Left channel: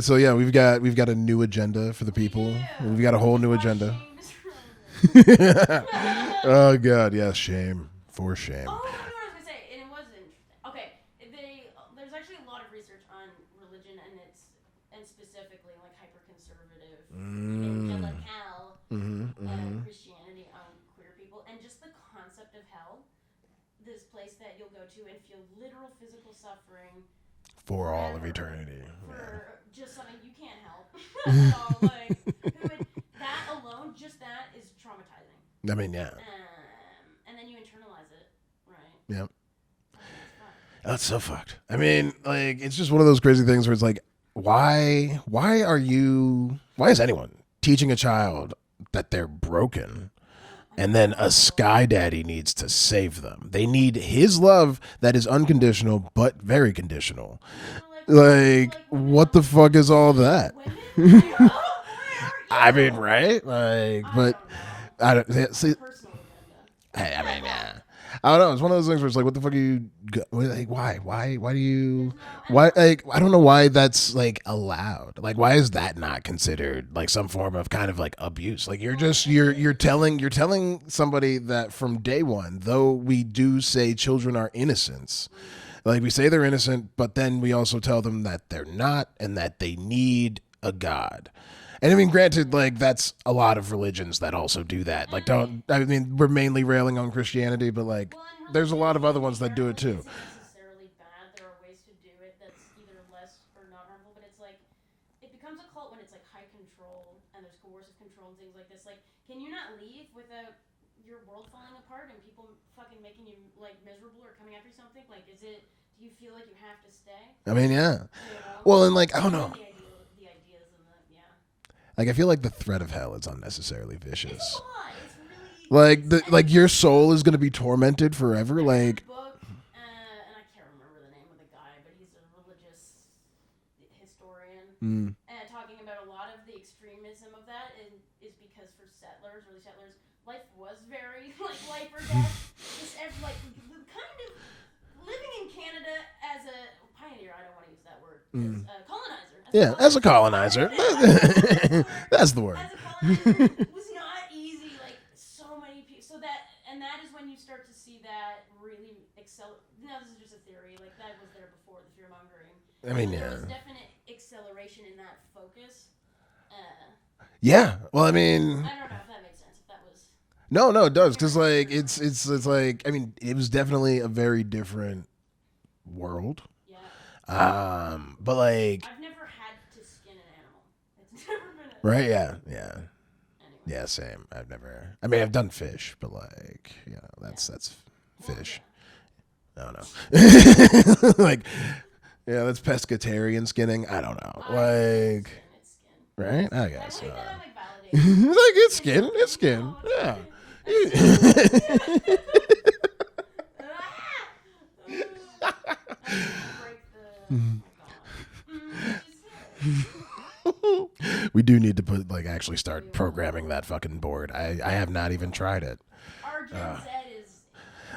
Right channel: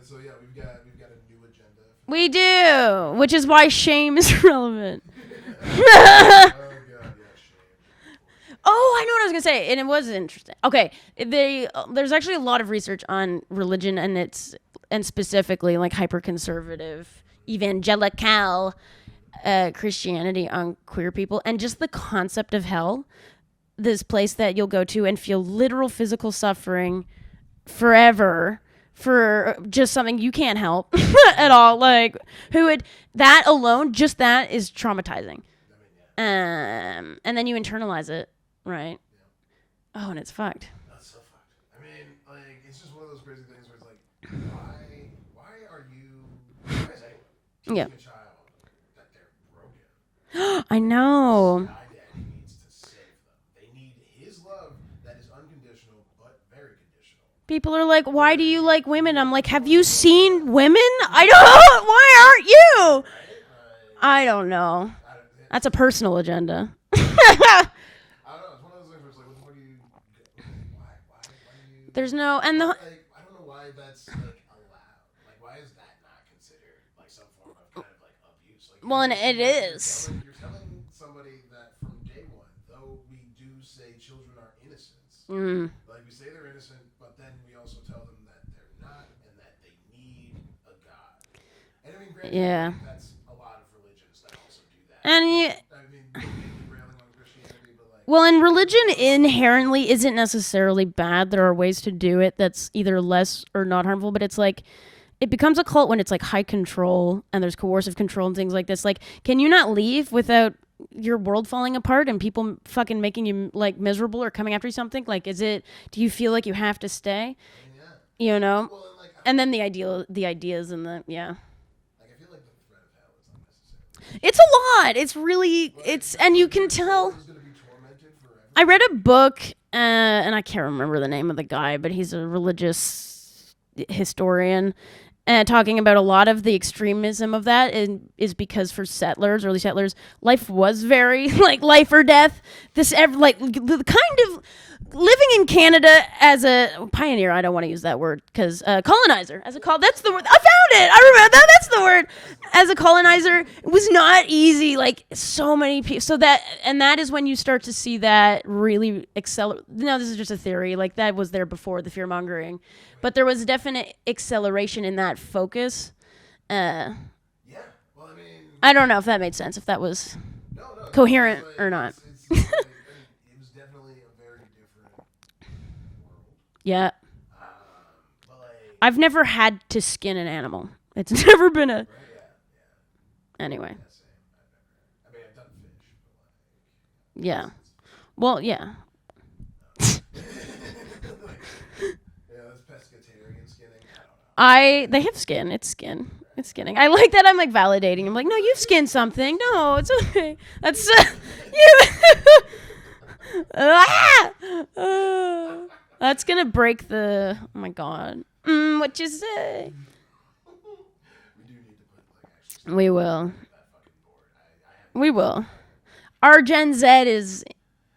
So yeah, we've got a new agenda for the people. We do, which is why shame is relevant. Oh God, yes, shame. For shame. Oh, I know what I was gonna say, and it was interesting. Okay, there's actually a lot of research on religion, and specifically like hyper-conservative, evangelical Christianity on queer people, and just the concept of hell, this place that you'll go to and feel literal physical suffering forever. For just something you can't help at all. Like, that alone, just that is traumatizing. I mean, yeah. And then you internalize it, right? Yep. Oh, and it's fucked. That's so fucked. I mean, like, it's just one of those crazy things where it's like, why is anyone teaching a child that they're broken? Then a sky daddy needs to save them. They need his love that is unconditional but very conditional. People are like, why do you like women? I'm like, have you seen women? I don't. Why aren't you? I mean, right? Like, I don't know. That's a personal agenda. I don't know. It's one of those things where it's like, what the fuck are you? Like, why? Why do you? There's no. And why? Like, I don't know why that's like allowed. Like, why is that not considered like some form of kind of like abuse? Like, you're telling somebody that from day one, though we do say children are innocents, like we say they're innocent, but then we also tell them that they're not and that they need a God. And I mean, granted, like that's a lot of religions that also do that. And I mean, we're mainly railing on Christianity, but like, well, and religion inherently isn't necessarily bad. There are ways to do it that's either less or not harmful. But it's like, it becomes a cult when it's like high control and there's coercive control and things like this. Like, can you not leave without your world falling apart and people fucking making you like miserable or coming after you something? Like, do you feel like you have to stay? I mean, yeah. You know. Well, and like, then the ideas and the Like, I feel like the threat of hell is unnecessarily vicious. It's a lot. It's really like your soul is going to be tormented forever. I read a book, and I can't remember the name of the guy, but he's a religious historian, talking about a lot of the extremism of that is because for early settlers, life was very like life or death. The kind of living in Canada as a pioneer, I don't want to use that word because colonizer. As a colonizer. I found it. I remember that. That's the word. That's the word. As a colonizer, it was not easy. Like so many people. That is when you start to see that really accelerate. No, this is just a theory. Like that was there before the fear mongering, but there was definite acceleration in that focus. Yeah. Well, I mean, I don't know if that made sense. If that was. No, coherent like, or not. It's like, I mean, it was definitely a very different world. Yeah. But like, I've never had to skin an animal. It's never been a right. Yeah. Anyway. Yeah, same. I've done fish, but like, that's well, fish. yeah. I don't know. Like. Yeah, that's pescatarian skinning. I don't know. They have skin. It's skin. Right? It's skinning. I like that. I'm like validating. I'm like, no, you skinned something. No, it's okay. That's that's gonna break the. Oh my god. What'd you say? We do need to actually start programming that fucking board. I have not even tried it. Our Gen Z is.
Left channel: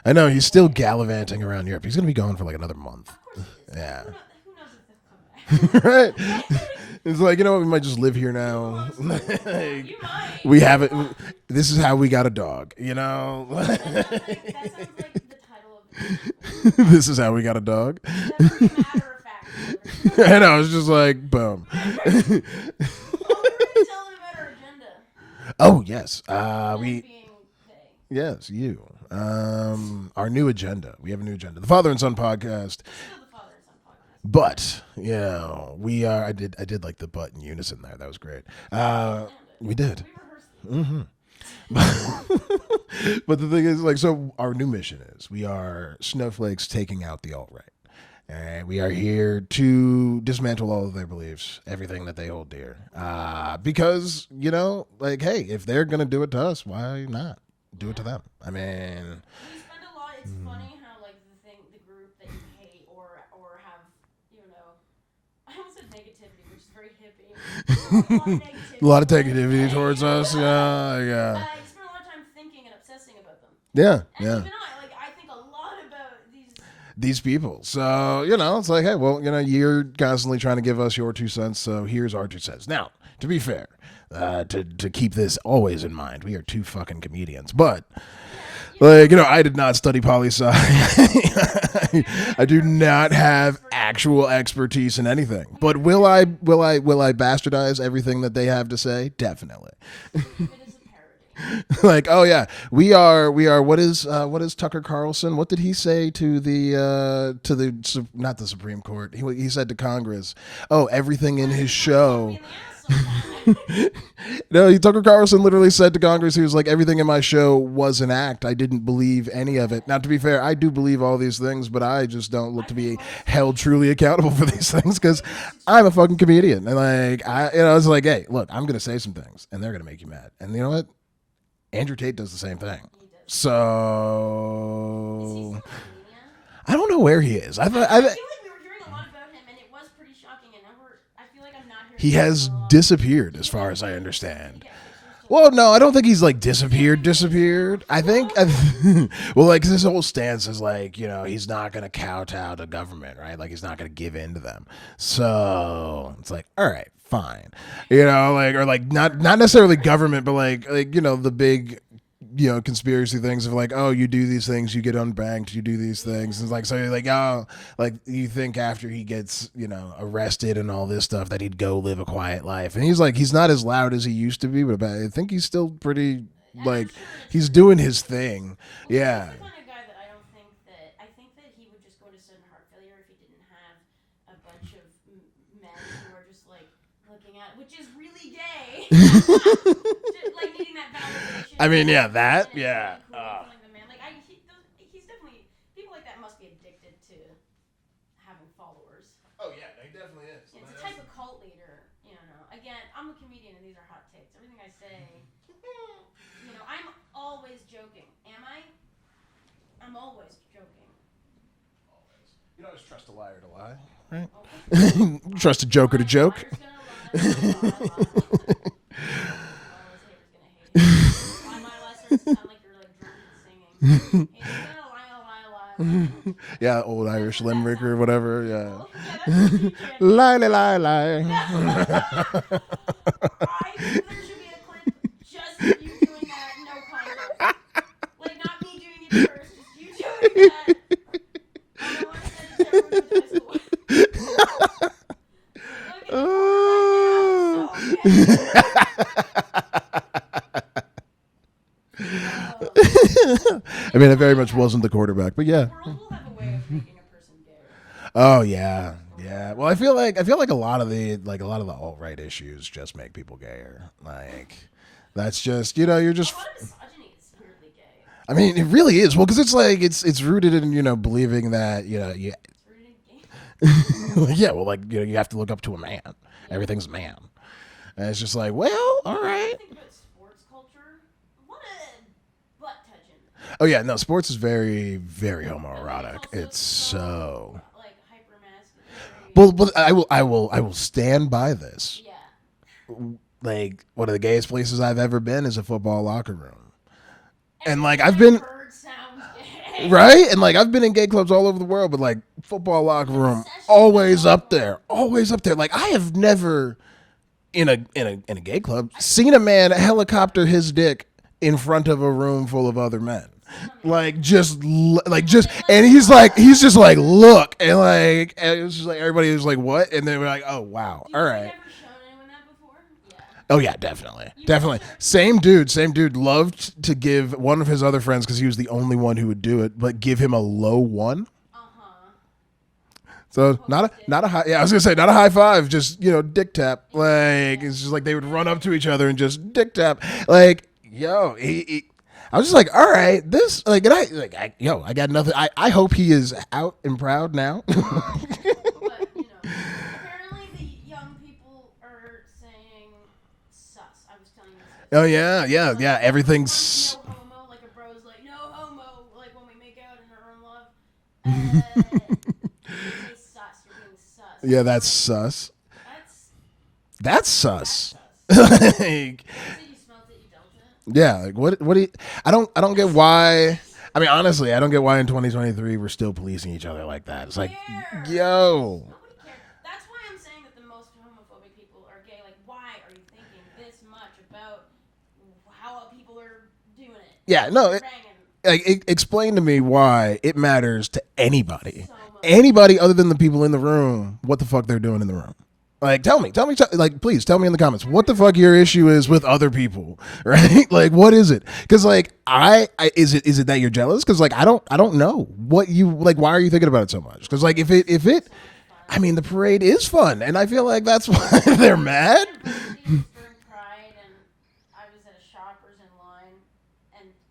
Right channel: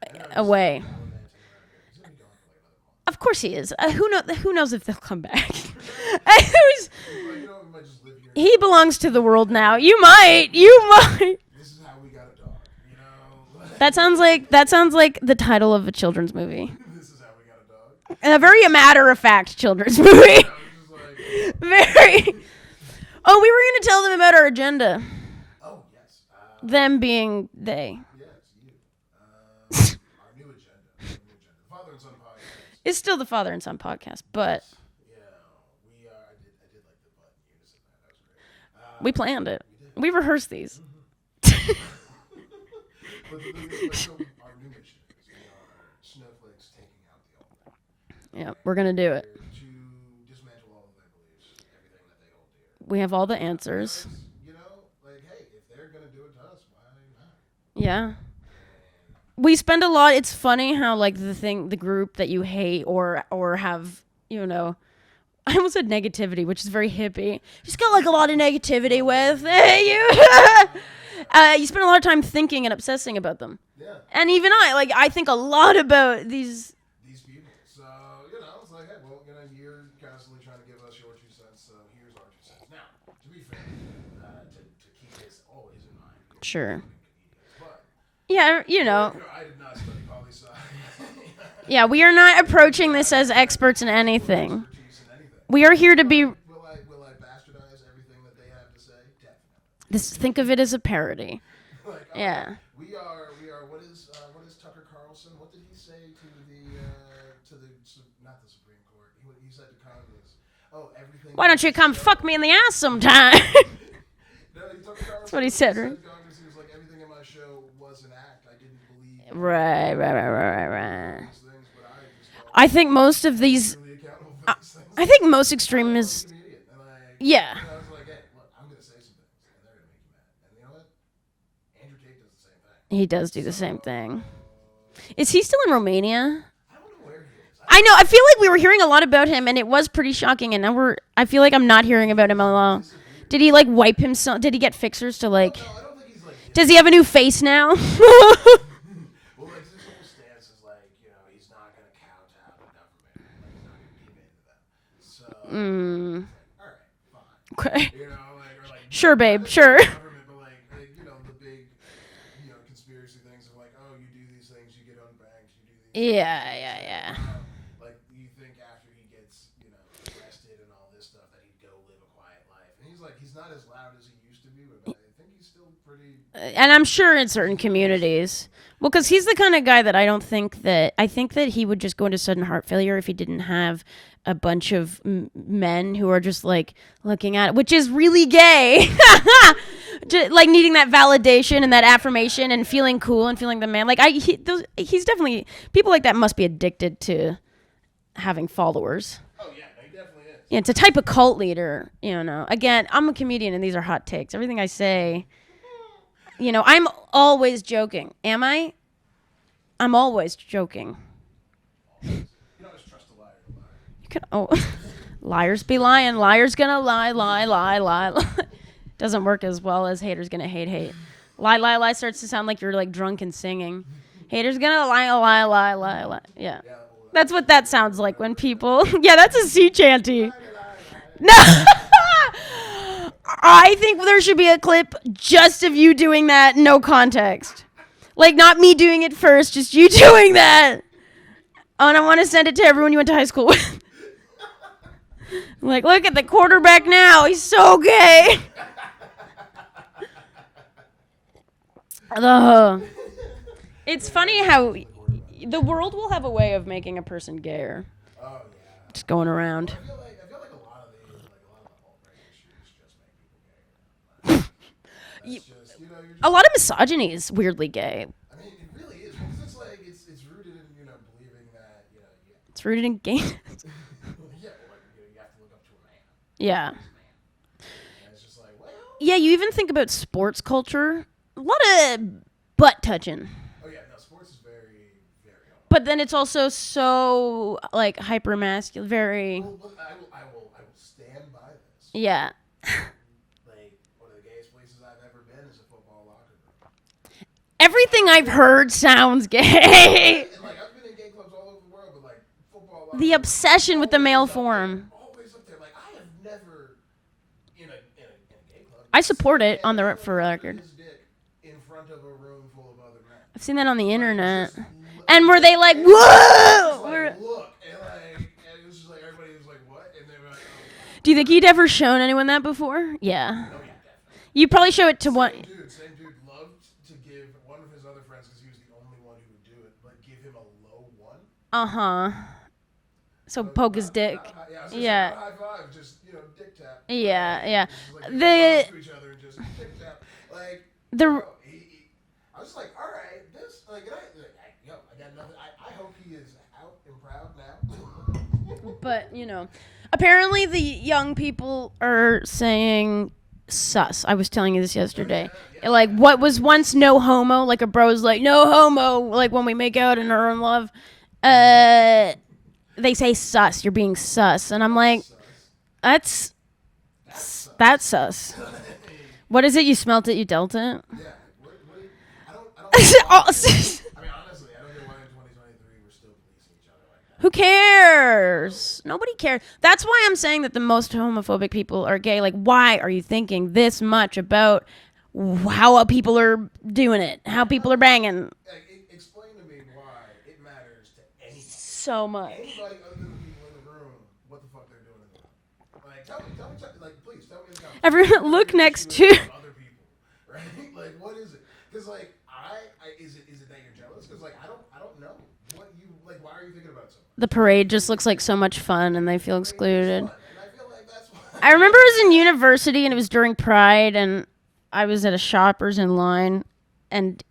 I know he's still gallivanting around Europe. He's gonna be gone for like another month. Of course he is. Who knows if they'll come back? Right. He's like, you know what? We might just live here now. He belongs to the world now. You might. This is how we got a dog. You know. That sounds like the title of a children's movie. This is how we got a dog. A very matter of fact children's movie. I know. It's just like boom. Very. Oh, we were gonna tell them about our agenda. Oh yes. Them being they. Yes, you. Our new agenda. We have a new agenda. The Father and Son podcast. It's still the Father and Son podcast. But we are. I did like the butt in unison there. That was great. We planned it. We did. We rehearsed these. Mm-hmm. But the thing is, like, so our new mission is we are snowflakes taking out the alt-right. And we're going to do it. here to dismantle all of their beliefs, everything that they hold dear. We have all the answers. Because, like, hey, if they're going to do it to us, why not? Yeah. I mean, we spend a lot. It's funny how like the group that you hate or have, I almost said negativity, which is very hippie. Just got like a lot of negativity you spend a lot of time thinking and obsessing about them. Yeah. And even I think a lot about these. these people. So, it's like, hey, well, you're constantly trying to give us your 2 cents, so here's our 2 cents. Now, to be fair, to keep this always in mind, we are two fucking comedians. But, yeah, I did not study poli-sci. Yeah, we are not approaching this as experts in anything. Actual expertise in anything. We are here to be... Will I bastardize everything that they have to say? Definitely. Think of it as a parody. Like, we are. What is Tucker Carlson? What did he say to the not the Supreme Court? He said to Congress, "Oh, everything Why in his show." Why don't you come fuck me in the ass sometime? No, Tucker Carlson literally said to Congress, he was like, "Everything in my show was an act. I didn't believe any of it." Now, to be fair, I do believe all these things, but I just don't. I think most of held these truly accountable for these things. I think most extremists. I'm a fucking comedian, and I was like, hey, look, I'm gonna say some things, and they're gonna make you mad. And you know what? Andrew Tate does the same thing. He does do the same thing. Is he still in Romania? I don't know where he is. I know. I feel like we were hearing a lot about him, and it was pretty shocking. And now I feel like I'm not hearing about him a lot. He has disappeared. Did he wipe himself? Did he get fixers to Well, no, I don't think he's disappeared. Does he have a new face now? Well, his whole stance is he's not gonna kowtow to government, right? Like he's not gonna give in to them. So it's like, all right, fine. Okay. Not necessarily government, but the big. Conspiracy things of oh, you do these things, you get unbanked, you do these things. And you think after he gets, arrested and all this stuff that he'd go live a quiet life. And he's not as loud as he used to be, but I think he's still pretty. And I'm sure in certain communities. Well, because he's the kind of guy that I think that he would just go into sudden heart failure if he didn't have a bunch of men who are just looking at it, which is really gay. Just, needing that validation and that affirmation and feeling cool and feeling the man. He's definitely, people like that must be addicted to having followers. Oh yeah, he definitely is. Yeah, it's a type of cult leader, Again, I'm a comedian and these are hot takes. Everything I say, I'm always joking. Am I? I'm always joking. Oh, liars be lying. Liars gonna lie. Doesn't work as well as haters gonna hate. Lie starts to sound like you're drunk and singing. Haters gonna lie. Yeah. Yeah, old That's Irish what that sounds like when people. Yeah, that's a sea chanty. Lie. No. I think there should be a clip just of you doing that, no context. Not me doing it first, just you doing that. Oh, and I want to send it to everyone you went to high school with. Look at the quarterback now. He's so gay. It very much wasn't the quarterback, but yeah. The world will have a way of making a person gayer. Oh yeah. Just going around. Well, I feel like a lot of the alt-right issues just make people gayer. That's just, you're just... A lot of misogyny is weirdly gay. I mean, it really is. Well, because it's rooted in, believing that, It's rooted in gay. Yeah, well, you have to look up to a man. Yeah. Everything's man. And it's just well... Yeah, you even think about sports culture. A lot of butt touching. Oh, yeah, no, sports is very, very homoerotic. But then it's also so hyper masculine, very... Well, but I will stand by this. Yeah. One of the gayest places I've ever been is a football locker room. Everything I've heard sounds gay. Right? And I've been in gay clubs all over the world, but football locker room. The obsession with the male up form. There. Always up there. I have never in a gay club seen a man helicopter his dick in front of a room full of other men. I've seen that on the internet. And he's just look, and it was just everybody was what, and they were oh wow. Do you think he'd ever shown anyone that before? Yeah. Oh yeah, definitely. You probably show it to same dude loved to give one of his other friends, because he was the only one who would do it, but give him a low one. So poke his dick. Not a high. Yeah, I was gonna say not a high five, just dick tap. It's just they would run up to each other and just dick tap. I was just all right, this I got nothing. I hope he is out and proud now. But apparently the young people are saying sus. I was telling you this yesterday. Oh yeah. What was once no homo, a bro's no homo, when we make out and are in love. They say sus. You're being sus, yeah, and I'm that's sus. That's That's sus. That's sus. Like, what is it? You smelt it, you dealt it? yeah. Like what do you, I don't get why. I mean, honestly, I don't get why in 2023 we're still policing each other like that. Who cares? Yo. Nobody cares. That's why I'm saying that the most homophobic people are gay. Like, why are you thinking this much about how people are doing it? Yeah, how people are banging? Like, explain to me why it matters to anybody. So much. Anybody other than the people in the room, what the fuck they're doing in the room. Like, tell me, like, please tell me in the comments what the fuck your issue is with other people, right? Like, what is it? Because, like, is it that you're jealous? Because, like, I don't know what you like. Why are you thinking about it so much? The parade like, just looks like so much fun. I mean, the parade is fun, and I feel like that's why. I remember it was in university, and it was during Pride, and I was at a Shoppers in line, and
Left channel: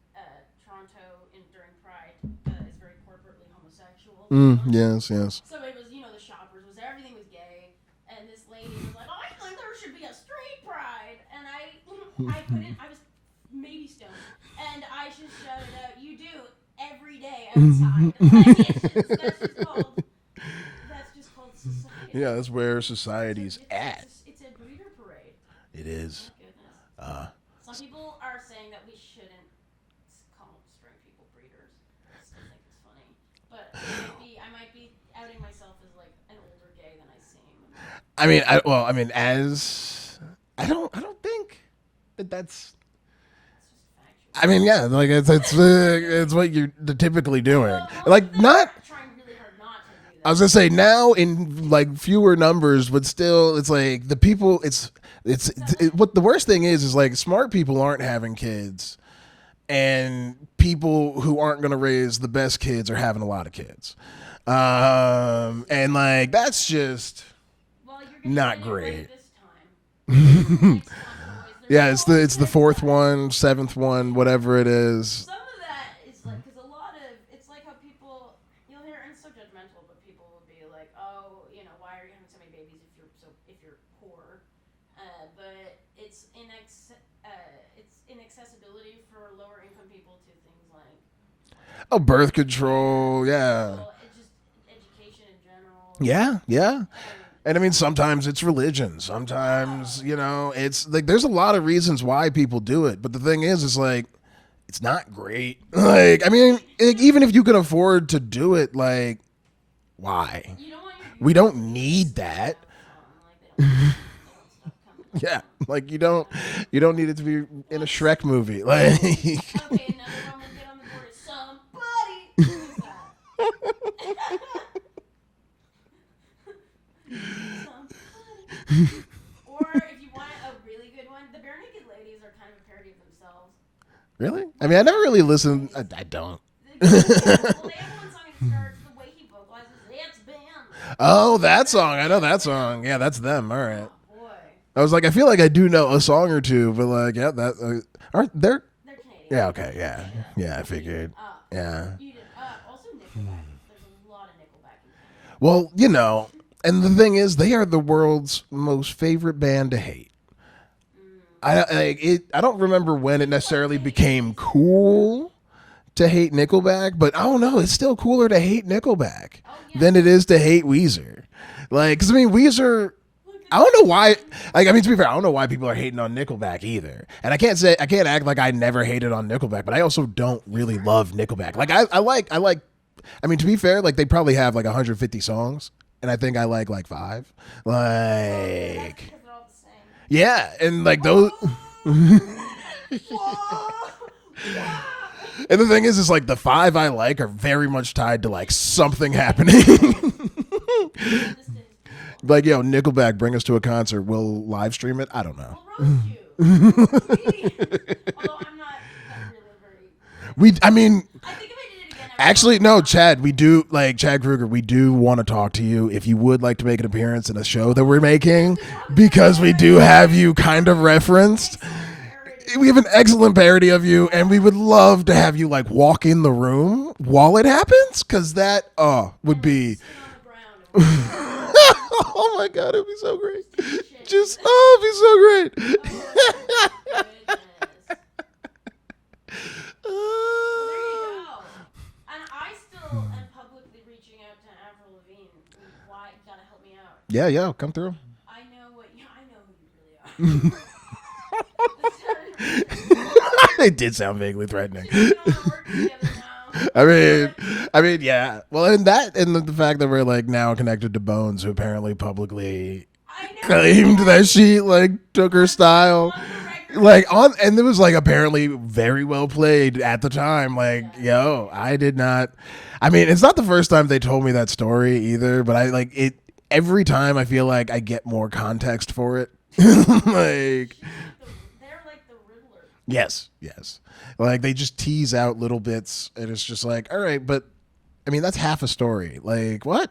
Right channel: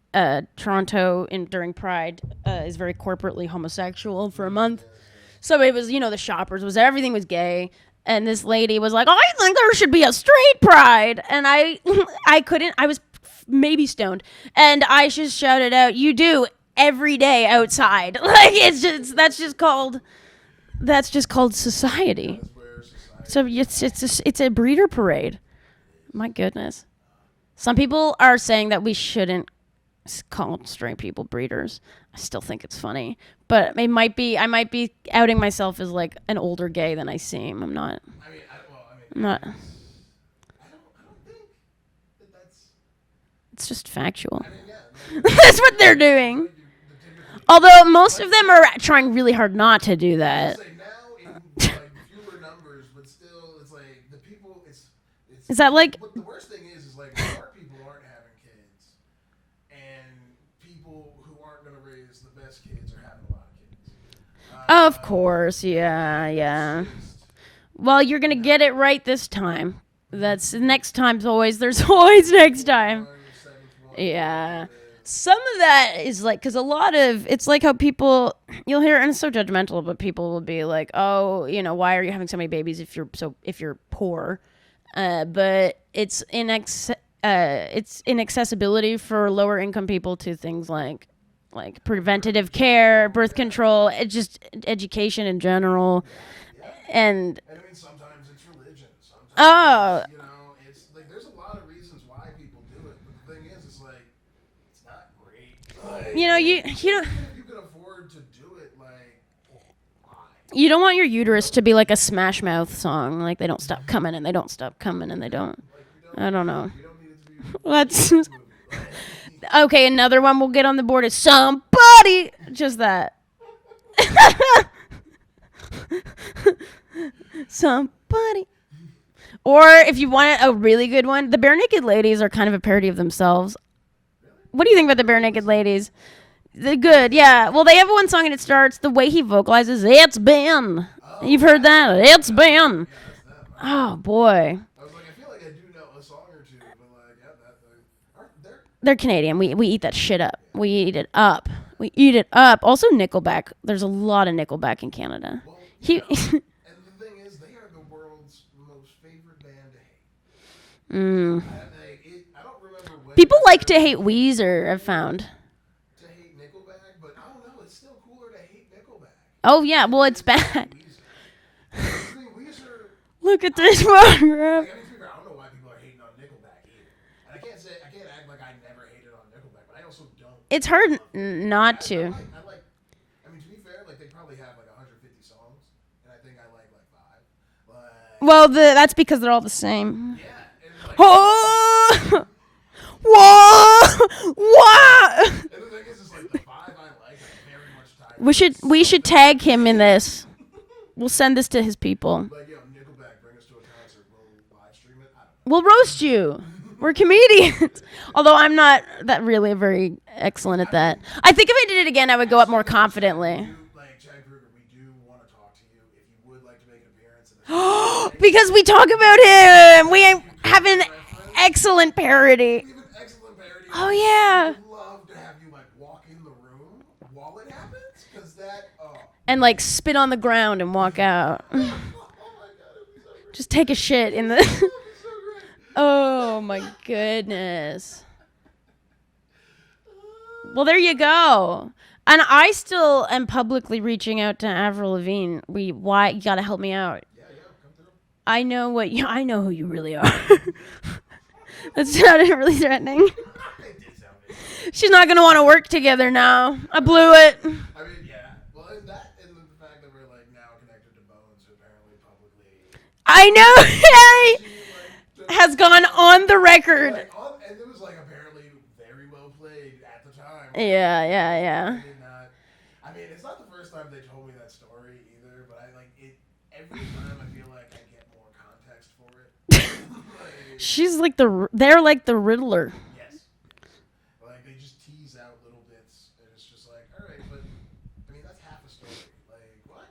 Toronto during Pride is very corporately homosexual for a month. Yes. So it was, the Shoppers was everything was gay. And this lady was like, I think there should be a straight pride. And I couldn't. I was maybe stoned. And I just shouted out, you do every day outside. Like, that's just called society. Yeah, that's where society So it's a breeder parade. It is. My goodness. Some people are saying that we shouldn't call straight people breeders. I still think it's funny, but I might be outing myself as like an older gay than I seem. I'm not. I mean, I don't think that's. It's just factual. I mean, yeah, like that's what they're doing. It's what you're typically doing. Although most of them are trying really hard not to do that. I was gonna say now in like fewer numbers, but still, it's like the people. Is that like what the worst thing is like smart people aren't having kids. And people who aren't going to raise the best kids are having a lot of kids. Of course, yeah. And like that's just. Well, you're going to get it right this time. That's next time's always. There's it's always the next fourth time. one, seventh one, whatever it is. Some of that is like because a lot of it's like how people you'll hear and it's so judgmental, but people will be like, oh, why are you having so many babies if you're poor? But it's inaccessibility for lower income people to things like preventative care, birth control, just education in general. Yeah. And I mean, sometimes it's religion. Sometimes, it's like there's a lot of reasons why people do it. But the thing is like, it's not great. Like, even if you can afford to do it, like, why? You don't want your uterus to be like a Smash Mouth song. Like they don't stop coming and they don't stop coming and they don't. Like you don't. I don't know. You don't need it to be a Shrek movie. Like. Okay, another one we'll get on the board is Somebody. Just that. Somebody. Or if you want a really good one, the Bare Naked Ladies are kind of a parody of themselves. Really? What do you think about the Bare Naked Ladies? I don't. They're good, yeah. Well, they have one song and it starts the way he vocalizes. It's been. Oh, you've heard that? It's been. Song. Yeah, that's them. All right. Oh boy. I was like, I feel like I do know a song or two, but like, yeah, that aren't they're. They're Canadian. Yeah, we eat that shit up. Yeah, we eat it up. Yeah. We eat it up. Also, Nickelback. There's a lot of Nickelback in Canada. Well, and the thing is, they are the world's most favorite band to hate. I don't remember when people it like to hate Weezer. Cool I found to hate Nickelback, but I don't know. It's still cooler to hate Nickelback. Oh yeah, than it is bad. To hate Weezer. Like, because I mean, Weezer. Look at this one. Like, I mean, to be fair, I don't know why people are hating on Nickelback either. And I can't act like I never hated on Nickelback, but I also don't really love Nickelback. I like. I mean, to be fair, like they probably have like 150 songs, and I think I like 5. Like, well, that's because they're all the same. Yeah, and like. Whoa! And the thing is like the 5 I like are very much tied to we should tag him in this. We'll send this to his people. Like, Nickelback, bring us to a concert. We'll live stream it. I don't know. We'll roast you. We're comedians. Although I'm not that really very excellent at that. I think if I did it again, I would actually, go up more Chad, confidently. Chad Kruger, we do want to talk to you if you would like to make an appearance in a show that we're making. Because we talk about him. Because we do have you kind of reference. Excellent parody. We have an excellent parody of you, and we would love to have you like walk in the room while it happens, because that and like spit on the ground and walk out. Oh my god, it'd be so great. Just take a shit. It'd be so great. Oh my goodness. Well, there you go. And I still am publicly reaching out to Avril Lavigne. You gotta help me out. Yeah, come through. I know who you really are. That sounded really threatening. It did sound vaguely threatening. She's not going to want to work together now. I blew it. I mean, yeah. Well, and the fact that we're like now connected to Bones, who apparently publicly, I know that she like took her style, has gone on the record, and it was like apparently very well played at the time. Like, yeah. I did not. I mean, it's not the first time they told me that story either, but I like it. Every time I feel like I get more context for it. Like, she's like they're like the Riddler. Yes. Like they just tease out little bits, and it's just like, all right, but I mean that's half a story. Like what?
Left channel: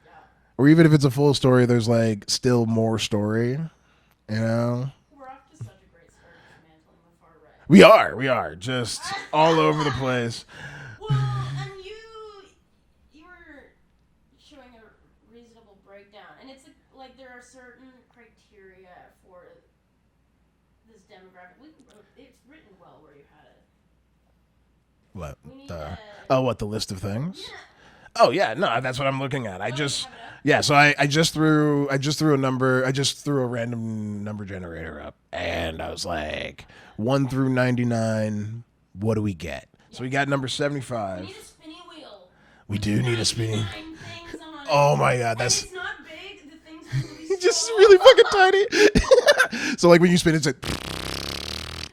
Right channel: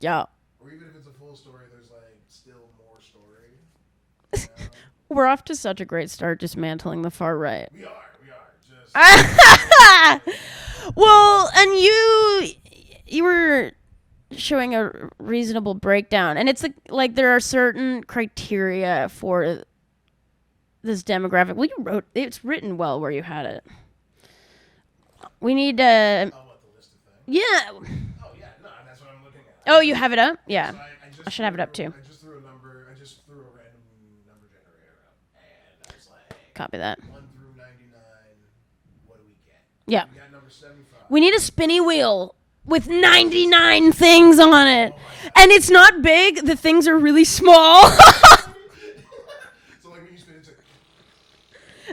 Yeah. Or even if it's a full story, there's like still more story. You know. We're off to such a great start, dismantling the far right. We are just all over the place. Well, and you were showing a reasonable breakdown, and it's like there are certain criteria for this demographic. Well, it's written well where you had it. What? We need what, the list of things? Yeah. Oh yeah, no, that's what I'm looking at. You have it up? Yeah, so I just threw a random number generator up, and I was like, copy that. 1 through 99, what do we get? Yeah. So we got number 75. We need a spinny wheel with 99 things on it. Oh my god. And it's not big, the things are really small. So like when you spin it's like,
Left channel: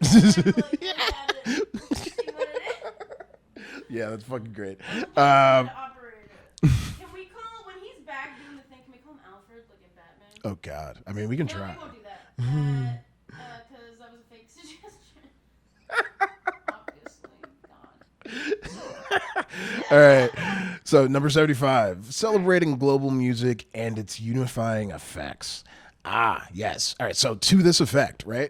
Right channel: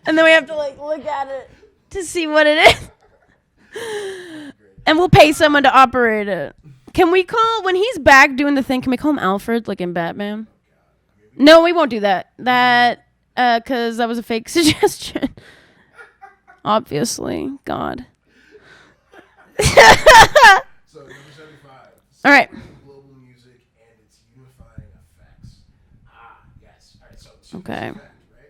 and then we have to like look at it to see what it is. Yeah, that's fucking great. And we'll pay someone to operate it. Can we call, when he's back doing the thing, can we call him Alfred, like in Batman? Oh, God. I mean, we can. No, we won't do that. Because that was a fake suggestion. Obviously. God. All right. So, number 75. Celebrating global music and its unifying effects. Ah, yes. All right. So, to this effect, right?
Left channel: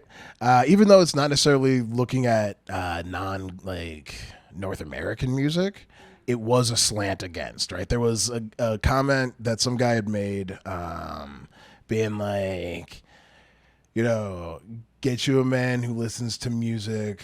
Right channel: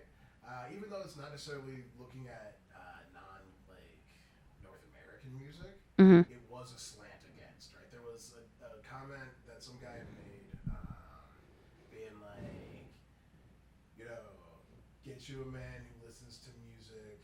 Even though it's not necessarily looking at North American music, it was a slant against, right? There was a comment that some guy had made being like, get you a man who listens to music.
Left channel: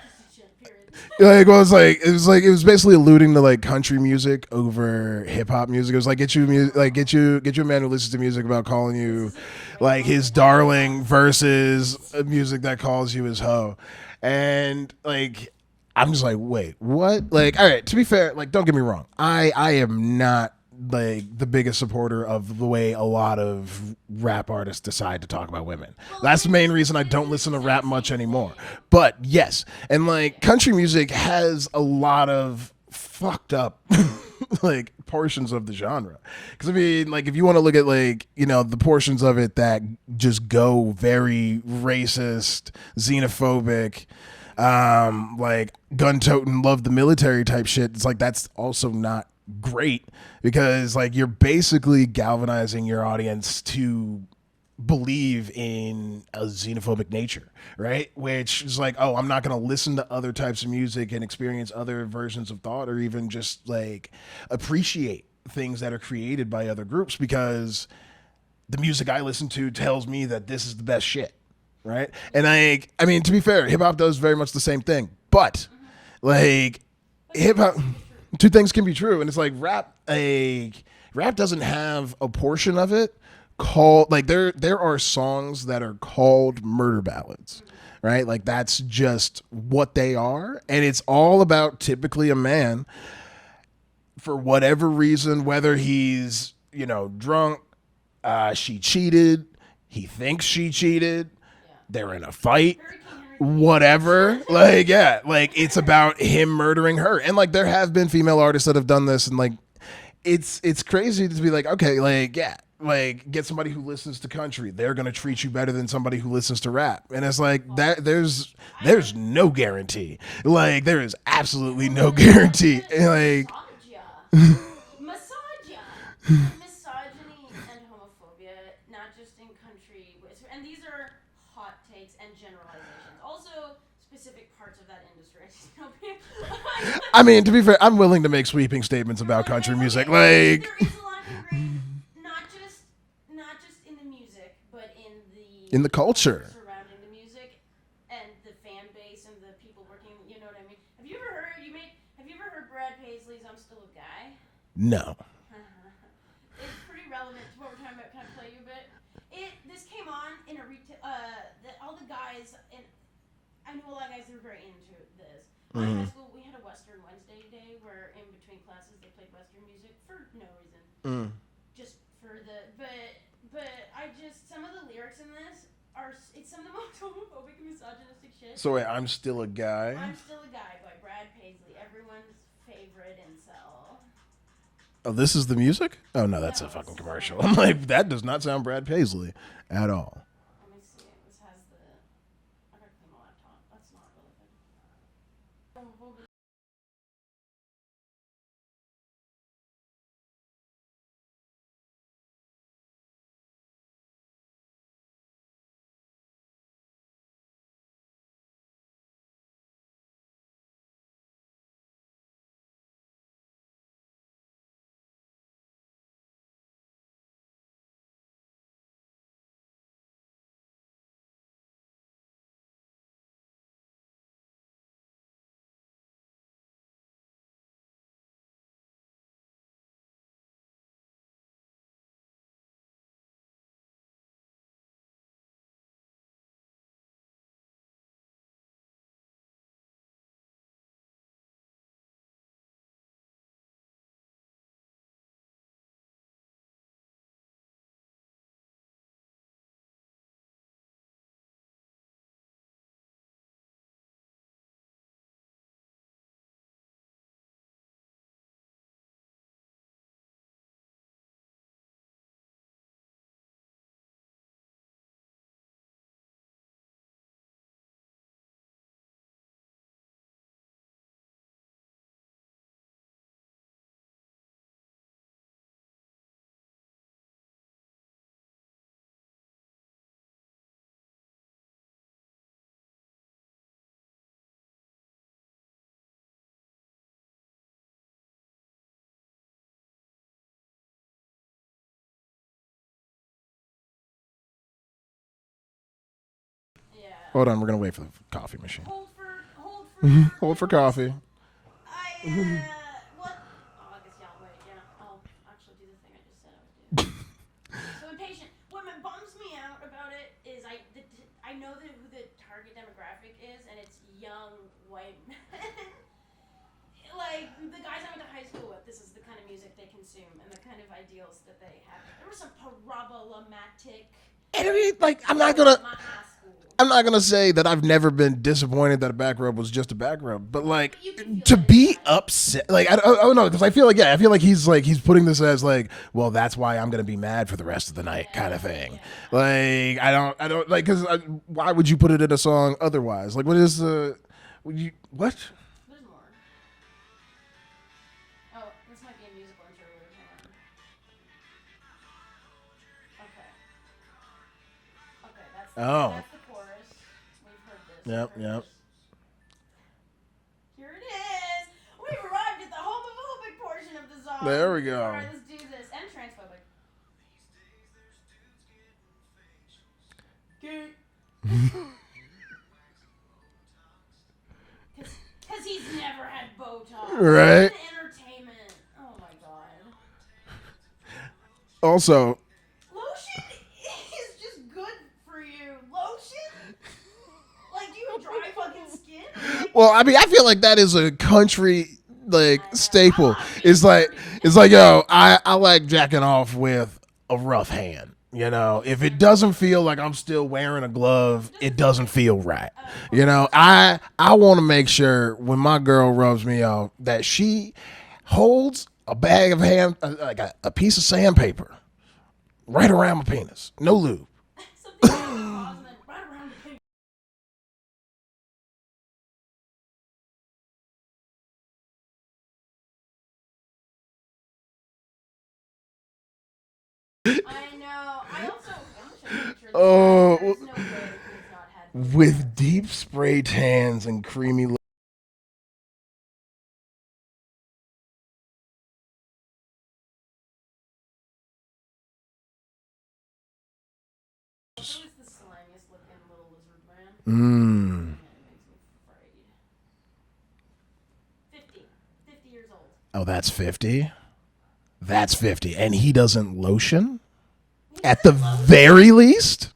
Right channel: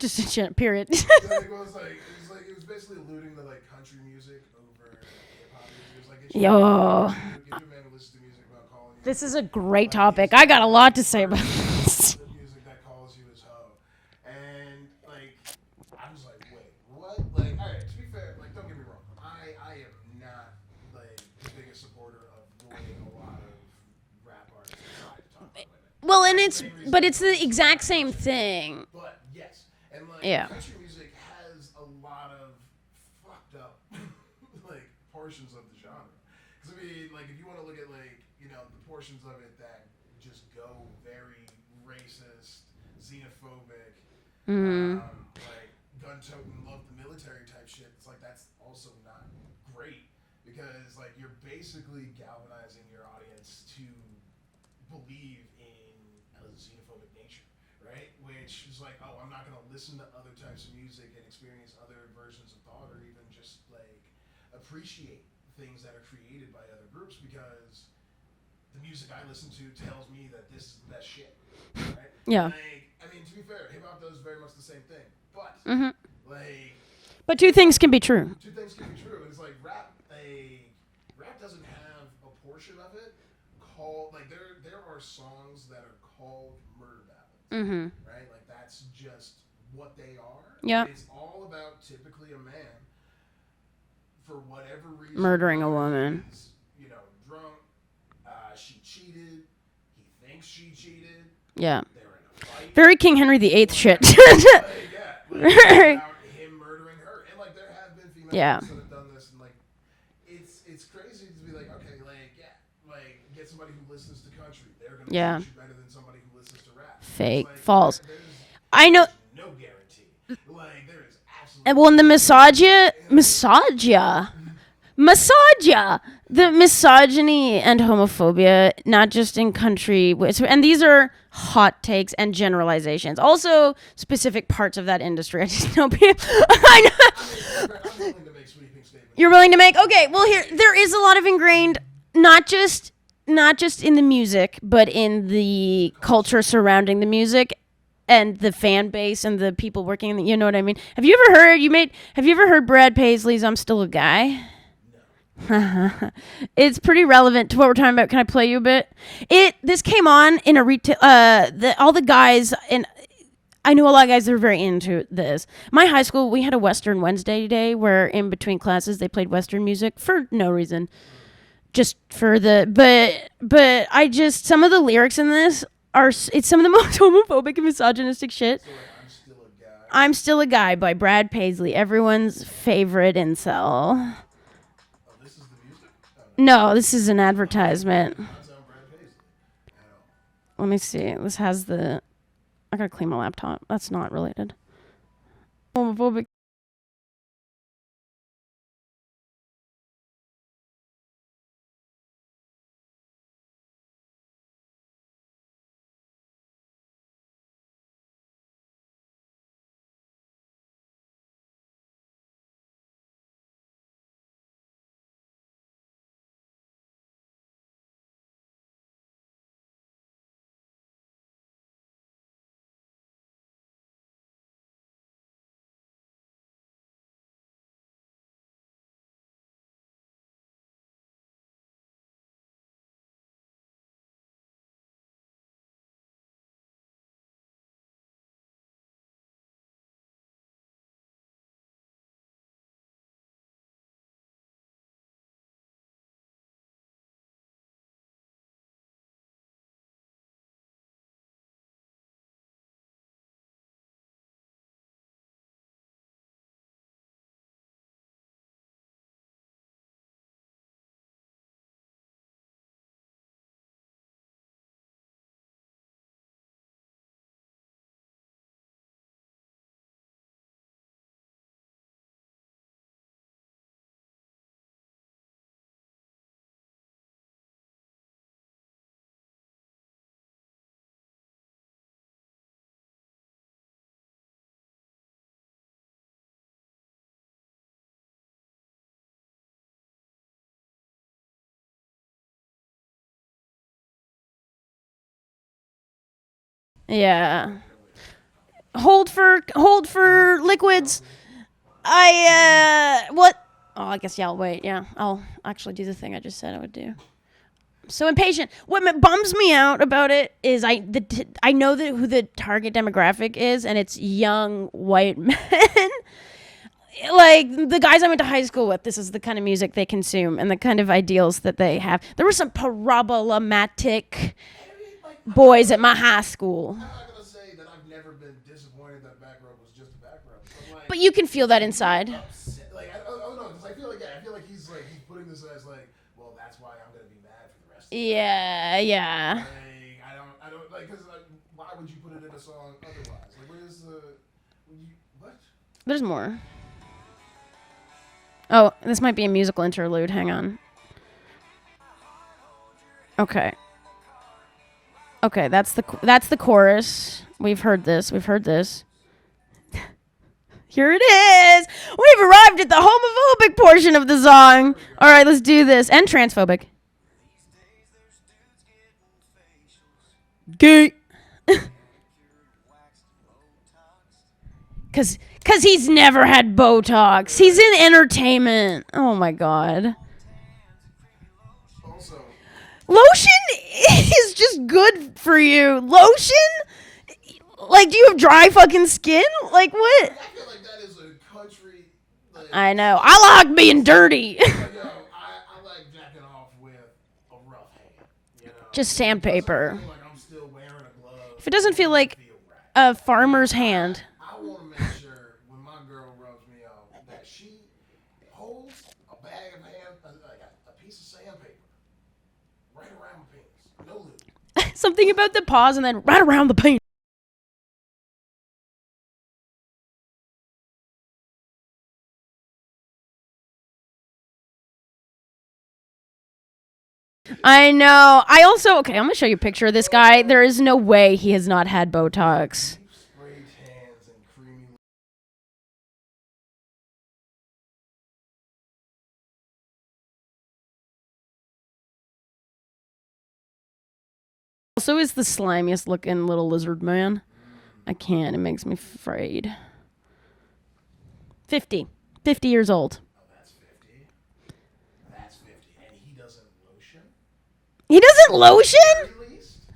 Just a period. It was basically alluding to like country music over hip hop music. It was like get you a man who listens to music about calling you. This is a great like, topic. His I got a lot to say. Versus music that calls you his hoe, and like I'm just like, wait, what? Like, all right. To be fair, like, don't get me wrong. I am not like the biggest supporter of the way a lot of rap artists decide to talk about women. Well, that's the main reason I don't listen to rap much anymore. But yes, and like country music has a lot of fucked up like portions of the genre. Because I mean, like if you want to look at like the portions of it that just go very racist, xenophobic. Like gun-toting, love the military type shit. It's like that's also not great because like you're basically galvanizing your audience to believe in a xenophobic nature, right? Which is like, oh, I'm not going to listen to other types of music and experience other versions of thought or even just like appreciate things that are created by other groups because the music I listen to tells me that this is the best shit. Right. Yeah. And I mean, to be fair, hip hop does very much the same thing, but but two things can be true. Two things can be true. And it's like rap doesn't have a portion of it called like there are songs that are called murder ballads, right? Like that's just what they are. Yeah. And it's all about typically a man for whatever reason, murdering whether he's, drunk, she cheated, he thinks she cheated. Yeah, they're in a fight. Very King Henry VIII. Whatever. It's about him murdering her, and like there have been female artists that have done this, and like it's crazy to be like, okay, like get somebody who listens to country, they're gonna treat you better than somebody who listens to rap, and it's like there's no guarantee. Like there is absolutely the the misogyny and homophobia, not just in country, and these are hot takes and generalizations. Also, specific parts of that industry. I just know people. I mean, to be fair, I'm willing to make sweeping statements. You're willing to make there is a lot of ingrained, not just in the music, but in the culture surrounding the music. And the fan base and the people working in you know what I mean? Have you ever heard Brad Paisley's I'm Still a Guy? No. It's pretty relevant to what we're talking about. Can I play you a bit? This came on in a retail. All the guys, and I knew a lot of guys that were very into this. My high school, we had a Western Wednesday day where in between classes they played Western music for no reason, just for the. But I just, some of the lyrics in this it's some of the most homophobic and misogynistic shit. So wait, I'm Still a Guy. I'm Still a Guy by Brad Paisley, everyone's favorite incel. Oh, this is the music? Oh, no. No, this is an advertisement. That does not sound Brad Paisley at all. Let me see. This has the... I gotta clean my laptop. That's not related. Homophobic. Yeah. Hold on, we're going to wait for the coffee machine. Hold for liquids. For coffee. What? Oh, I guess, yeah, I'll wait. Yeah, I'll actually do the thing I just said I would do. So impatient. What bums me out about it is I know who the target demographic is, and it's young white men. Like, the guys I went to high school with, this is the kind of music they consume and the kind of ideals that they have. There were some problematic boys at my high school. I'm not going to say that I've never been disappointed that a back rub was just a back rub, but like... But you can feel that inside. To be upset... Like, I don't know, because I feel like he's putting this as like, well, that's why I'm going to be mad for the rest of the night kind of thing. Yeah. Like, I don't, like, because why would you put it in a song otherwise? Like, what is the... What? There's more. Oh, this might be a musical interlude. Hang on. Okay, that's the chorus. We've heard this. We've heard this. Here it is. We've arrived at the homophobic portion of the song. There we go. All right, let's do this. And transphobic. Gay. Because he's never had Botox. Right? He's in entertainment. Oh, my God. Also, lotion is just good for you. Lotion? Like, do you have dry fucking skin? Like, what? Well, I mean, I feel like that is a country, like, I know. staple. I like being dirty. It's like, yo, I like jacking off with a rough hand. You know, just if sandpaper. It doesn't feel like I'm still wearing a glove, it doesn't feel right. A farmer's hand. I want to make sure when my girl rubs me off that she holds a bag of like a piece of sandpaper right around my penis. No lube. Something about the pause and then right around the penis. I know. I'm going to show you a picture of this guy. There is no way he has not had Botox. With deep spray tans and creamy lips. Also is the slimiest looking little lizard man. I can't. It makes me afraid. 50 years old. Oh, that's 50? That's 50. And he doesn't lotion? He doesn't lotion? At the very least?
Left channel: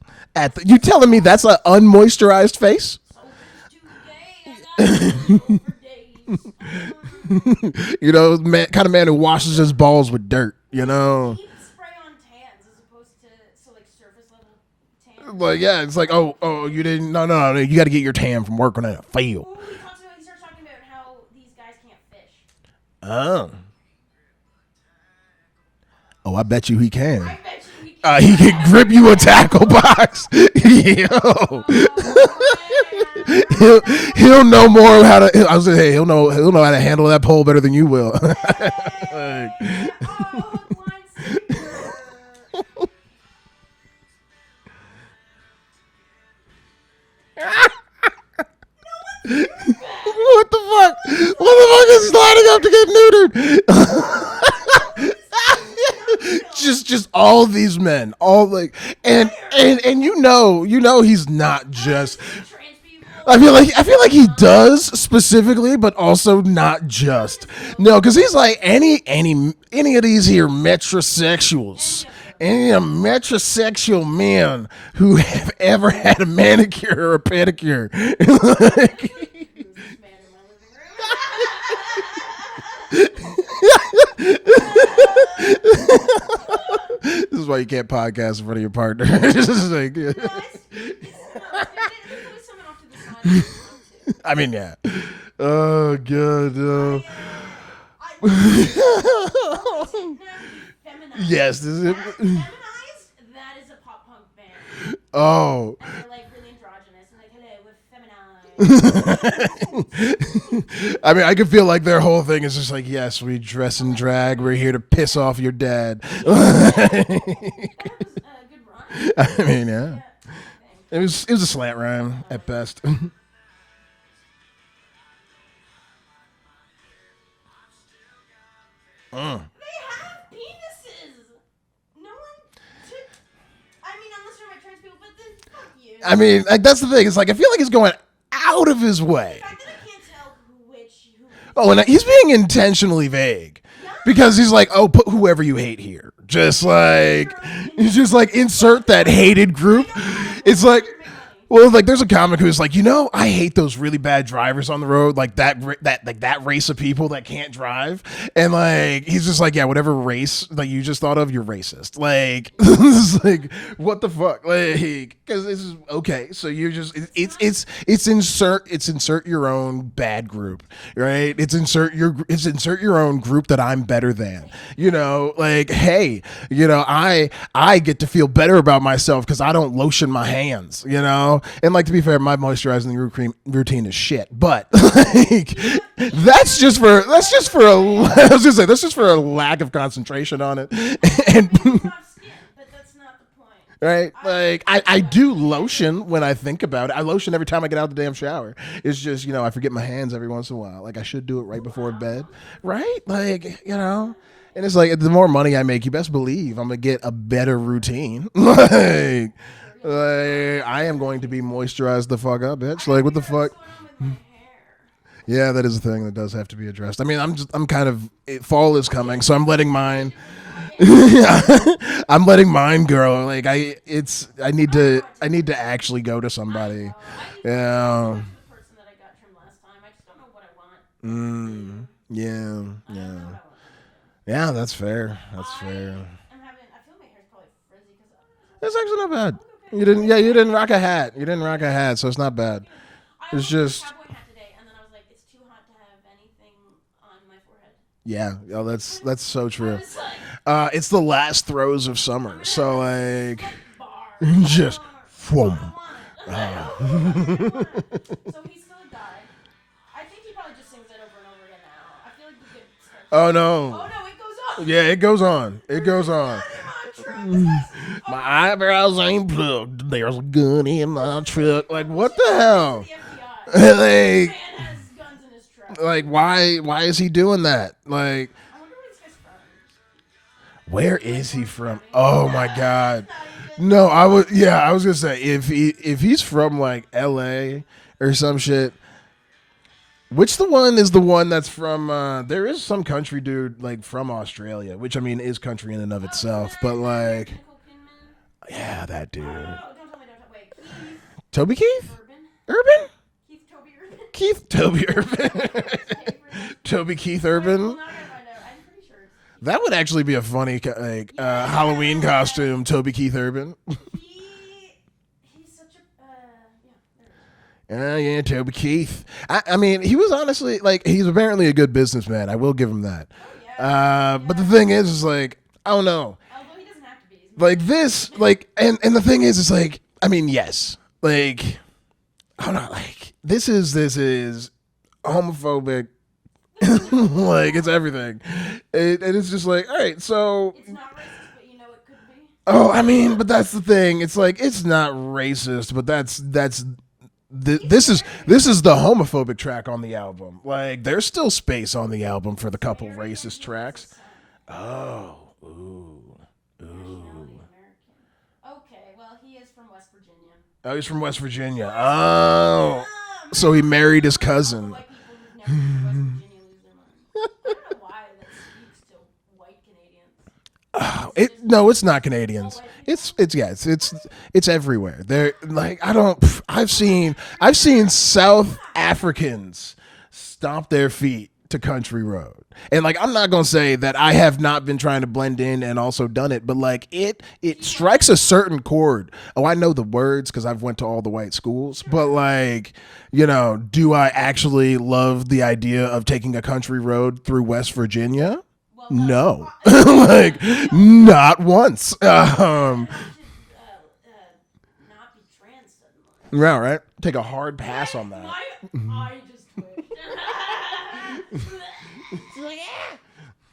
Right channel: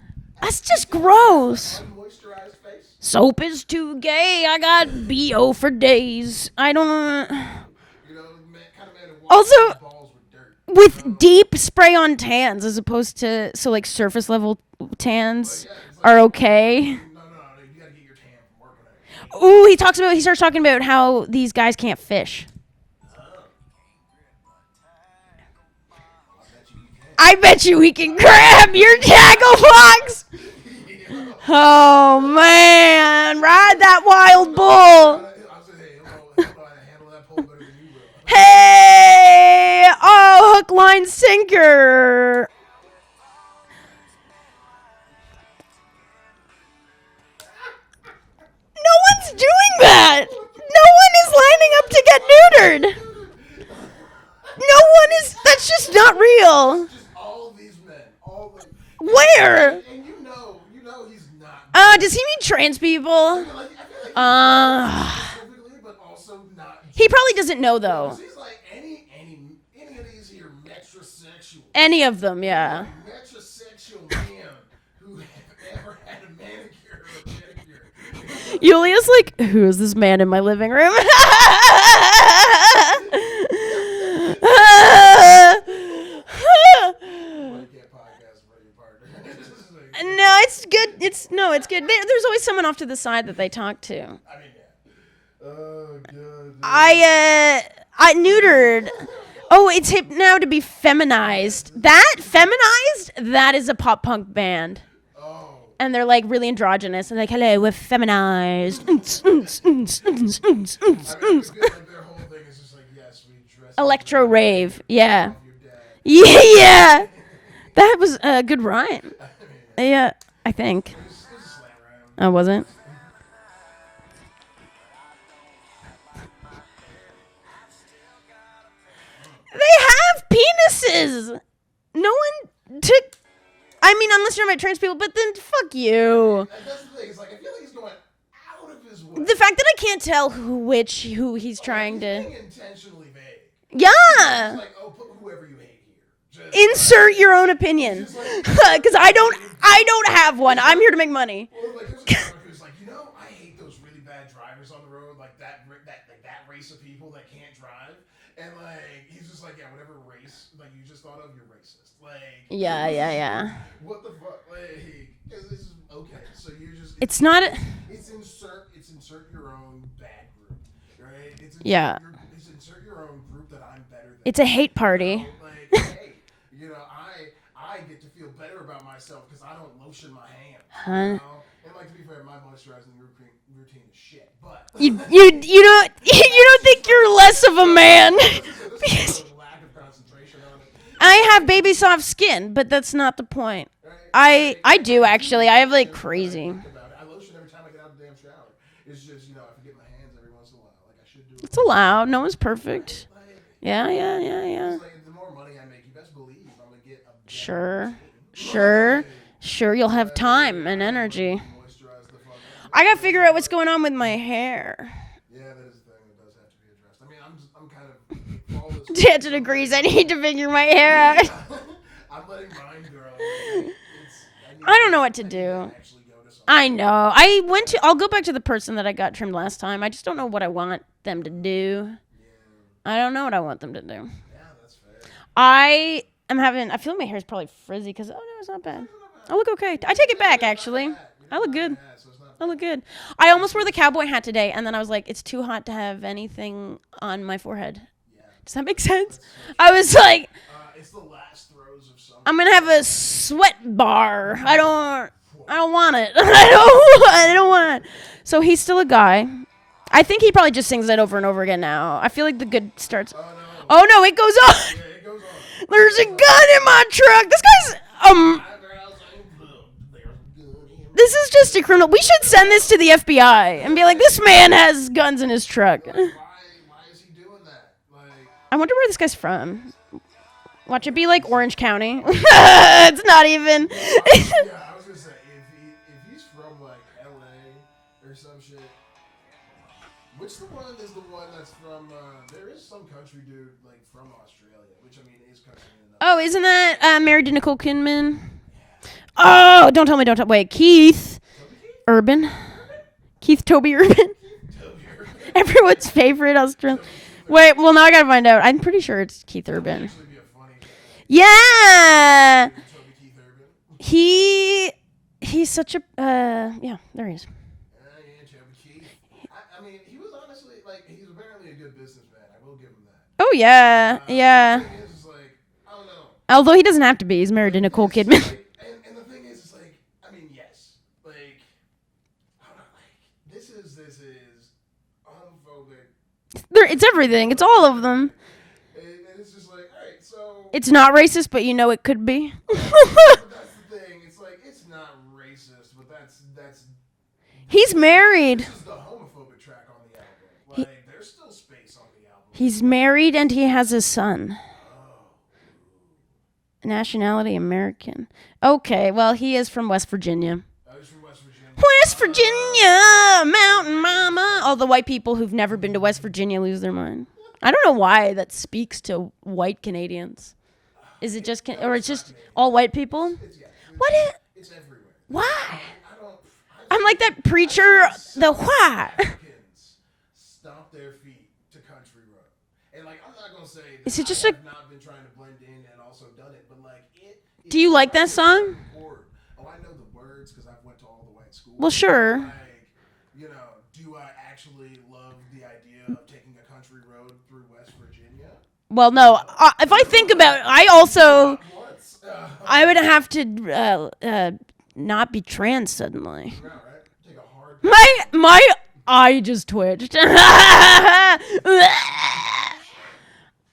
You telling me that's an unmoisturized face? Soap is too gay. I got BO for days. I don't. You know, kind of man who washes his balls with dirt. With deep spray on tans as opposed to like surface level tans. Well, yeah, it's like okay. No. You got to get your tan from working at a field. Ooh, he starts talking about how these guys can't fish. Oh, I bet you he can. I bet you he can grab your tackle box. Oh man, ride that wild He'll know pole. more how to. I was saying, hey, he'll know how to handle that pole better than you will. Hey, oh, hook, line, sinker. No one's doing that. What the fuck? No one is lining up to get neutered. No one is. That's just not real. Just all these men, all like where and you know he's not. Does he mean trans people? I feel like he does specifically, but also not just. He probably doesn't know though. No, because he's like any of these here metrosexuals. Any of them, Any metrosexual men who have ever had a manicure or a pedicure. Julia's like, who is this man in my living room? This is why you can't podcast in front of your partner. No, it's good. It's good. There's always someone off to the side that they talk to. I mean, yeah. Oh god. I neutered. Oh, it's hip now to be feminized. Yes, that feminized? That is a pop punk band. Oh. And they're like really androgynous and like, hello, we're feminized. I mean, I can feel like their whole thing is just like, yes, we dress in Electro drag. rave. We're here to piss off your dad. Yeah. That was a good rhyme. I mean, yeah. Yeah, I think. It was a slant rhyme. Oh, was it? They have penises. No one took. I mean, unless you're about trans people, but then fuck you. I mean, like, that's the thing. It's like I feel like he's going out of his way. The fact that I can't tell who he's. Oh, and he's being intentionally vague. Yeah. Because he's like, oh, put whoever you hate here. Just insert your own opinion. He's just like, insert that hated group. I don't have one. I'm here to make money. Well, like, there's a comic who's like, I hate those really bad drivers on the road, like that race of people that can't drive, and like, he's just like, yeah, whatever race that you just thought of, you're racist. Like, like what the fuck? Like, because this is okay. So you're just it's insert your own bad group, right? It's insert your own group that I'm better than. It's a hate party. Like, hey. I get to feel better about myself because I don't lotion my hands, and like, to be fair, my moisturizing routine is shit, but you don't think you're less of a man. I was gonna say that's just for a lack of concentration on it. I have baby soft skin, but that's not the point, right? I do actually. I have like crazy. When I think about it, I lotion every time I get out of the damn shower. It's just I forget my hands every once in a while. Like I should do it. It's allowed. No one's perfect, right? Like yeah. And it's like the more money I make, you best believe I'm gonna get a better routine. Sure, you'll have time and I am energy. going to be moisturized the fuck up. Bitch. I gotta figure out what's going on with my hair. Yeah, that is a thing that does have to be addressed. I mean, I'm kind of fall is coming, so I'm letting mine. I need to figure my hair out. I'm letting mine grow. Like I don't know what to do. I need to actually go to somebody. I know. I'll go back to the person that I got trimmed last time. I just don't know what I want them to do. Yeah. I don't know what I want them to do. Yeah, that's fair. I feel like my hair's probably frizzy because it's not bad. It's actually not bad. I look okay. I take it back. You didn't rock a hat. You didn't rock a hat, so it's not bad. I look good. I almost wore the cowboy hat today, and then I was like, it's too hot to have anything on my forehead. Yeah. Does that make sense? That's so true. I was like, it's the last throes of summer. I'm gonna have a sweat bar. I don't want it. I don't want it. So he's still a guy. I think he probably just sings that over and over again now. I feel like the good starts. Oh no! It goes on. Yeah, it goes on. There's a gun in my truck. This guy's eyebrows ain't plugged. There's a gun in my truck. This is just a criminal. We should send this to the FBI. And be like, this man has guns in his truck. Like, why is he doing that? Like, I wonder where this guy's from. Watch it be like Orange County. Oh, it's not even. No, I was gonna say if he's from like L.A. or some shit. Which the one is the one that's from? There is some country dude like from Australia, which I mean is country in and of itself. Oh, isn't that like, married to Nicole Kidman? Yeah, that dude. Oh, don't tell me. Wait, Keith. Toby Keith? Urban. Urban? Keith Toby Urban. Keith Toby Urban. Everyone's favorite Australian. Toby Keith Urban. Wait, well now I gotta find out. I'm pretty sure it's Keith. That Urban. would actually be a funny Halloween costume. Toby Keith Urban. He's such a yeah. There he is. Yeah, Toby Keith. I mean, he was honestly like he's apparently a good businessman. I will give him that. Oh yeah, yeah. But the thing is like I don't know. Although he doesn't have to be. He's married to Nicole Kidman. Like, and the thing is, it's like I mean, yes, like I don't know, like this is homophobic. It's everything. Like, it's all of everything. them. And it's just like, all right, so it's not racist, but you know it could be. Oh, I mean, but that's the thing. It's like it's not racist, but he's married. This is the homophobic track on the album. Like, there's still space on the album for the couple married and he tracks. has a son. Oh. Ooh. Nationality American. Okay, well, he is from West Virginia. Oh, he's from West Virginia. West Virginia. So he married his cousin. All the white people who've never been to West Virginia lose their mind. I don't know why that speaks to white Canadians. Is it just no, or it's not just Canadians. All white people. It's everywhere. They're like I've like seen South Africans stomp their feet to Country Road. And like I'm not gonna say that I have not been trying to blend in and also done it, but like it strikes a certain chord. Oh, I know the words because I've went to all the white schools. Well, sure. But like, you know, do I actually love the idea of taking a country road through West Virginia? Well, no. If I think about it, I also not once. I would have to not be trans suddenly. Yeah, right. Take a hard pass. My eye just twitched.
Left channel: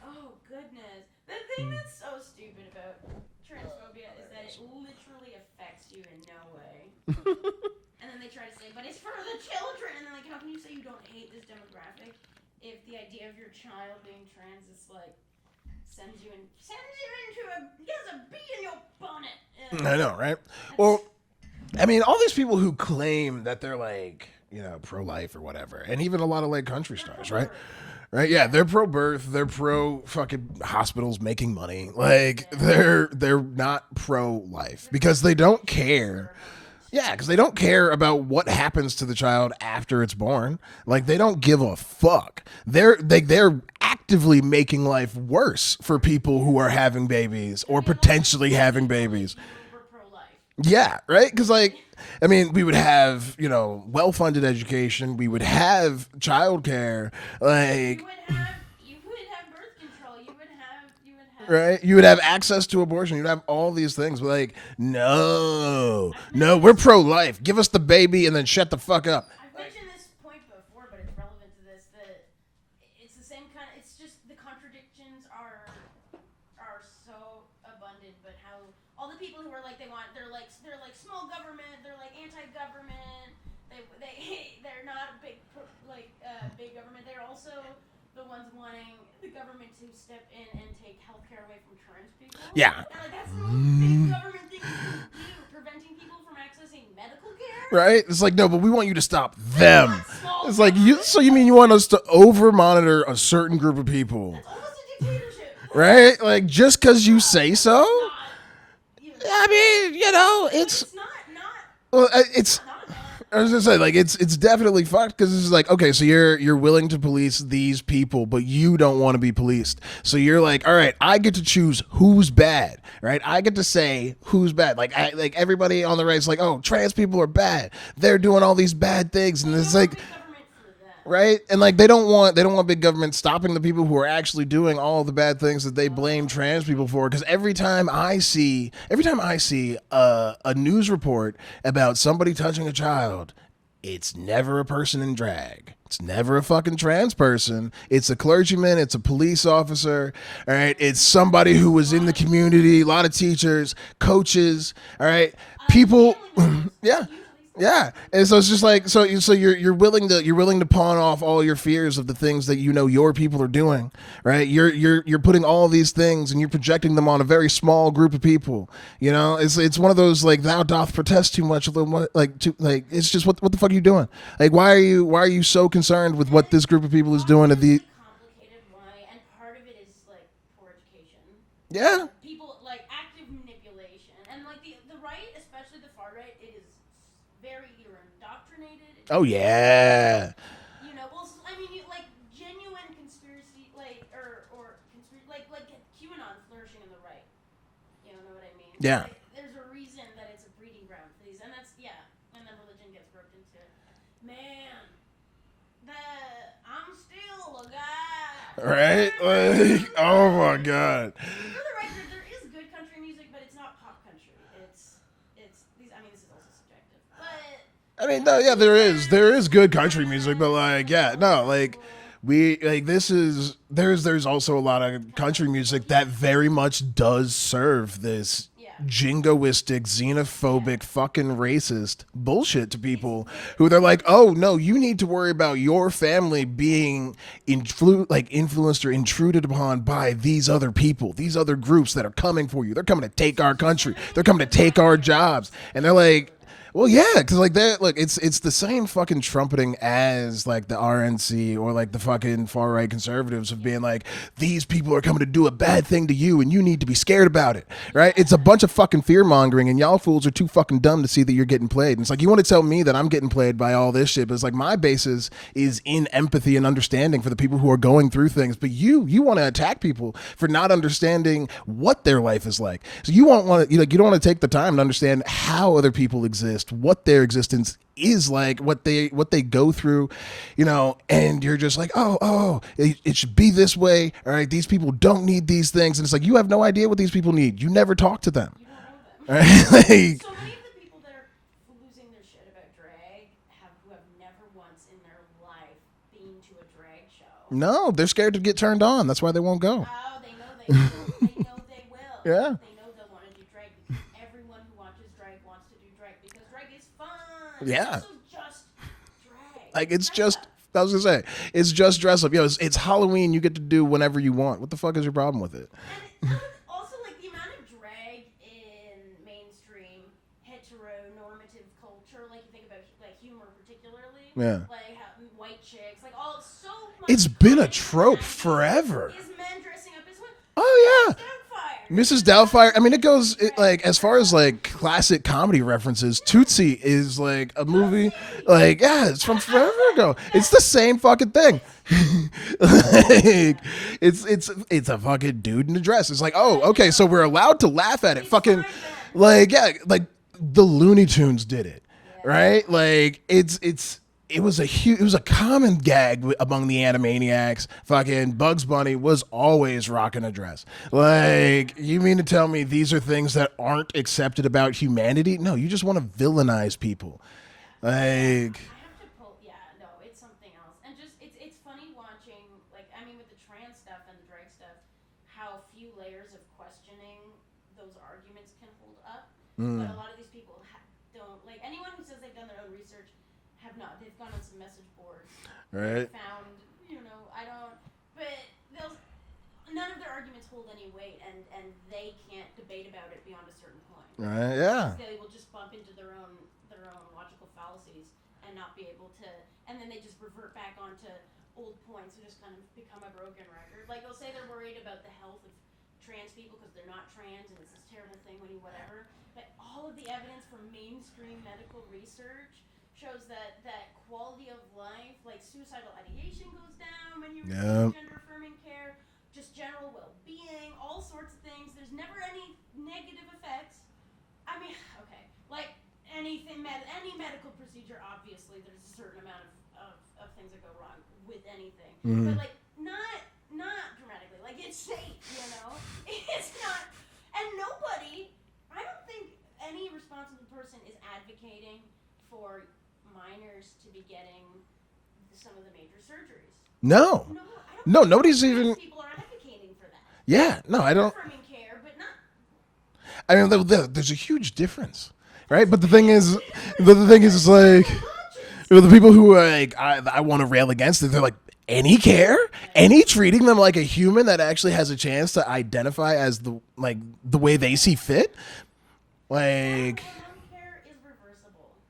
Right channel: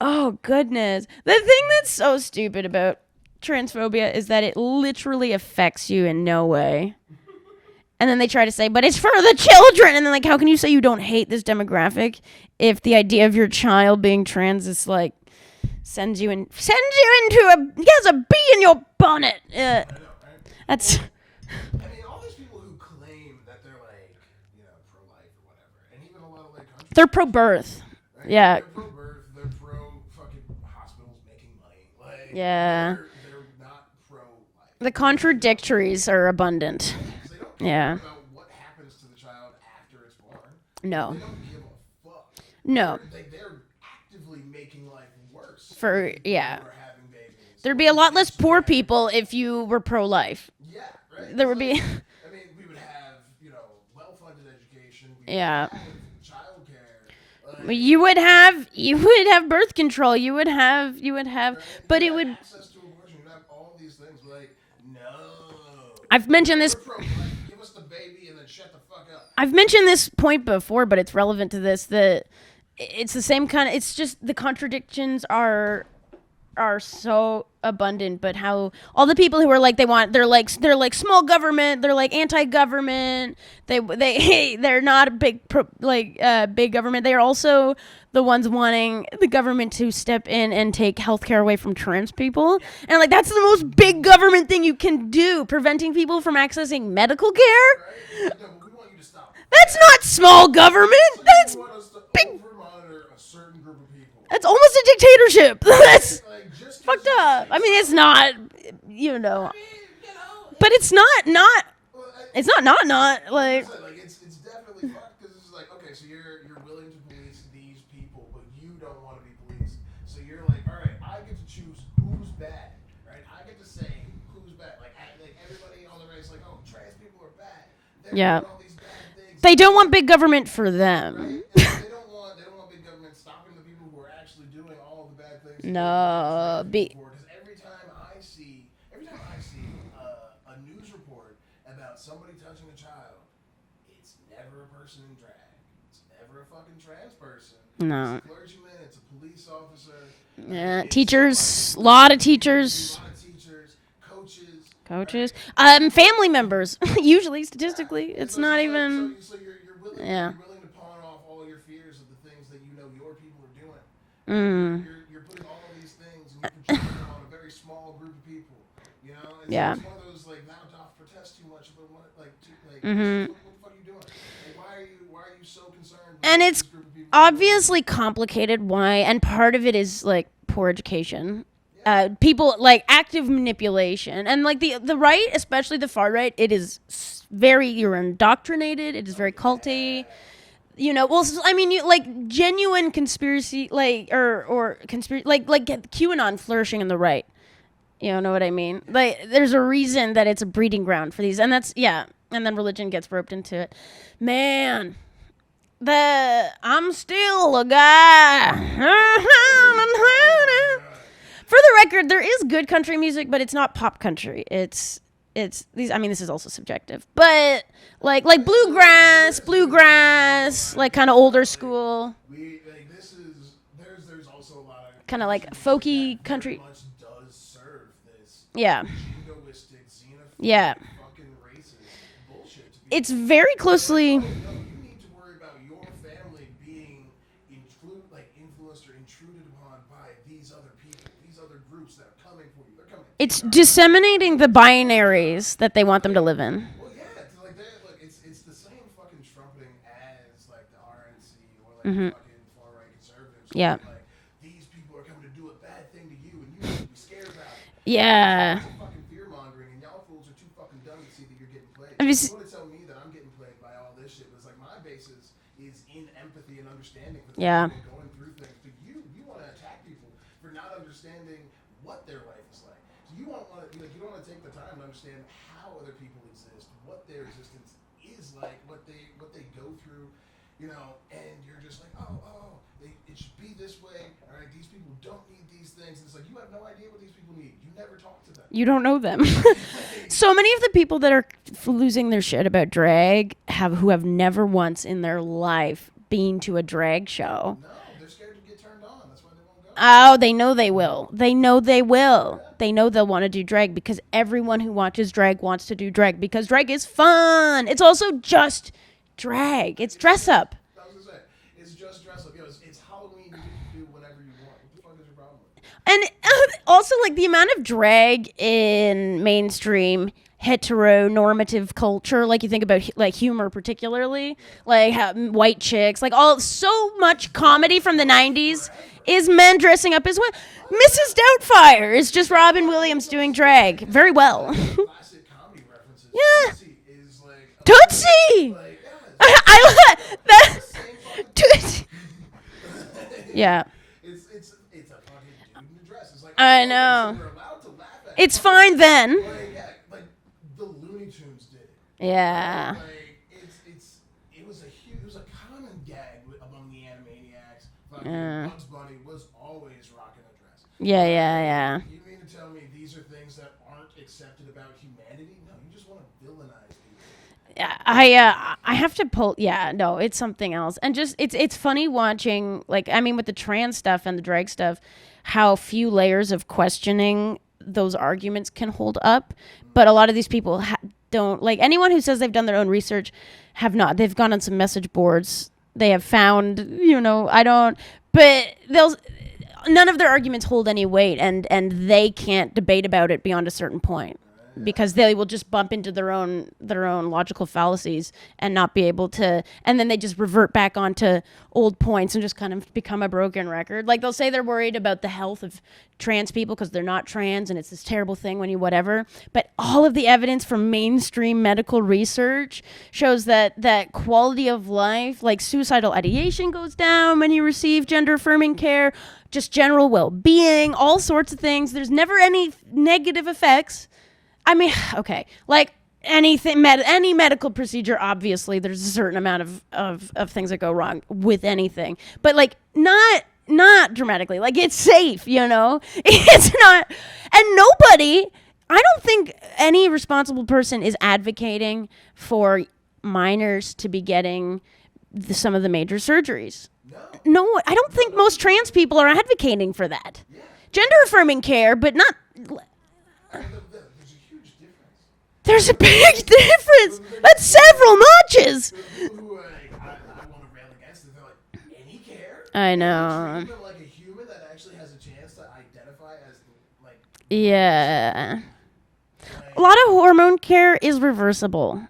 Oh goodness! The thing that's so stupid about transphobia is that it literally affects you in no way. And then they try to say, but it's for the children. And then like, how can you say you don't hate this demographic if the idea of your child being trans is like sends you into a bee in your bonnet? I know, right? Well, I mean, all these people who claim that they're like, you know, pro-life or whatever, and even a lot of like country they're stars, pro-birth. Right? Yeah, they're pro-birth. They're pro fucking hospitals making money. Like they're not pro-life. The because contradictories are abundant. Yeah, because they don't care about what happens to the child after it's born. Like they don't give a fuck. No. They're actively making life worse for people who are having babies. There'd or be a lot less potentially poor having people babies. if you were pro-life. Yeah, right? Because be... I mean, we would have, you know, well-funded education. We would have childcare. Like you would have birth control. You would have right. You would have access to abortion. You'd have all these things. But like, no, I've mentioned we're pro-life. Give us the baby and then shut the fuck up. I've mentioned this point before, but it's relevant to this. That it's the same kind of. It's just the contradictions are so abundant, but how all the people who are like they're like small government, they're like anti-government, they're not a big big government. They are also the ones wanting the government to step in and take healthcare away from trans people. Yeah. And like that's the most big government thing you can do, preventing people from accessing medical care. Right? It's like, no, but we want you to stop That's them. not small government. Like, so you mean you want us to over-monitor a certain group of people? That's almost a dictatorship. Right? Like, just because you say so? I mean, it's not, you know. I mean, you know. But it's not. Well, it's not. I was gonna say, like, it's definitely fucked because it's like, okay, so you're willing to police these people, but you don't want to be policed. So you're like, all right, I get to choose who's bad, right? I get to say who's bad. Like everybody on the right's like, oh, trans people are bad. They're doing all these bad things. They don't want big government for them, right? And like they don't want big government stopping the people who are actually doing all the bad things that they blame trans people for. Because every time I see a news report about somebody touching a child, it's never a person in drag. It's never a fucking trans person. No. It's a clergyman. It's a police officer. All right. It's teachers, somebody who was in the community. A lot of teachers, coaches. All right. Family members. Usually, statistically. Yeah. And so it's just like so you're willing to pawn off all your fears of the things that you know your people are doing. Right. You're putting all these things and you're projecting them on a very small group of people. You know. It's one of those like thou doth protest too much. It's just what the fuck are you doing? Like why are you so concerned concerned with what this group of people is doing. Obviously complicated. Why? And part of it is like poor education. Yeah. People like active manipulation, and like the right, especially the far right, it is you're indoctrinated. It is very culty. You know, well, I mean, like genuine conspiracy, like or conspiracy, like QAnon flourishing in the right. You know what I mean? Yeah. Like, there's a reason that it's a breeding ground for these, and that's and then religion gets roped into it. Man, I'm still a guy. Right? Oh my god. For the record, there is good country music, but it's not pop country. It's these. I mean, this is also subjective, but like bluegrass, there is good country music, but like kind of older school. There's also a lot of country like music that very country. much does serve this jingoistic, xenophobic, fucking racist bullshit to people. It's very who they're closely. like, oh no, you need to worry about your family being influenced or intruded upon by these other people, these other groups that are coming for you. They're coming to take our country. It's disseminating the binaries that they want them to live in. Well, yeah, because like that, look, it's the same fucking trumpeting as like the RNC or like the fucking far right conservatives of being like, these people are coming to do a bad thing to you and you need to be scared about it. Right? It's a bunch of fucking fear mongering, and y'all fools are too fucking dumb to see that you're getting played. And it's like, you want to tell me that I'm getting played by all this shit, but it's like my basis is in empathy and understanding for the people who are going through things. But you want to attack people for not understanding what their life is like. So you don't want to take the time to understand how other people exist, what their existence is like, what they go through, you know, and you're just like, oh, it should be this way. All right, these people don't need these things. And it's like, you have no idea what these people need. You never talk to them. You don't know them. Right? Like, so many of the people that are losing their shit about drag who have never once in their life been to a drag show. No, they're scared to get turned on. That's why they won't go. Oh, they know they will. They know they will. Yeah. They know they'll want to do drag because everyone who watches drag wants to do drag because drag is fun. Yeah. It's also just drag. Like, it's dress up. I was gonna say, it's just dress up. Yo, it's Halloween. You get to do whenever you want. What the fuck is your problem with it? And also, like, the amount of drag in mainstream heteronormative culture, like you think about like humor particularly, like white chicks, like so much comedy from the 90s forever. Is men dressing up as women. Mrs. Doubtfire is just Robin Williams doing drag like, as very far well. as like classic comedy references, Tootsie is like a Tootsie! movie, like it's the same fucking thing. Yeah, it's a fucking dude in a dress. It's like, oh, okay, so we're allowed to laugh at it. It's fucking fine then. Like, yeah, like the Looney Tunes did it. Yeah. Right? Like it was a common gag among the Animaniacs. Fucking Bugs Bunny was always rocking a dress. You mean to tell me these are things that aren't accepted about humanity? No, you just want to villainize people. Yeah, I have to pull. Yeah, no, it's something else. And just it's funny watching, like, I mean, with the trans stuff and the drag stuff, how few layers of questioning those arguments can hold up. But a lot of these people don't, like, anyone who says they've done their own research have not. They've gone on some message boards. Right. They have found, but none of their arguments hold any weight, and they can't debate about it beyond a certain point, right, because they will just bump into their own logical fallacies and not be able to, and then they just revert back onto old points and just kind of become a broken record. Like, they'll say they're worried about the health of trans people because they're not trans and it's this terrible thing when you whatever, but all of the evidence from mainstream medical research shows that quality of life, like suicidal ideation, goes down when you receive gender affirming care, just general well-being, all sorts of things. There's never any negative effects. I mean, okay, like anything, any medical procedure, obviously there's a certain amount of things that go wrong with anything, but like not dramatically. Like, it's safe, it's not, and nobody, I don't think any responsible person is advocating for minors to be getting some of the major surgeries. No, I don't think most trans people are advocating for that. Yeah, gender affirming care, but not. I mean, there's a huge difference. There's right? a big difference. But the thing is, several notches. The people who are like, I want to rail against it, they're like, any care? Any treating them like a human that actually has a chance to identify as the way they see fit? Like, a lot of hormone care is reversible.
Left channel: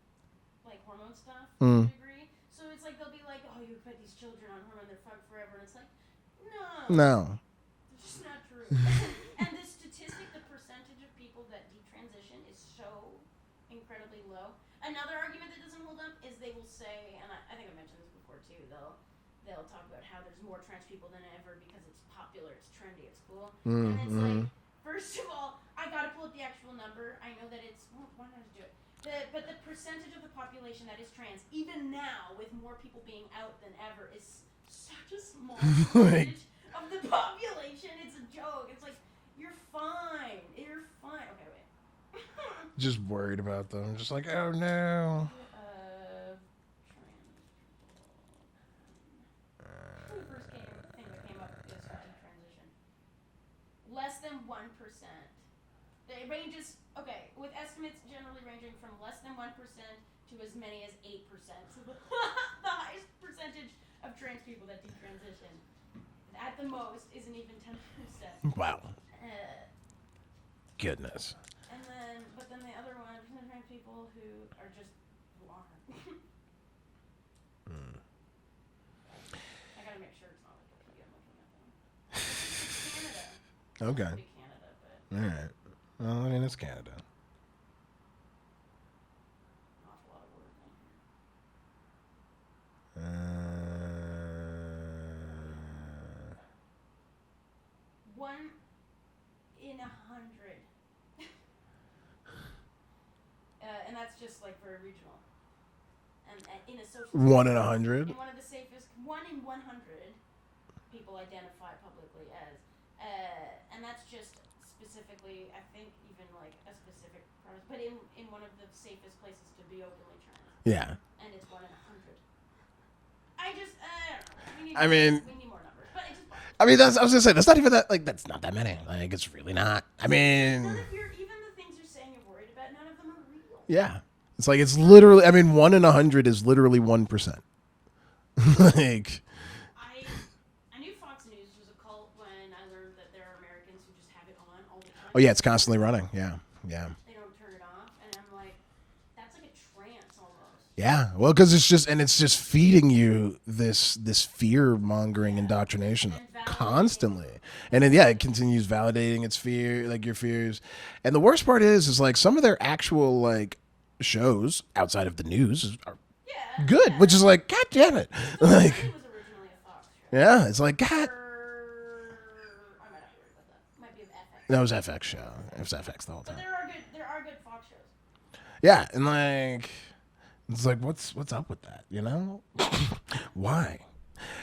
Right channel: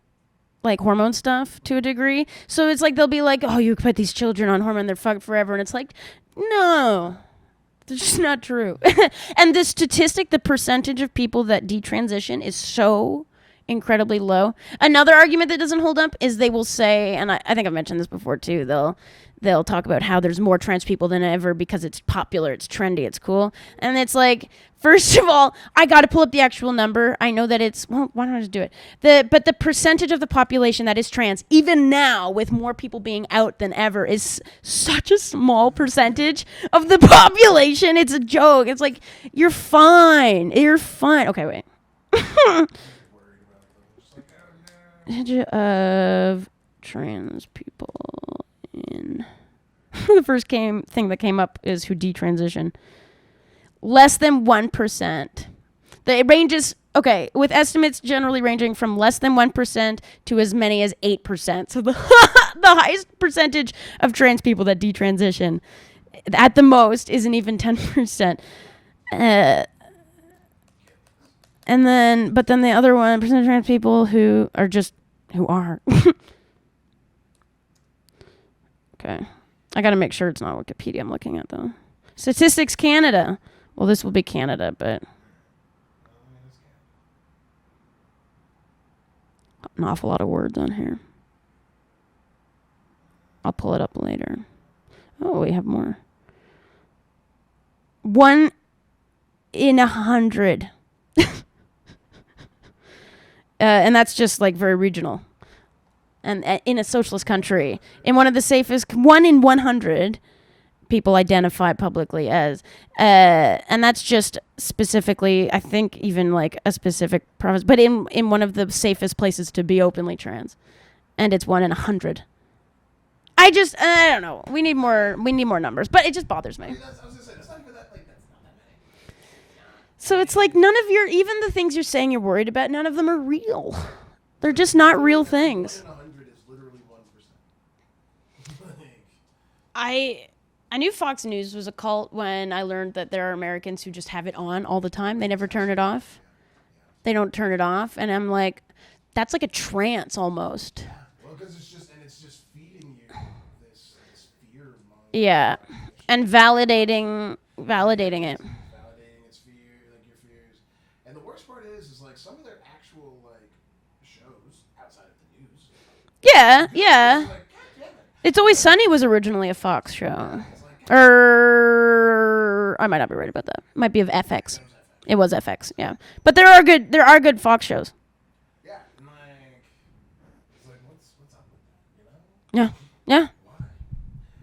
like hormone stuff to a degree. So it's like they'll be like, oh, you put these children on hormone, they're fucked forever. And it's like, no. It's just not true. And the statistic, the percentage of people that detransition is so incredibly low. Another argument that doesn't hold up is they will say, and I think I've mentioned this before too, they'll talk about how there's more trans people than ever because it's popular, it's trendy, it's cool. And it's like, first of all, I got to pull up the actual number. I know that it's, well, why don't I just do it? But the percentage of the population that is trans, even now with more people being out than ever, is such a small percentage of the population. It's a joke. It's like, you're fine. You're fine. Okay, wait. Just worried about them. Just like, oh no. Percentage of trans people in... The first thing that came up is who detransition. Less than 1%. It ranges, okay, with estimates generally ranging from less than 1% to as many as 8%. So the highest percentage of trans people that detransition at the most isn't even 10%. Wow. Goodness. And then, but then the other 1% of trans people who are. Okay. I got to make sure it's not Wikipedia I'm looking at, though. Statistics Canada. Well, this will be Canada, but... All right. Well, I mean, it's Canada. An awful lot of words on here. I'll pull it up later. Oh, we have more. 1 in 100. And that's just, like, very regional. And in a socialist country, in one of the safest, 1 in 100 people identify publicly as, and that's just specifically, I think, even like a specific province, but in one of the safest places to be openly trans. Yeah. And it's 1 in 100. I don't know. We need more. We need more numbers, but it just bothers me. I mean, I was gonna say that's not even that. Like, that's not that many. Like, it's really not. So it's like none of even the things you're saying you're worried about, none of them are real. Yeah. They're just not real things. I mean, 1 in 100 is literally 1%. Like, I knew Fox News was a cult when I learned that there are Americans who just have it on all the time. They never turn it off. Yeah. They don't turn it off, and I'm like, that's like a trance almost. Yeah. Well, because it's just feeding you this fear mongering indoctrination and validating it continues validating its fear, like your fears. And the worst part is like some of their actual like shows outside of the news are good, which is like, God damn it. It's Always Sunny was originally a Fox show. Yeah, it's like, I might not be right about that. Might be of FX. That was FX. It was FX. Yeah, but there are good Fox shows. Yeah, and like, it's like, what's up with that? You know? Yeah. Why?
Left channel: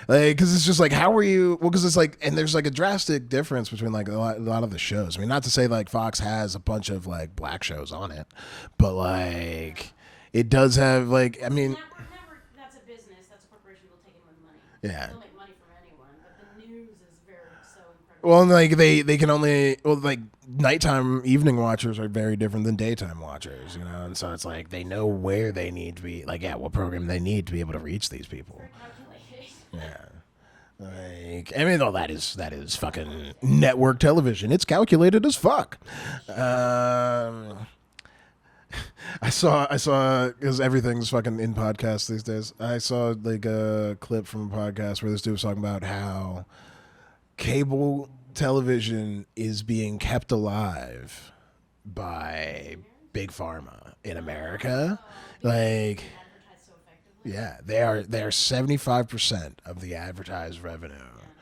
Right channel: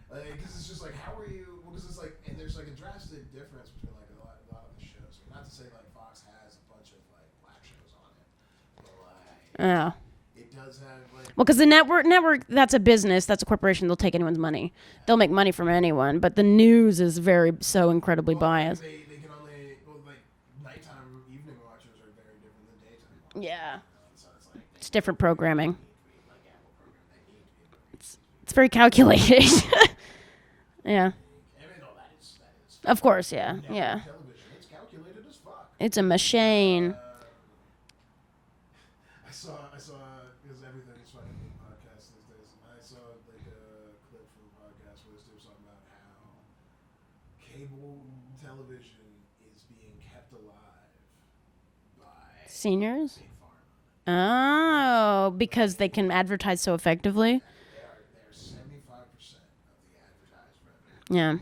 Like, because it's just like, how are you? Well, because it's like, and there's like a drastic difference between like a lot of the shows. I mean, not to say like Fox has a bunch of like black shows on it, but like, it does have like. Well, because the network, that's a business, that's a corporation. They'll take anyone's money. Yeah, they'll make money from anyone. But the news is so incredibly. Well, like they can only like nighttime evening watchers are very different than daytime watchers. You know, and so it's like they know different where programming. They need to be. Like, what program they need to be able to reach these people. It's very calculated. Yeah. I mean, though that is fucking of course, network television. It's calculated as fuck. It's a machine. I saw because everything's fucking in podcasts these days. I saw like a clip from a podcast where this dude was talking about how cable television is being kept alive by seniors, big pharma. In America. Because they can advertise so effectively. Yeah, they are 75% of the advertised revenue. Yeah.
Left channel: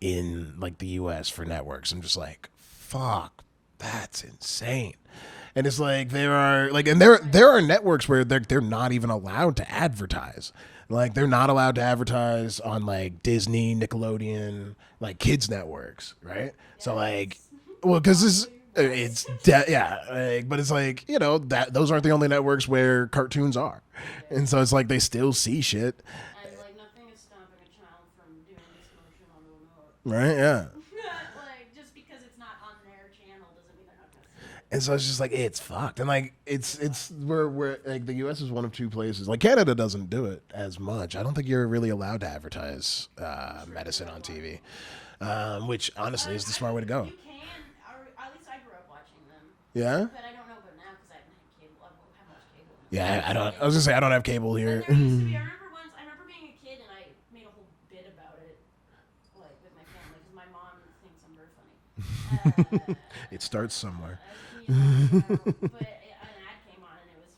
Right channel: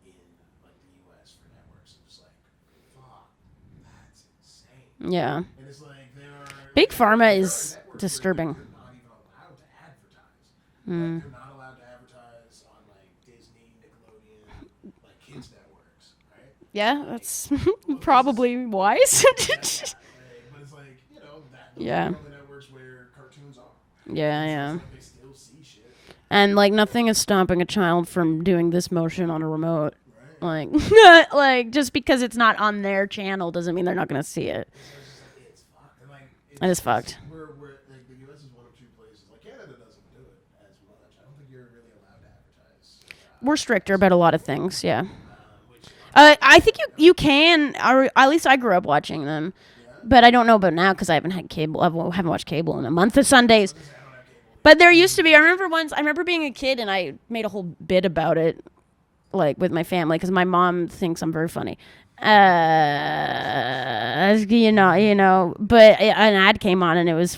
In like the U.S. for networks. I'm just like, fuck, that's insane. Yeah. And it's like there are like, big and there are networks where they're not even allowed to advertise. Like they're not allowed to advertise on like Disney, Nickelodeon, like kids networks, right? Yeah, so, like, well, probably wise. But it's like, you know, that those aren't the only networks where cartoons are. Yeah, and so it's like they still see shit. And like nothing is stopping a child from doing this motion on a remote. Right, yeah. Like just because it's not on their channel doesn't mean they're not going to see it. And so it's just like, it's fucked. And like, it's fucked. We're like the U.S. is one of two places. Like Canada doesn't do it as much. I don't think you're really allowed to advertise. We're stricter about a lot of things, yeah. Which honestly, I think you can. Or at least I grew up watching them. Yeah. But I don't know about now because I haven't had cable. I haven't watched cable in a month of Sundays. say I don't have cable here. But there used to be. I remember being a kid and I made a whole bit about it, like with my family, because my mom thinks I'm very funny. But an ad came on and it was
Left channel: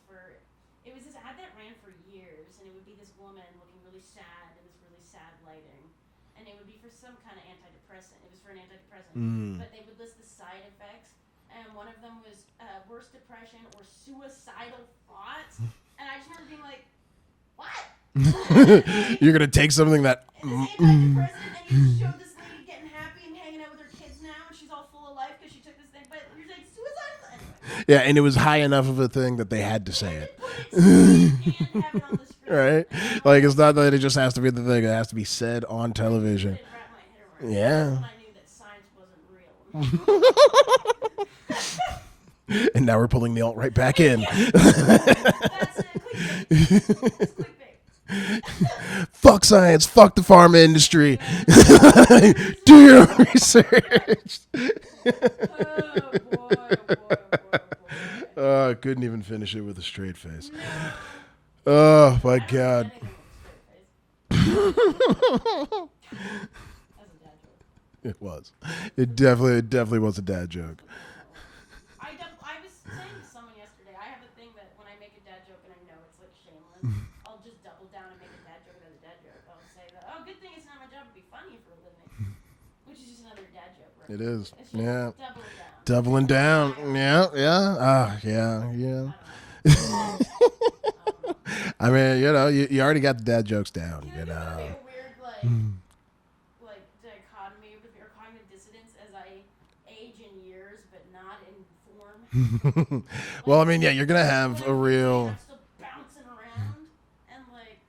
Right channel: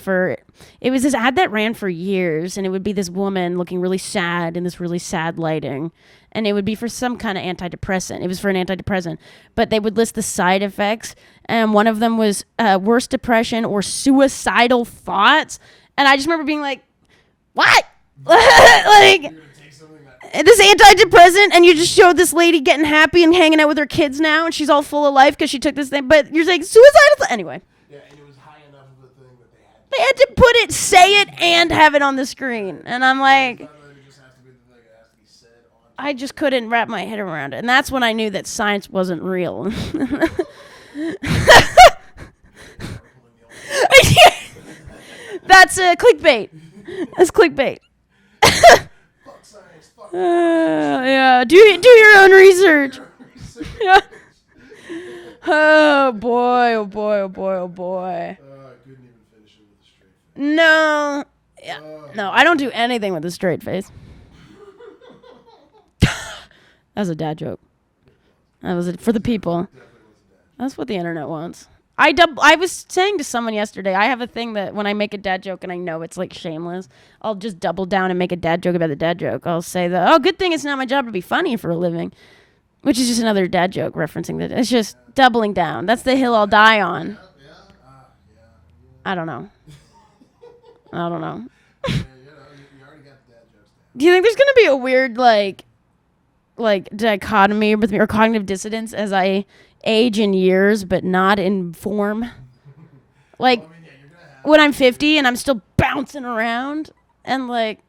this ad that ran for years, and it would be this woman looking really sad in this really sad lighting. And it would be for some kind of antidepressant. It was for an antidepressant. But they would list the side effects. And one of them was worse depression or suicidal thoughts. And I just remember being like, what? Like, you're going to take something that... This antidepressant, and you just showed this lady getting happy and hanging out with her kids now, and she's all full of life because she took this thing. But you're saying suicidal... Anyway. Yeah, and it was high enough of a thing that they had to say it. They had to say it, and have it on the screen. Right? And I'm like... It's not that it just has to be the thing. It has to be said on television. I just couldn't wrap my head around it. And that's when I knew that science wasn't real. And now we're pulling the alt-right back in. That's clickbait. That's clickbait. Fuck science. Fuck the pharma industry. Yeah, do your own research. Do your own research. Yeah. Oh boy! Oh boy! Oh boy! Oh boy! I couldn't even finish it with a straight face. No. Oh, no, I don't do anything with a straight face. That was a dad joke. It was. For the people. It definitely was a dad joke. That's what the internet wants. I was saying to someone yesterday, I have a thing that when I make a dad joke and I know it's like shameless, I'll just double down and make a dad joke about the dad joke. I'll say good thing it's not my job to be funny for a living, which is just another dad joke referencing that. It's just doubling down. That's the hill I'll die on. Yeah. I don't know. I don't know. I mean, you already got the dad jokes down. Do you think there's going to be a weird like dichotomy with me or cognitive dissonance as I age in years but not in form? Like, well, I mean, you're gonna have when I'm 50 and I'm still bouncing around and like,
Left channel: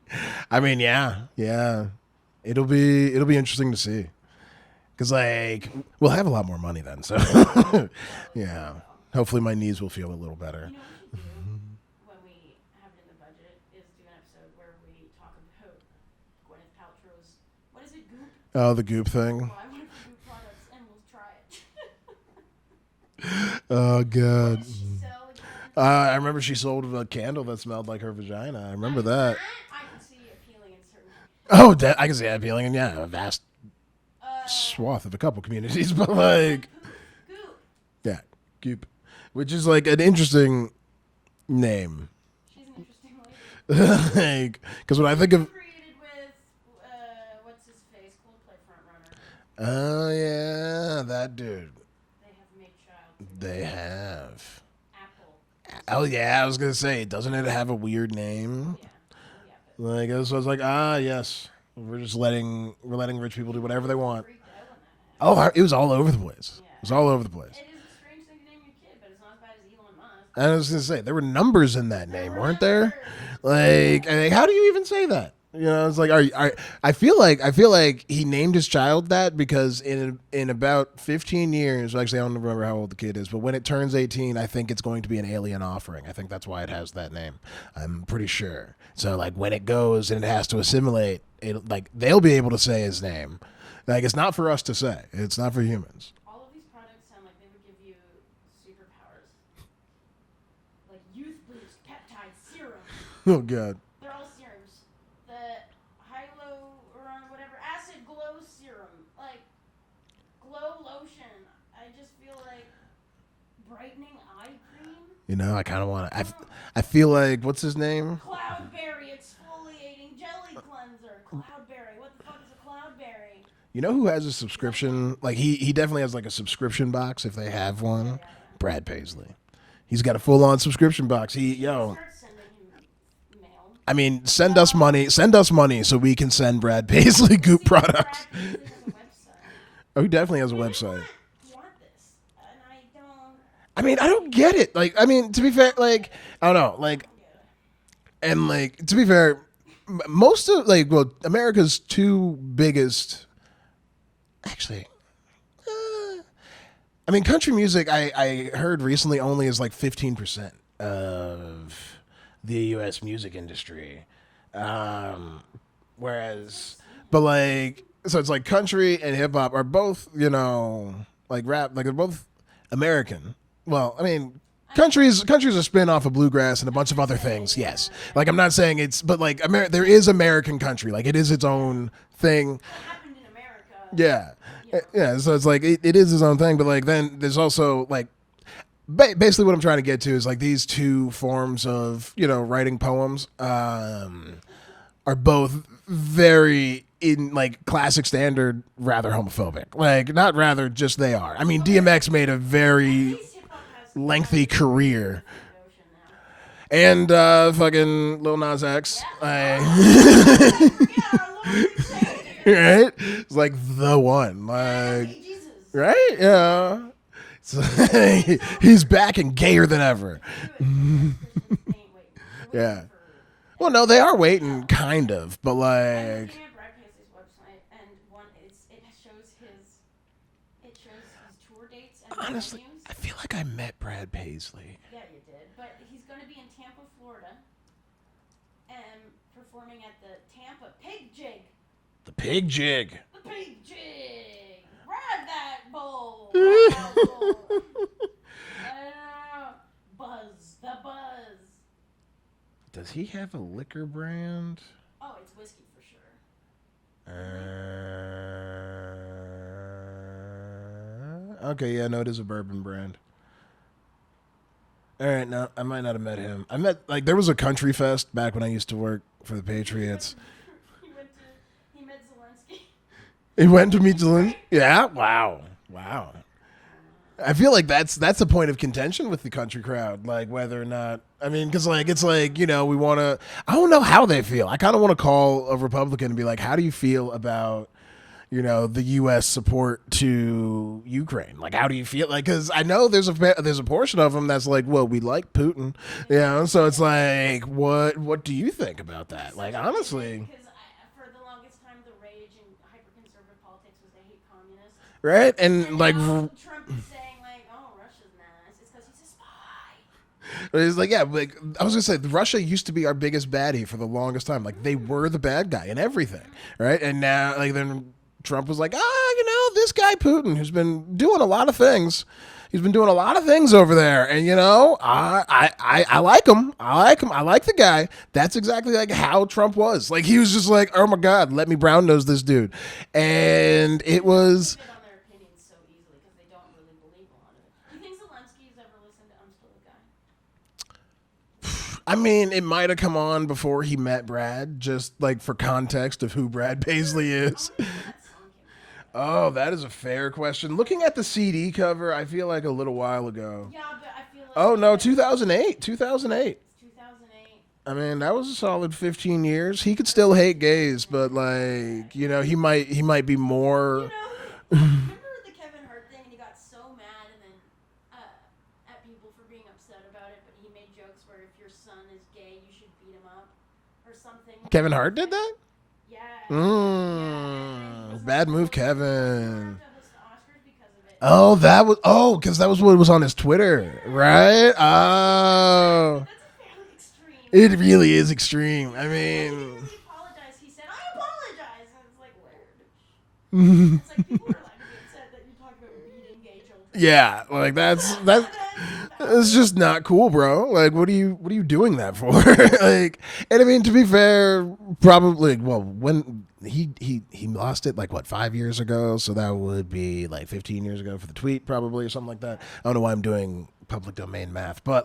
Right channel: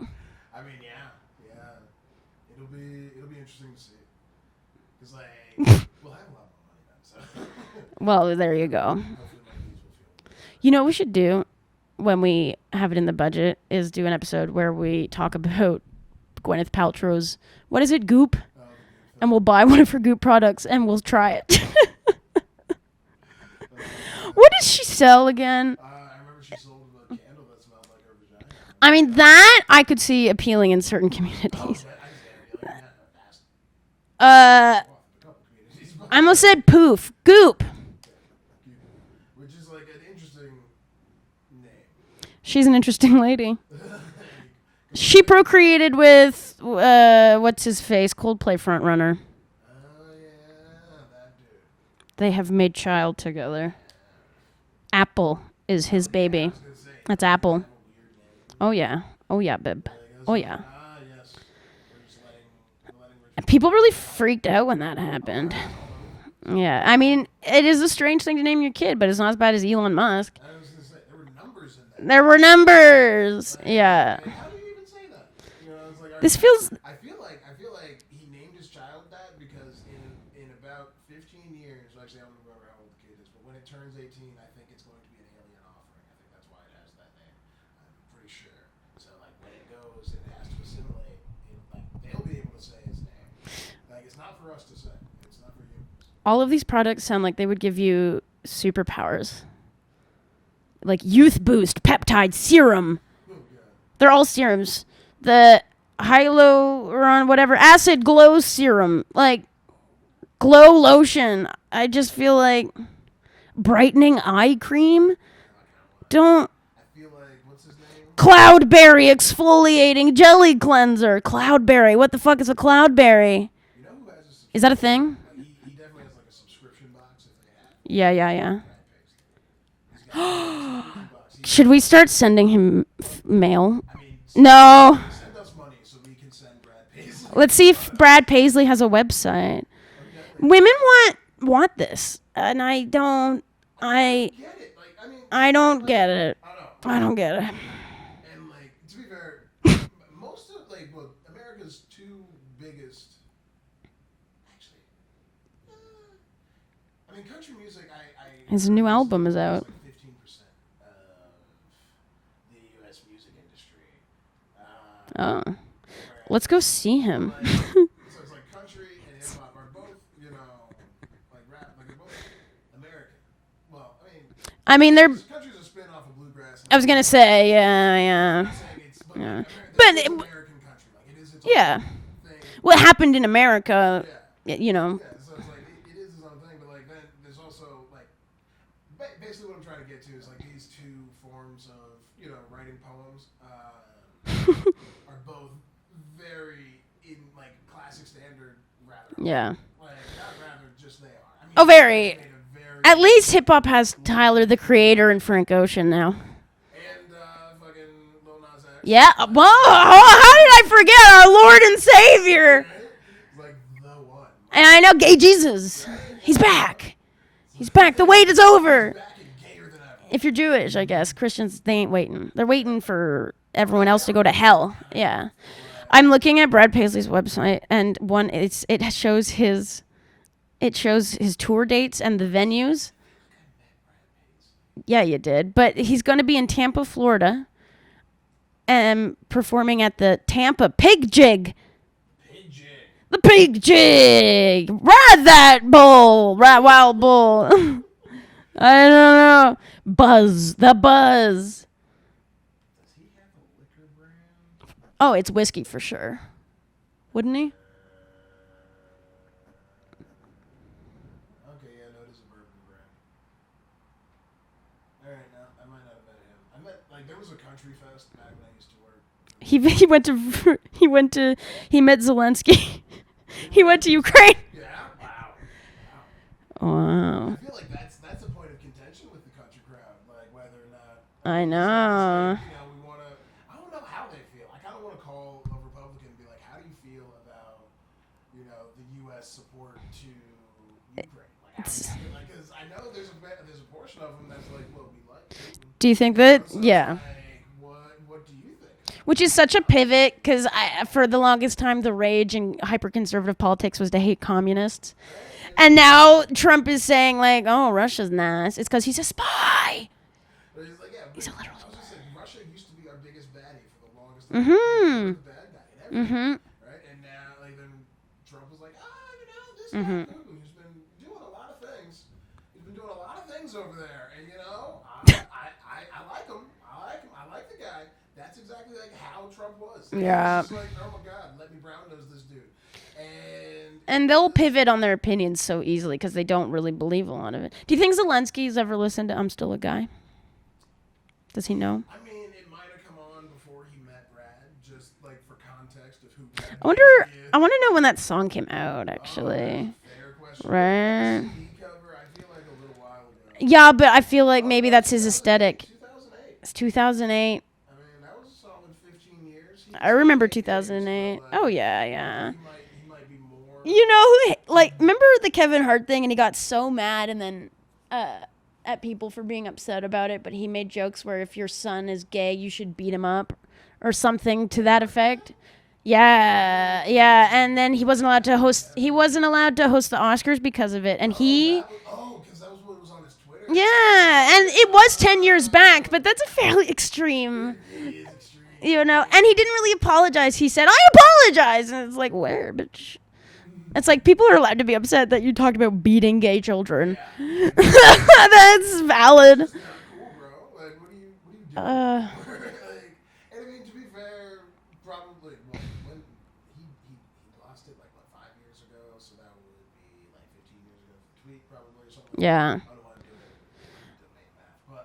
I mean, yeah, it'll be interesting to see, because like we'll have a lot more money then, so well, there you go. Hopefully my knees will feel a little better. You know what we should do when we have it in the budget is do an episode where we talk about Gwyneth Paltrow's, what is it, Goop? Oh, the Goop thing. And we'll buy one of her Goop products and we'll try it. Oh, God. What did she sell again? I remember she sold a candle that smelled like her vagina. I mean, that I could see appealing in certain communities. Oh, I can see that appealing in, a vast swath of a couple communities. But I almost said poof. Goop. Yeah, Goop. Which is like an interesting name. She's an interesting lady. She procreated with, what's his face, Coldplay frontrunner. Oh, yeah, that dude. They have made child together. They have. Apple is his baby. I was going to say, doesn't Apple. It have a weird name? Oh, yeah, babe. Like, I was like, yes. We're letting rich people. People really freaked out when that happened. Oh, it was all over the place. Yeah, I mean, it is a strange thing to name your kid, but it's not as bad as Elon Musk. I was gonna say there were numbers in that. There were numbers. Like, how do you even say that? It's like, I feel like he named his child that because in about 15 years, actually I don't remember how old the kid is, but when it turns 18, I think it's going to be an alien offering. I think that's why it has that name. I'm pretty sure. So like when it goes and it has to assimilate, they'll be able to say his name. Like, it's not for us to say. It's not for humans. All of these products sound like they would give you superpowers. Like youth boost, peptide serum. Oh God. They're all serums. The hyaluron, whatever, acid glow serum, like glow lotion. I just feel like brightening eye cream. I kind of want to. I feel like, what's his name? Cloudberry exfoliating jelly cleanser. Cloudberry. What the fuck is a Cloudberry? You know who has a subscription? Is that a thing? Like he definitely has like a subscription box if they have one. Yeah. Brad Paisley. He's got a full-on subscription box. Should we start sending him mail? I mean, send us money. Send us money so we can send Brad Paisley. Let's see if Brad Paisley has a website. Oh, he definitely has. Women a website. want this, and I don't. I don't get it. Like, I mean, I don't get it. I don't know. Like, I don't get it. And like, to be fair, most of America's two biggest, actually. I mean, country music, I heard recently only is like 15% of the U.S. music industry. Whereas, let's go see him. But like, so it's like country and hip hop are both, like rap, like they're both American. well, I mean, countries are spin off of bluegrass and a bunch of other things. Yeah. Like I'm not saying it's, but like there is American country. Like it is its own thing. What happened in America? Yeah. You know. Yeah. So it's like it is its own thing. But like then there's also like basically what I'm trying to get to is like these two forms of writing poems are both very in like classic standard rather homophobic. Like not rather, just they are. I mean, DMX made a very at least hip hop has Tyler the career. Creator and Frank Ocean now. And fucking Lil Nas X. Yeah. How did I forget our Lord and Savior? Right? It's like the one. Like, and I know Gay Jesus. Right? He's back. He's back. The wait is over. He's back and gayer than ever. If you're Jewish, I guess. Christians, they ain't waiting. They're waiting for everyone else to go to hell. Kind of. But like I'm looking at Brad Paisley's website, and it shows his tour dates and the venues. I feel like I met Brad Paisley. Yeah, you did. But he's going to be in Tampa, Florida, and performing at the Tampa Pig Jig. The Pig Jig. The Pig Jig. Ride that bull. Ride wild bull. I don't know. Buzz. The Buzz. Does he have a liquor brand? Oh, it's whiskey for sure. Wouldn't he? Okay, yeah, no, it is a bourbon brand. All right, no, I might not have met him. I met there was a country fest back when I used to work for the Patriots. He met Zelensky. He went to Ukraine. Yeah, wow. I feel like that's a point of contention with the country crowd, like whether or not because it's like we want to. I don't know how they feel. I kind of want to call a Republican and be like, how do you feel about the U.S. support to Ukraine? Like, how do you feel? Like, because I know there's a portion of them that's like, well, we like Putin. Do you think that? So it's like, what do you think about Which that? is such a pivot, because for the longest time, the rage in hyper-conservative politics was to hate communists. Right. And now Trump is saying, like, oh, Russia's nice. It's because he's a spy. But it's like, yeah, like, I was going to say, Russia used to be our biggest baddie for the longest time. Like, they were the bad guy in everything. Right. And now, like, then Trump was like, this guy Putin, who's been doing a lot of things. He's been doing a lot of things over there, and I like him. I like the guy. That's exactly like how Trump was. Like he was just like, oh my God, let me brown nose this dude, and they'll pivot on their opinions so easily because they don't really believe a lot of it. Do you think Zelensky's ever listened to "I'm Still a Guy"? Does he know? I mean, it might have come on before he met Brad, just like for context of who Brad Paisley is. I want to know when that song came out, actually. Oh, that is a fair question. Right. Looking at the CD cover, I feel like a little while ago. Yeah, but I feel like maybe that's his aesthetic. 2008. It's 2008. I mean, that was a solid 15 years. He could still hate gays, but like, he might be more. Remember the Kevin Hart thing, and he got so mad, and then at people for being upset about it, but he made jokes where if your son is gay, you should beat him up or something to that effect. Did that? Yeah, and then he wasn't allowed to host. Kevin. He wasn't allowed to host the Oscars because of it. And because that was what was on his Twitter. Yeah, right? And it was 10 years back, but that's a fairly extreme. It really is extreme. And he didn't really apologize. He said, "I apologize," and it's like, where, bitch? It's like people are allowed to be upset that you talked about beating gay children. Yeah, like that's valid. It's just not cool, bro. Like, what are you doing that for? Like, and I mean, to be fair, probably when he lost it 5 years ago, so that would be 15 years ago for the tweet, probably, or something like that. I don't know why I'm doing public domain math, but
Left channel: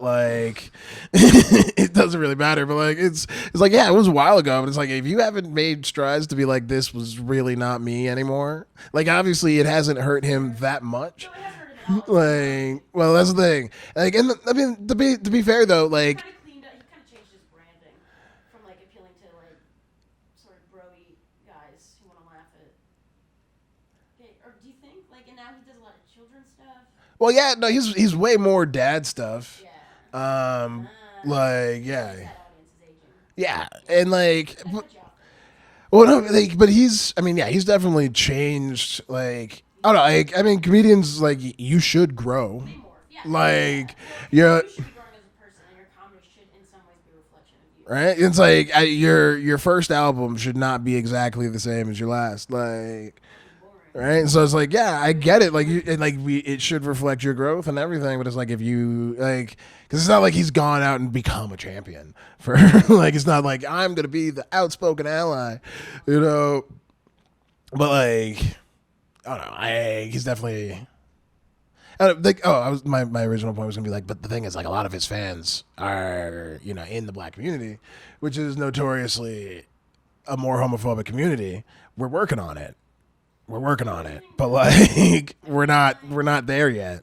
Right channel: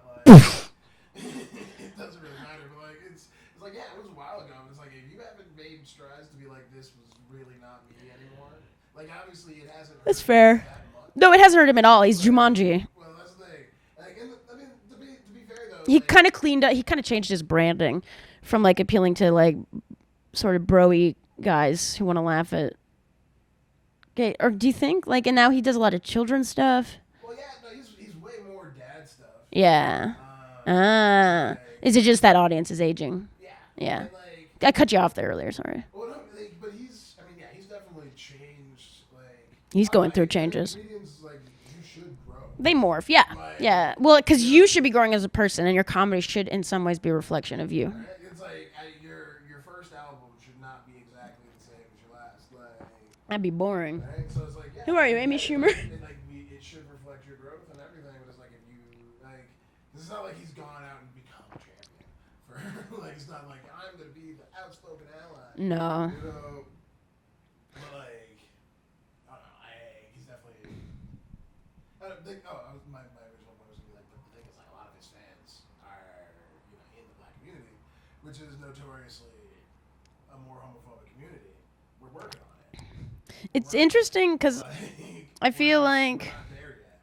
it doesn't really matter. But it's like, yeah, it was a while ago, but it's like, if you haven't made strides to be like, this was really not me anymore, obviously it hasn't hurt him that much. No, it hasn't hurt him at all. He's Jumanji. Well, that's the thing. I mean, to be fair though, he kind of cleaned up. He kind of changed his branding from appealing to sort of bro-y guys who want to laugh at gay. Or do you think and now he does a lot of children's stuff? Well, yeah, no, he's way more dad stuff. Yeah. Is it just that audience is aging? Yeah. And like I cut you off there earlier. Sorry. Well, no, like, but he's definitely changed. Like, he's I don't know. Like, I mean, comedians like you should grow. They morph. Yeah. Like, well, because you should be growing as a person, and your comedy should, in some ways, be a reflection of you. Right. It's like your first album should not be exactly the same as your last. Like, that'd be boring. Right. And so it's like, yeah, I get it. Like, it should reflect your growth and everything. But it's like if you like. Because it's not like he's gone out and become a champion for like it's not like I'm gonna be the outspoken ally. No, you know. But like, I don't know. He's definitely. My original point was gonna be like, but the thing is, like, a lot of his fans are in the black community, which is notoriously a more homophobic community. We're working on it. It's interesting because like, we're not there yet.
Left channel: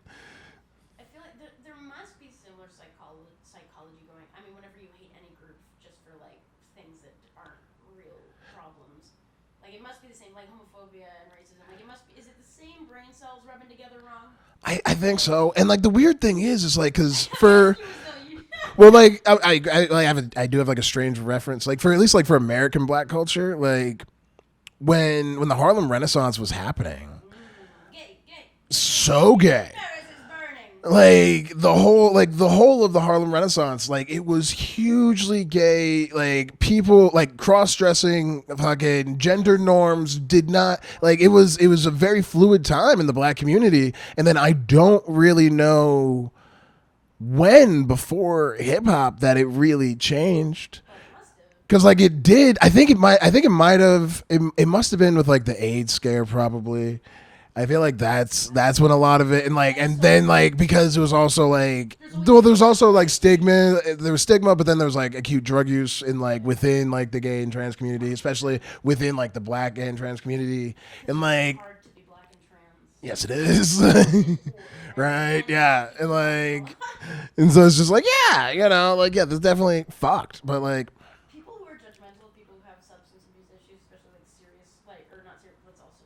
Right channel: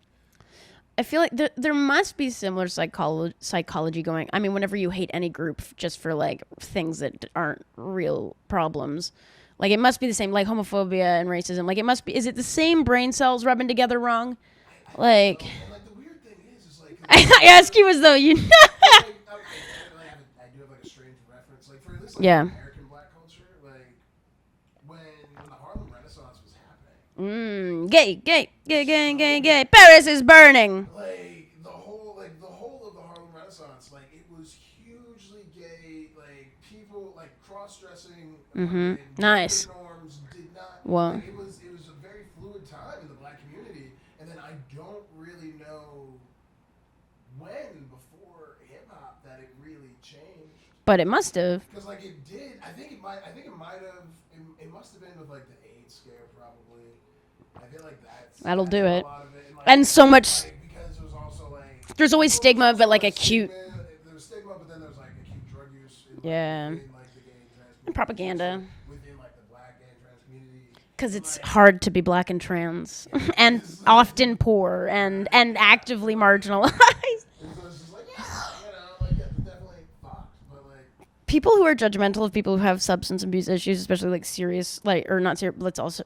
I feel like there must be similar psychology going. I mean, whenever you hate any group just for like things that aren't real problems, like it must be the same, like homophobia and racism. Like it must be. Is it the same brain cells rubbing together wrong? I think so. And like the weird thing is like because I ask you as though you know. Well, like I do have like a strange reference, like for at least like for American black culture, like. When the Harlem Renaissance was happening, gay, so gay. Paris is burning. Like the whole of the Harlem Renaissance, like it was hugely gay. Like people like cross-dressing, fucking gender norms did not like it was a very fluid time in the black community. And then I don't really know when before hip hop that it really changed, but it must have, because like it did. I think it must have been with like the AIDS scare probably. I feel like that's when a lot of it, and so then much, like because it was also like there's always stigma, there was also like stigma. There was stigma, but then there was like acute drug use in like within like the gay and trans community, especially within like the black gay and trans community. Because it's like, hard to be black and trans, yes, it and is. often poor and actively marginalized. And so it's just like that's definitely fucked, but like. People who are judgmental of people who have substance abuse issues, especially like serious, like or not serious, but let's also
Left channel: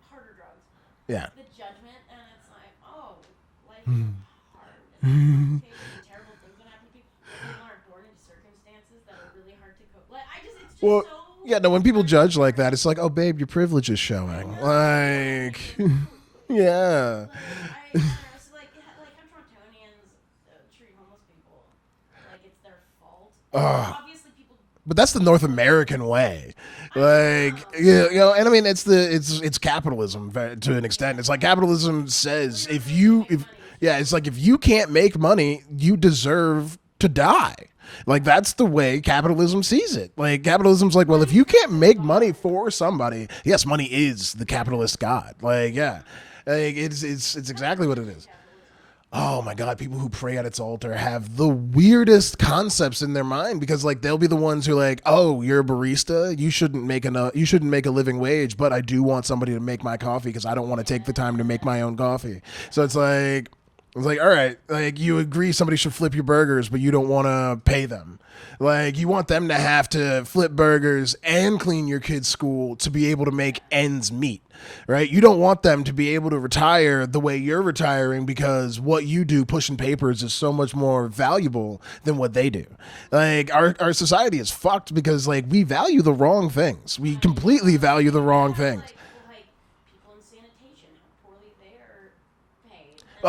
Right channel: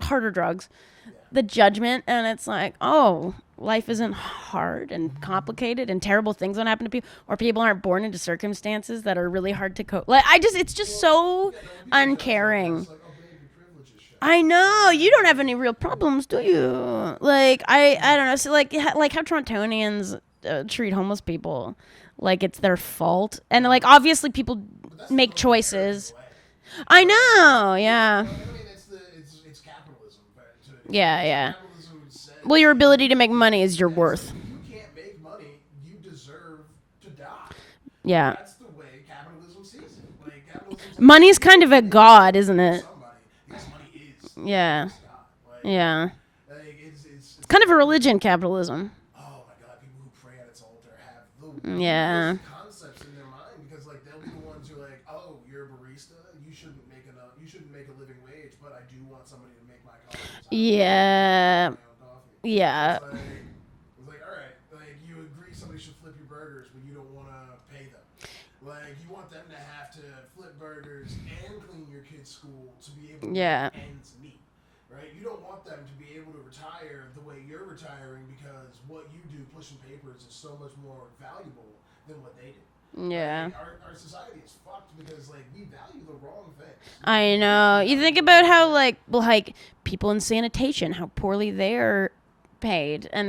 harder drugs. Yeah. The judgment, and it's like, oh, life isn't hard and complicated, and terrible things don't happen to people, or people aren't born into circumstances that are really hard to cope. Like it's just so. Yeah, no. When people uncaring. judge like that, it's like, oh, babe, your privilege is showing. I know you don't have any real problems, do you? Yeah. Like I don't know. So like how Torontonians treat homeless people. Like it's their fault, and like obviously people. But that's the North American way. I know, yeah. And I mean, it's capitalism to an extent. It's like capitalism says. Well, your ability to make money is your worth. It's like if you can't make money, you deserve to die. Like that's the way capitalism sees it. Like capitalism's like money's kind of a god, isn't it? Somebody, yes, money is the capitalist god. Like like it's kind of a religion, capitalism. Oh my God, people who pray at its altar have the weirdest concepts in their mind, because like they'll be the ones who are like, oh, you're a barista, you shouldn't make a living wage, but I do want somebody to make my coffee because I don't want to take the time to make my own coffee. Yeah. So it's like, all right, like you agree somebody should flip your burgers, but you don't want to pay them. Like you want them to have to flip burgers and clean your kid's school to be able to make ends meet. Right? You don't want them to be able to retire the way you're retiring, because what you do pushing papers is so much more valuable than what they do. Yeah. Like our society is fucked because like we value the wrong things. We completely value you think the about wrong how thing. like people in sanitation, how poorly they're paid. And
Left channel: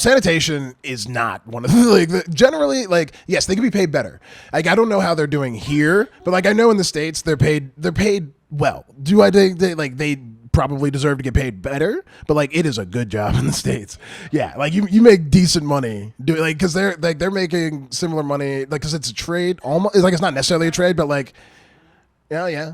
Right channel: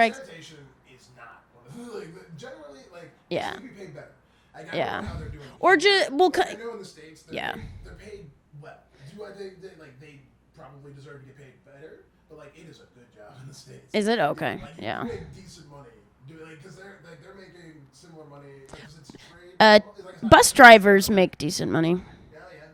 sanitation is not one of the generally like yes, they could be paid better. Like I don't know how they're doing here, but like I know in the States they're paid well. Do I think they probably deserve to get paid better, but like it is a good job in the States. Is it? Okay. Yeah, like you make decent money because they're making similar money, like because it's a trade. Almost, like it's not necessarily a trade, but like make decent money. Yeah.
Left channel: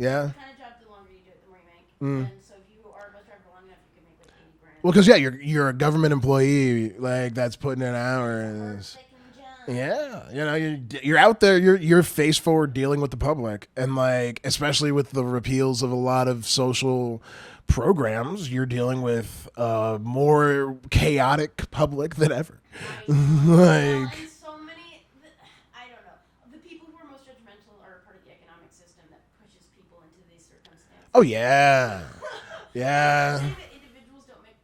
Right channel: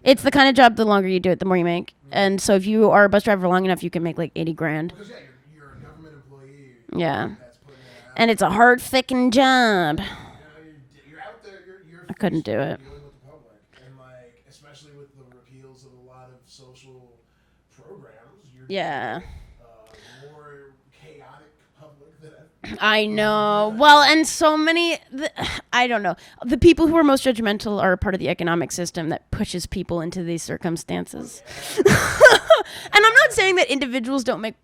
It's the kind of job, the longer you do it, the more you make. And so if you are a bus driver long enough, you can make like 80 grand. Well, because you're a government employee, like that's putting it out, and it's a hard fucking job. Yeah. You're out there, you're face forward dealing with the public, and like especially with the repeals of a lot of social programs, you're dealing with a more chaotic public than ever. I know. Well, and so many, I don't know. The people who are most judgmental are a part of the economic system that pushes people into these circumstances. Oh, yeah. And I'm not saying that individuals don't make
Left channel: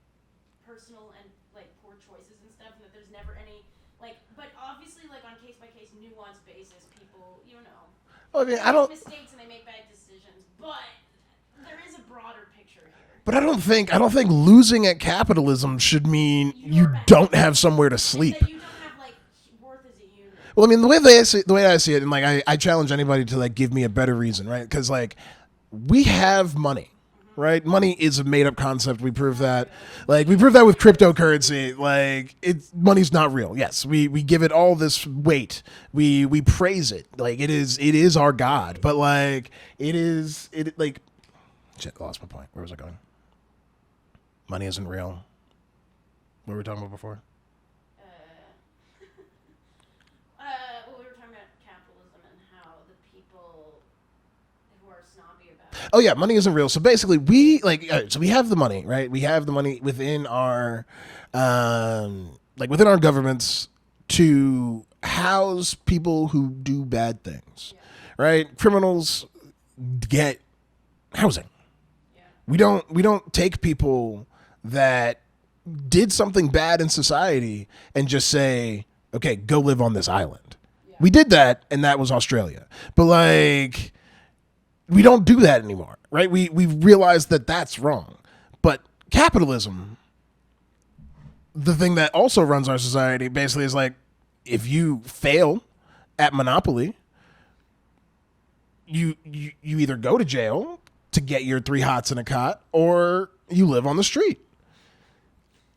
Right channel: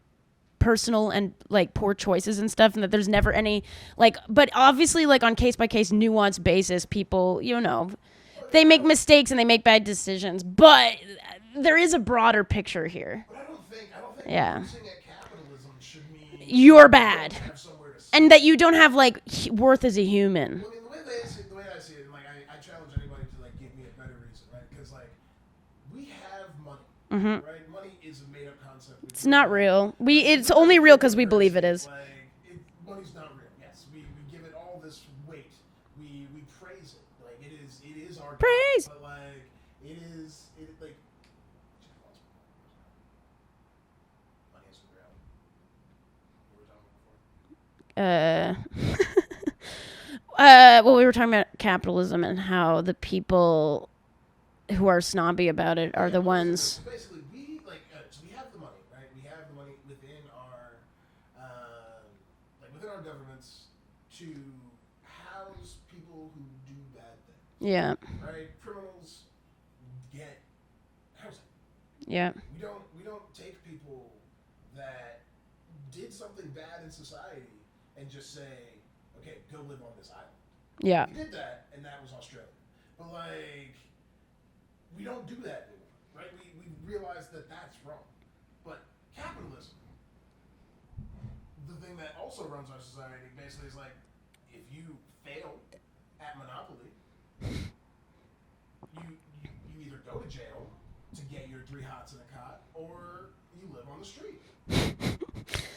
personal and like poor choices and stuff, and that there's never any like, but obviously like on case by case nuanced basis, people, they make mistakes and they make bad decisions, but there is a broader picture here. But I don't think losing at capitalism should mean you're bad. Don't have somewhere to sleep, and that you don't have like worth as a human. Well, I mean, the way I see it, and like I challenge anybody to like give me a better reason, right? Because like we have money. Mm-hmm. Right, money is a made-up concept. We prove it's not that. real. We prove that with cryptocurrency. Like, money's not real. Yes, we give it all this weight. We praise it. Like it is our god. Praise. But like like, shit, I lost my point. Where was I going? Money isn't real. What were we talking about before? Well, we were talking about capitalism and how the people who are snobby about it. Oh yeah, money isn't real. So basically, we have the money, right? We have the money within our, within our governments to house people who do bad things. Yeah. Right. Criminals get housing. Yeah. We don't take people that did something bad in society and just say, okay, go live on this island. Yeah. We did that, and that was Australia. But like, we don't do that anymore, right? We realized that that's wrong. But capitalism, the thing that also runs our society, basically is like, if you fail at Monopoly, you either go to jail to get your 3 hots in a cot, or you live on the street.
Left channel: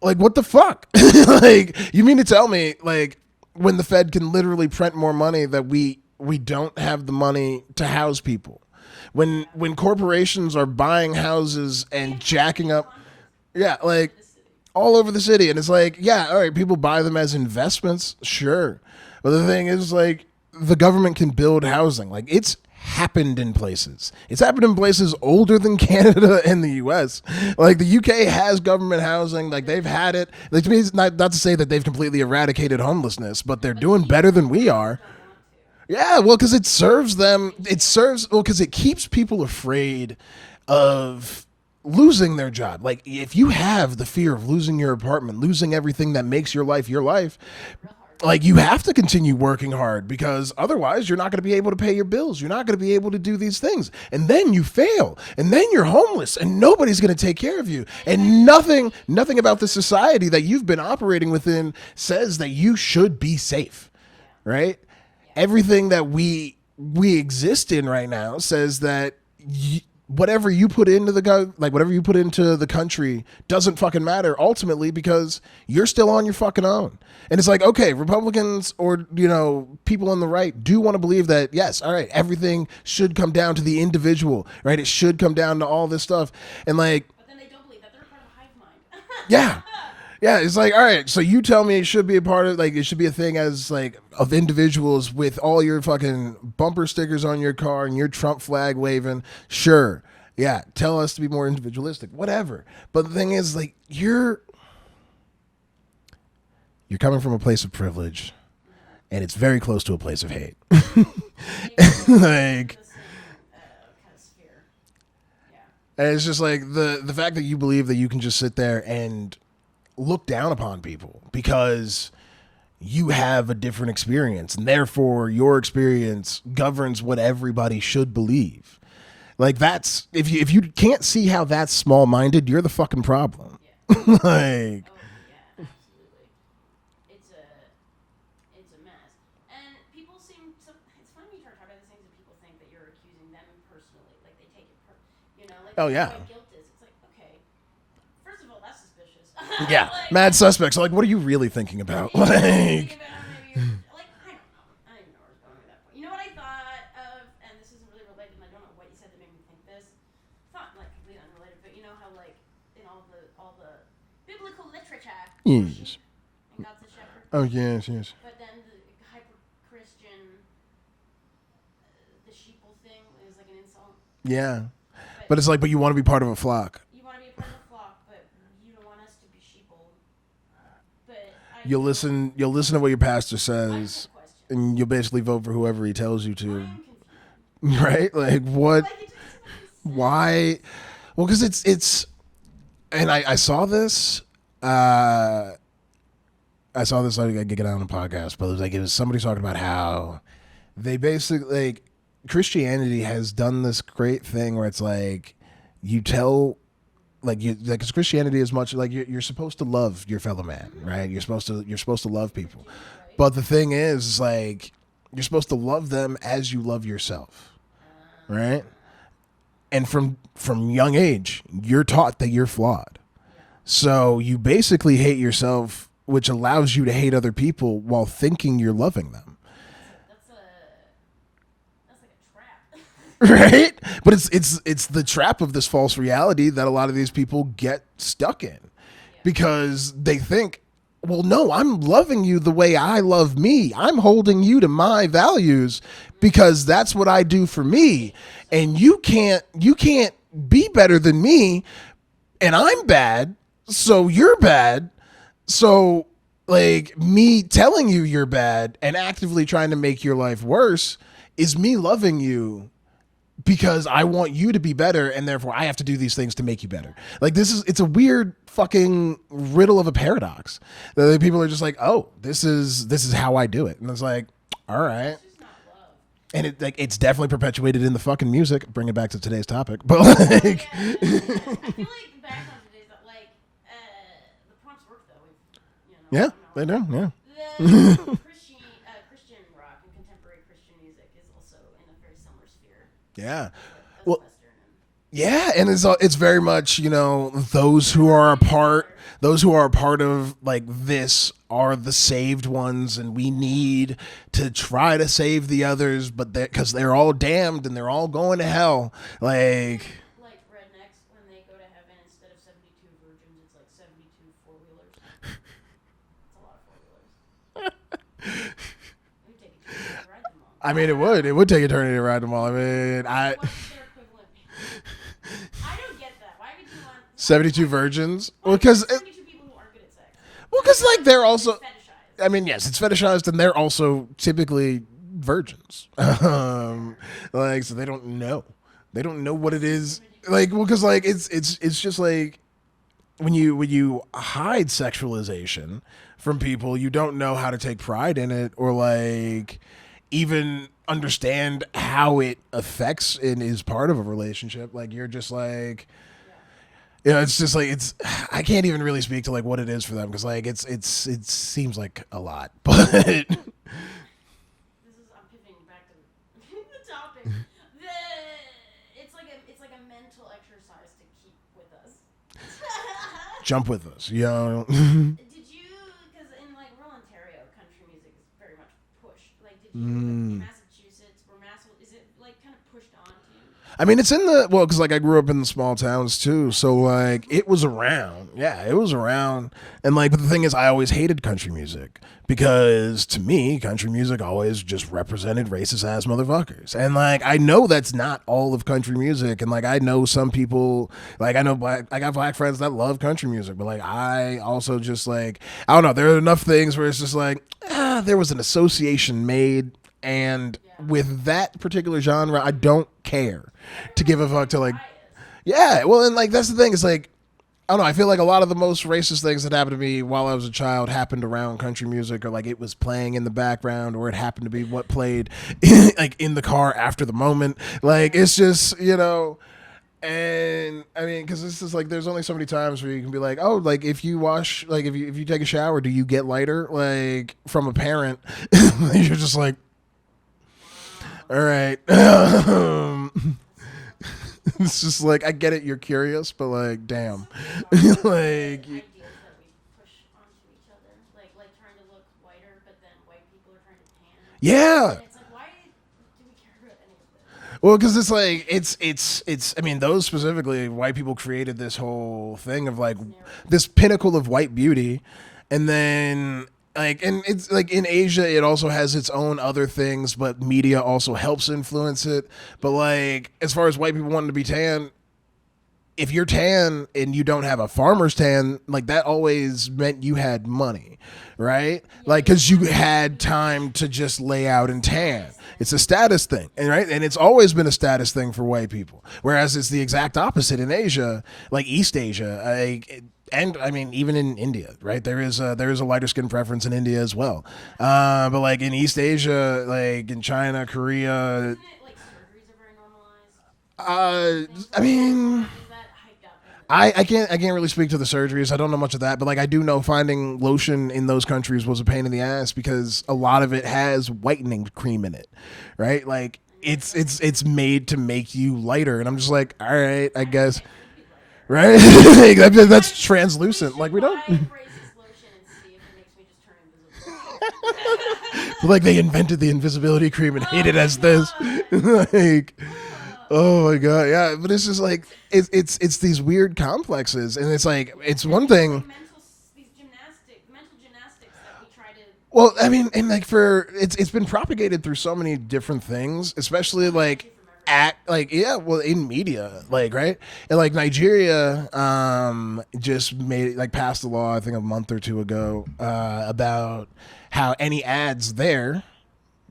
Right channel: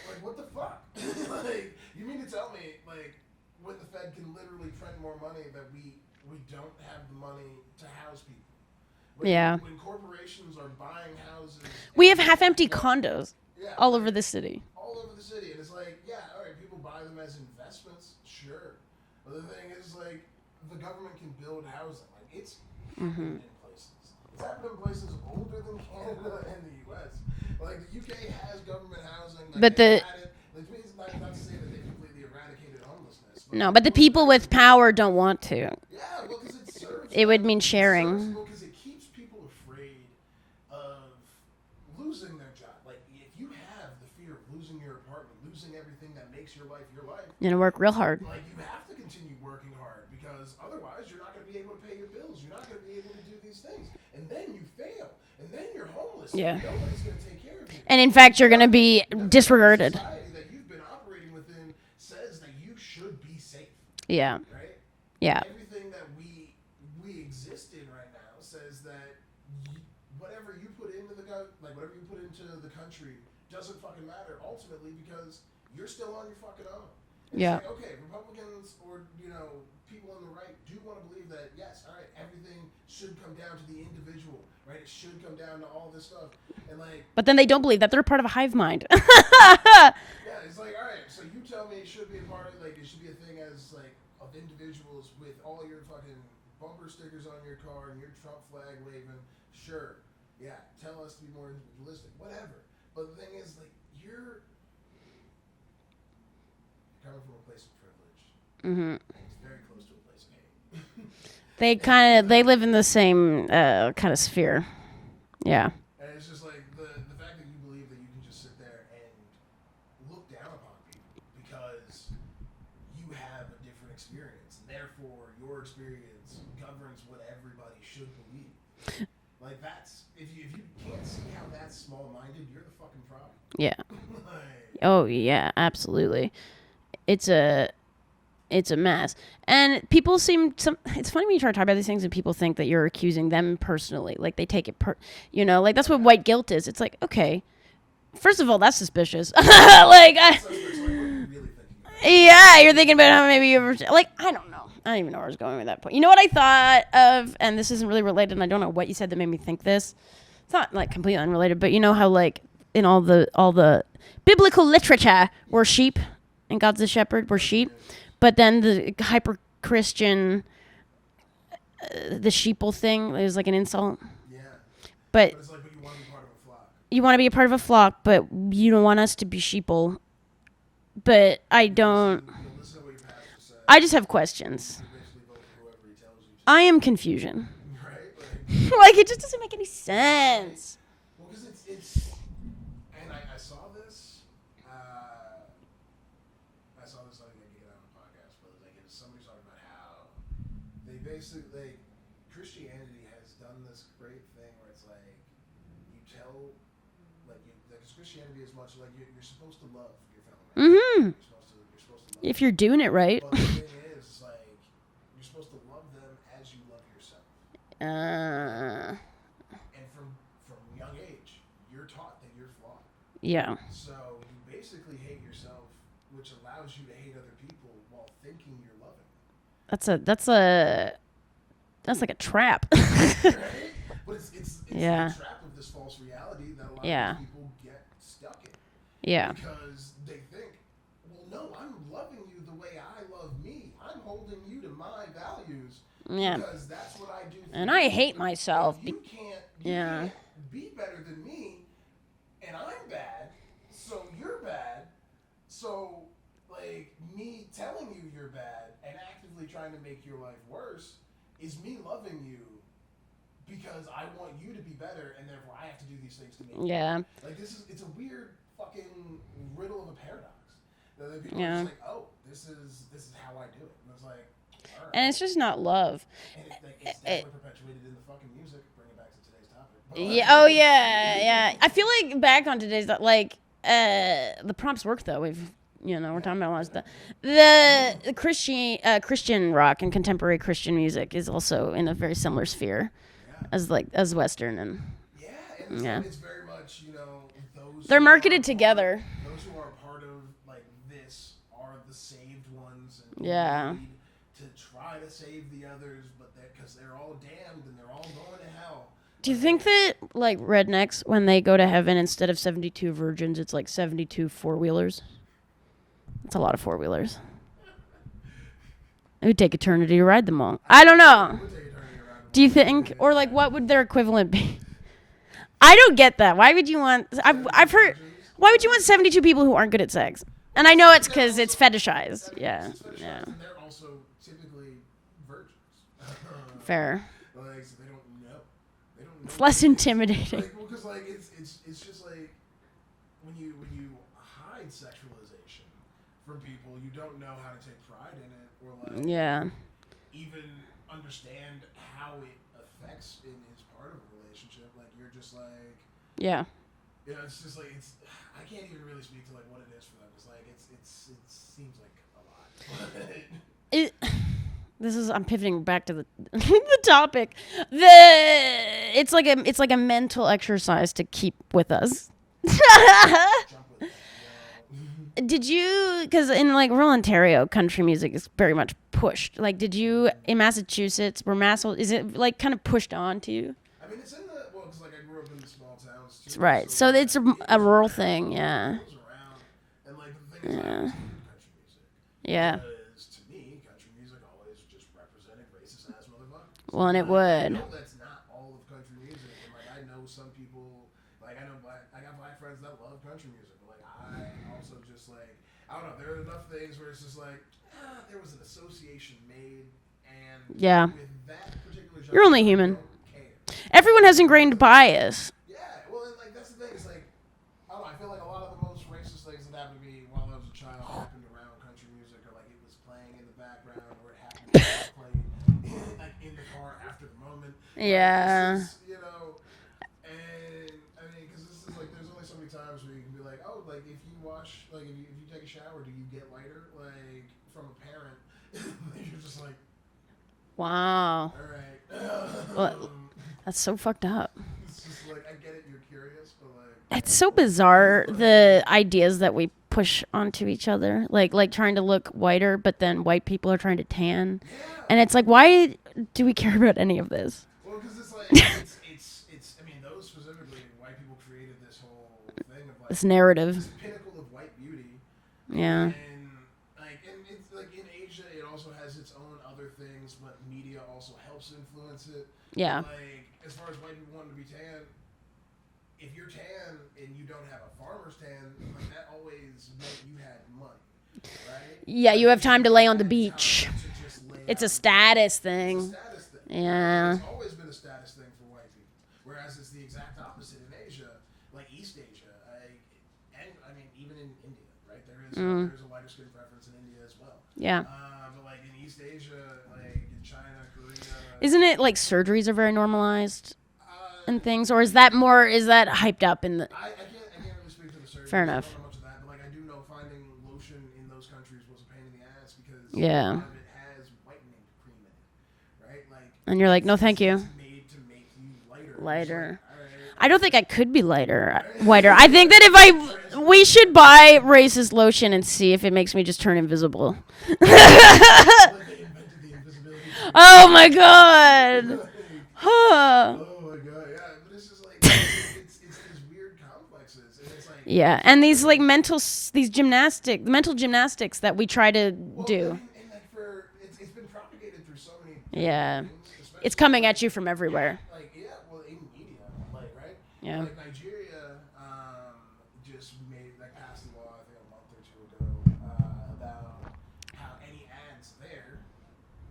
Like, what the fuck? Like, you mean to tell me, like, when the Fed can literally print more money, that we don't have the money to house people? When corporations are buying houses and we have half-empty up condos. Yeah, all over the city. All over the city. And it's like, yeah, all right, people buy them as investments, sure. But the thing is, like, the government can build housing. Like, it's happened in places. It's happened in places older than Canada and the U.S. Like, the UK has government housing. Like, they've had it. Like, to me, it's not to say that they've completely eradicated homelessness, but they're doing better than we are. But the people with power don't want to. Yeah, well, because it serves them. It would mean sharing. Because it keeps people afraid of losing their job. Like, if you have the fear of losing your apartment, losing everything that makes your life, you're gonna work real hard. Like, you have to continue working hard, because otherwise you're not going to be able to pay your bills. You're not going to be able to do these things. And then you fail. And then you're homeless. And nobody's going to take care of you. And in fact, you're going to be nothing about the society that you've been operating within says that you should be safe. Yeah. Right? Yeah. Everything that we exist in right now says that whatever you put into the country doesn't fucking matter ultimately, because you're still on your fucking own. And it's like, okay, Republicans or, people on the right do want to believe that, yes, all right, everything should come down to the individual, right? It should come down to all this stuff. And like, but then they don't believe that they're part of a hive mind. Yeah, it's like, all right, so you tell me it should be a part of, like, it should be a thing as like of individuals with all your fucking bumper stickers on your car and your Trump flag waving. Sure. Yeah. Tell us to be more individualistic, whatever. But the thing is, like, you're coming from a place of privilege, and it's very close to a place of hate. They they live in the same kind of sphere. Yeah. And it's just like the fact that you believe that you can just sit there and look down upon people because you have a different experience, and therefore your experience governs what everybody should believe. Like, that's, if you can't see how that's small-minded, you're the fucking problem. Yeah. Like, oh yeah, absolutely. It's a mess. And people it's funny when you try to talk about these things and people think that you're accusing them personally. Like, they take it like, that's what white guilt is. It's like, okay, first of all, that's suspicious. Like, mad suspects. So, like, what are you really thinking about? Yeah, like, you're thinking about how maybe you ever, like, I don't know. I don't even know where I was going with that point. You know what I thought of, and this isn't really related, and I don't know what you said that made me think this. It's not like completely unrelated, but you know how, like, in all the biblical literature, we're sheep, and God's the shepherd, we're sheep. Yes. But then the hyper Christian, the sheeple thing is like an insult. Yeah. But it's like, but you want to be part of a flock. You want to be a part of a flock, but you don't want us to be sheeple. But you'll listen to what your pastor says. I just have questions. And you'll basically vote for whoever he tells you to. I am confusion. Right? Like, what? Like, it just doesn't make any sense. Why? Well, because it's and I saw this, I saw this like I get it on a podcast, but it was somebody talking about how they basically like Christianity has done this great thing where it's like you tell because Christianity is much like you're supposed to love your fellow man, right? You're supposed to love if people. you're doing it right. But the thing is like you're supposed to love them as you love yourself, right? And from young age, you're taught that you're flawed. Yeah. So you basically hate yourself, which allows you to hate other people while thinking you're loving them. That's like a trap. Right? But it's Yeah. the trap of this false reality that a lot of these people get stuck in. Yeah. Because they think, well, no, I'm loving you the way I love me. I'm holding you to my values because that's what I do for and me. I hate myself. And you can't be better than me, and I'm bad, so you're bad. So like me telling you you're bad and actively trying to make your life worse is me loving you because I want you to be better, and therefore I have to do these things to make you better. Like it's a weird fucking riddle of a paradox. That people are just like, oh, this is how I do it, and it's like, all right, and it's just not love. And it's definitely perpetuated in the fucking music. Bring it back to today's topic, but like, yeah. I feel like back on today's like the prompts work though. We've talking about a lot of stuff. The Christian rock and contemporary Christian music is also in a very similar sphere. Yeah, as Western and. Yeah, and it's very much those They're who are marketed part together. those who are a part of like this are the saved ones, and we need to try to save the others, but because they're all damned and they're all going to hell. Do you think that like rednecks when they go to heaven instead of 72 virgins, it's like 72 four-wheelers? That's a lot of four-wheelers. It would take eternity to ride them all. I don't know. It would take eternity to ride them all. Do you think, or like, what would their equivalent be? I don't get that. Why would you want 72 virgins? Why would you want 72 people who aren't good at sex? And I know it's because it's fetishized. I mean, yes, it's fetishized, and they're also typically virgins. Fair. Like, so they don't know. They don't know It's what less it is. intimidating. Like, well, because like it's just like when you hide sexualization from people, you don't know how to take pride in it, or like even understand how it affects and is part of a relationship. Like you're just like, it's just like I can't even really speak to like what it is for them, because like it seems like a lot, but I'm pivoting back to the the topic. It's like a mental exercise to keep with us. Jump with us, Did you, because in like rural Ontario, country music is very much pushed. Like, did you in Massachusetts, is it like kind of pushed on to you? I mean, it's because like I grew up in the small towns too, right. so like it's it was a rural around. thing. Yeah, it was around, and like, but the thing is, I always hated country music because to me, country music always just represented racist ass motherfuckers, and like I know that's not all of country music, and like I know some people, like I got black friends that love country music, but like I also just like I don't know, there are enough things where it's just like there was an association made. And with that particular genre, I don't care. Everyone has ingrained bias. Yeah, well, and like that's the thing. It's like I don't know. I feel like a lot of the most racist things that happened to me while I was a child happened around country music, or like it was playing in the background, or it happened to be what played like in the car after the moment. Like it's just And I mean, because this is like, there's only so many times where you can be like, oh, like if you wash, like if you take a shower, do you get lighter? Like from a parent, you're just like. Wow. All right. That's so fucked up. It's just like, I get it, you're curious, but like, damn. It's so bizarre, the ideas that we push onto each other. Like trying to look whiter, but then white people are trying to tan. Yeah. And it's like, why do we care about any of this? Well, because it's like, it's, I mean, those specifically, white people created this whole thing of like, this narrative. This pinnacle of white beauty. And then... like, and it's like in Asia, it also has its own other things, but media also helps influence it. Yeah. But like, as far as white people wanting to be tan, if you're tan and you don't have a farmer's tan, like that always meant you had money, right? Yeah, like, you have time to lay on the beach. Time to just lay out and tan. It's a status thing, right? And it's always been a status thing for white people. Whereas it's the exact opposite in Asia, like East Asia. and I mean, even in India, right? There is a lighter skin preference in India as well. Yeah. But like in East Asia, like in China, Korea, isn't it like surgeries are very normalized? And things, or is that hyped up in the? I can't really speak to the surgeries. I don't know much of that, but like I do know finding lotion in those countries was a pain in the ass because a lot of it has whitening cream in it, right? Like, and you're like, no, thank you. It's made to make you lighter, and I'm just like, all right. I don't think I could be lighter. Right? I think that if we should buy racist lotion and see if it makes me just turn invisible. So like they invented the invisibility cream. Oh my god! Like, oh my god, yeah. But it's just like it's these weird complexes, and it's like it's and one these thing, like mental gymnastics that we try to. Well, do. I mean, and like it's been propagated through so many different things, especially it's coming like, at you from everywhere. In media, like right, and like Nigeria just passed a law I think a month or two ago about how any ads there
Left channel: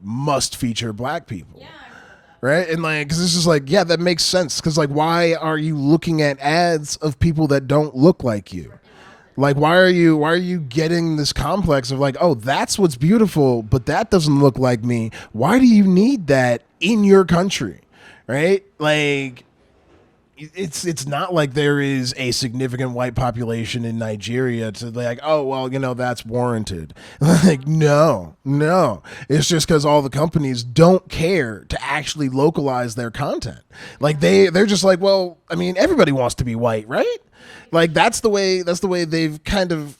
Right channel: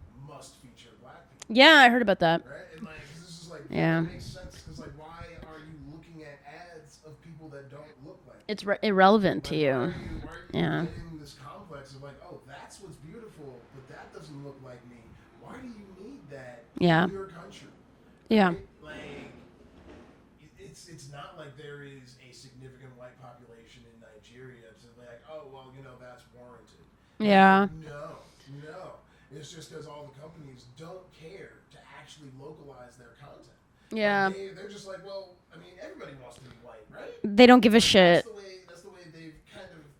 must feature black people. Yeah, I heard about that. Right? And like, because this is like, that makes sense. Because like, why are you looking at ads of people that don't look like you? It's irrelevant. Like, why are you getting this complex of like, oh, that's what's beautiful, but that doesn't look like me. Why do you need that in your country? Right? Yeah. Like, it's not like there is a significant white population in Nigeria to like, oh, well, that's warranted. Yeah. Like, no. It's just because all the companies don't care to actually localize their content. Yeah. Like they're just like, well, I mean, everybody wants to be white, right? They don't give a shit. That's the way they've kind of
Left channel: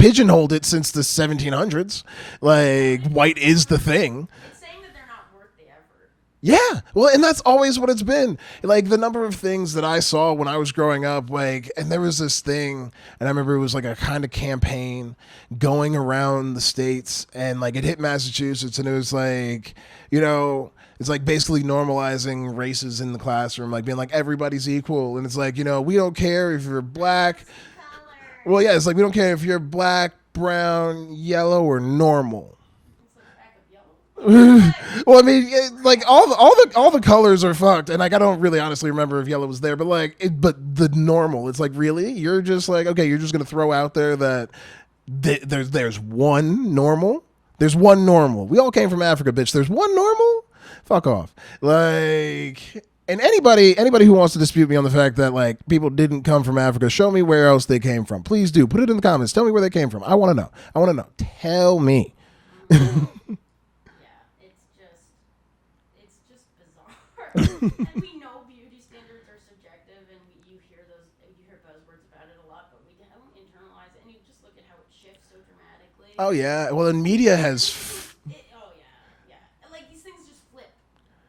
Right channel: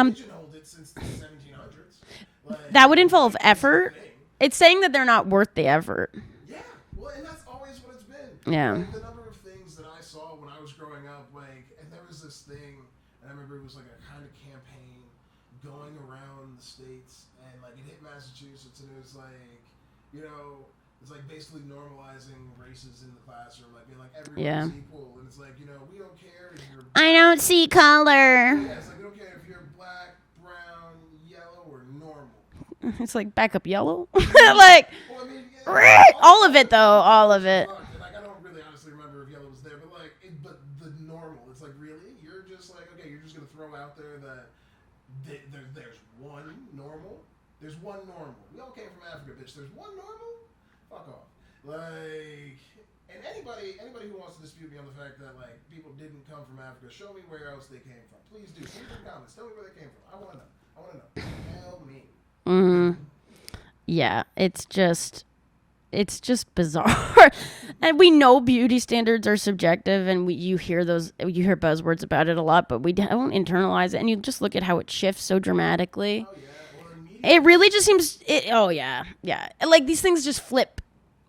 pigeonholed it since the 1700s. Like that would involve white effort. is the thing. It's saying that they're not worth the effort. Yeah, well, and that's always what it's been. Yeah. Like the number of things that I saw when I was growing up, like, and there was this thing, and I remember it was like a kind of campaign going around the states, and like it hit Massachusetts, and it was like, it's like basically normalizing races in the classroom, like being like everybody's equal, and it's like, we don't care if you're black. I don't see color. Well, yeah, it's like we don't care if you're black, brown, yellow, or normal. It's like backup yellow. Like, well, I mean, like all the colors are it. fucked, and like I don't really honestly remember if yellow was there, but like, but the normal, it's like really, you're just like, okay, you're just gonna throw out there that there's one normal. There's one normal. We all came from Africa, bitch. There's one normal. Fuck off. Like. And anybody who wants to dispute me on the fact that like people didn't come from Africa, show me where else they came from. Please do. Put it in the comments. Tell me where they came from. I want to know. Tell me. Yeah, it's just bizarre. And we know beauty standards are subjective, and you hear buzzwords about it a lot, but we don't internalize it. And you just look at how it shifts so dramatically. Oh yeah. Well, in media, really just seems. Oh yeah. Like these things just flip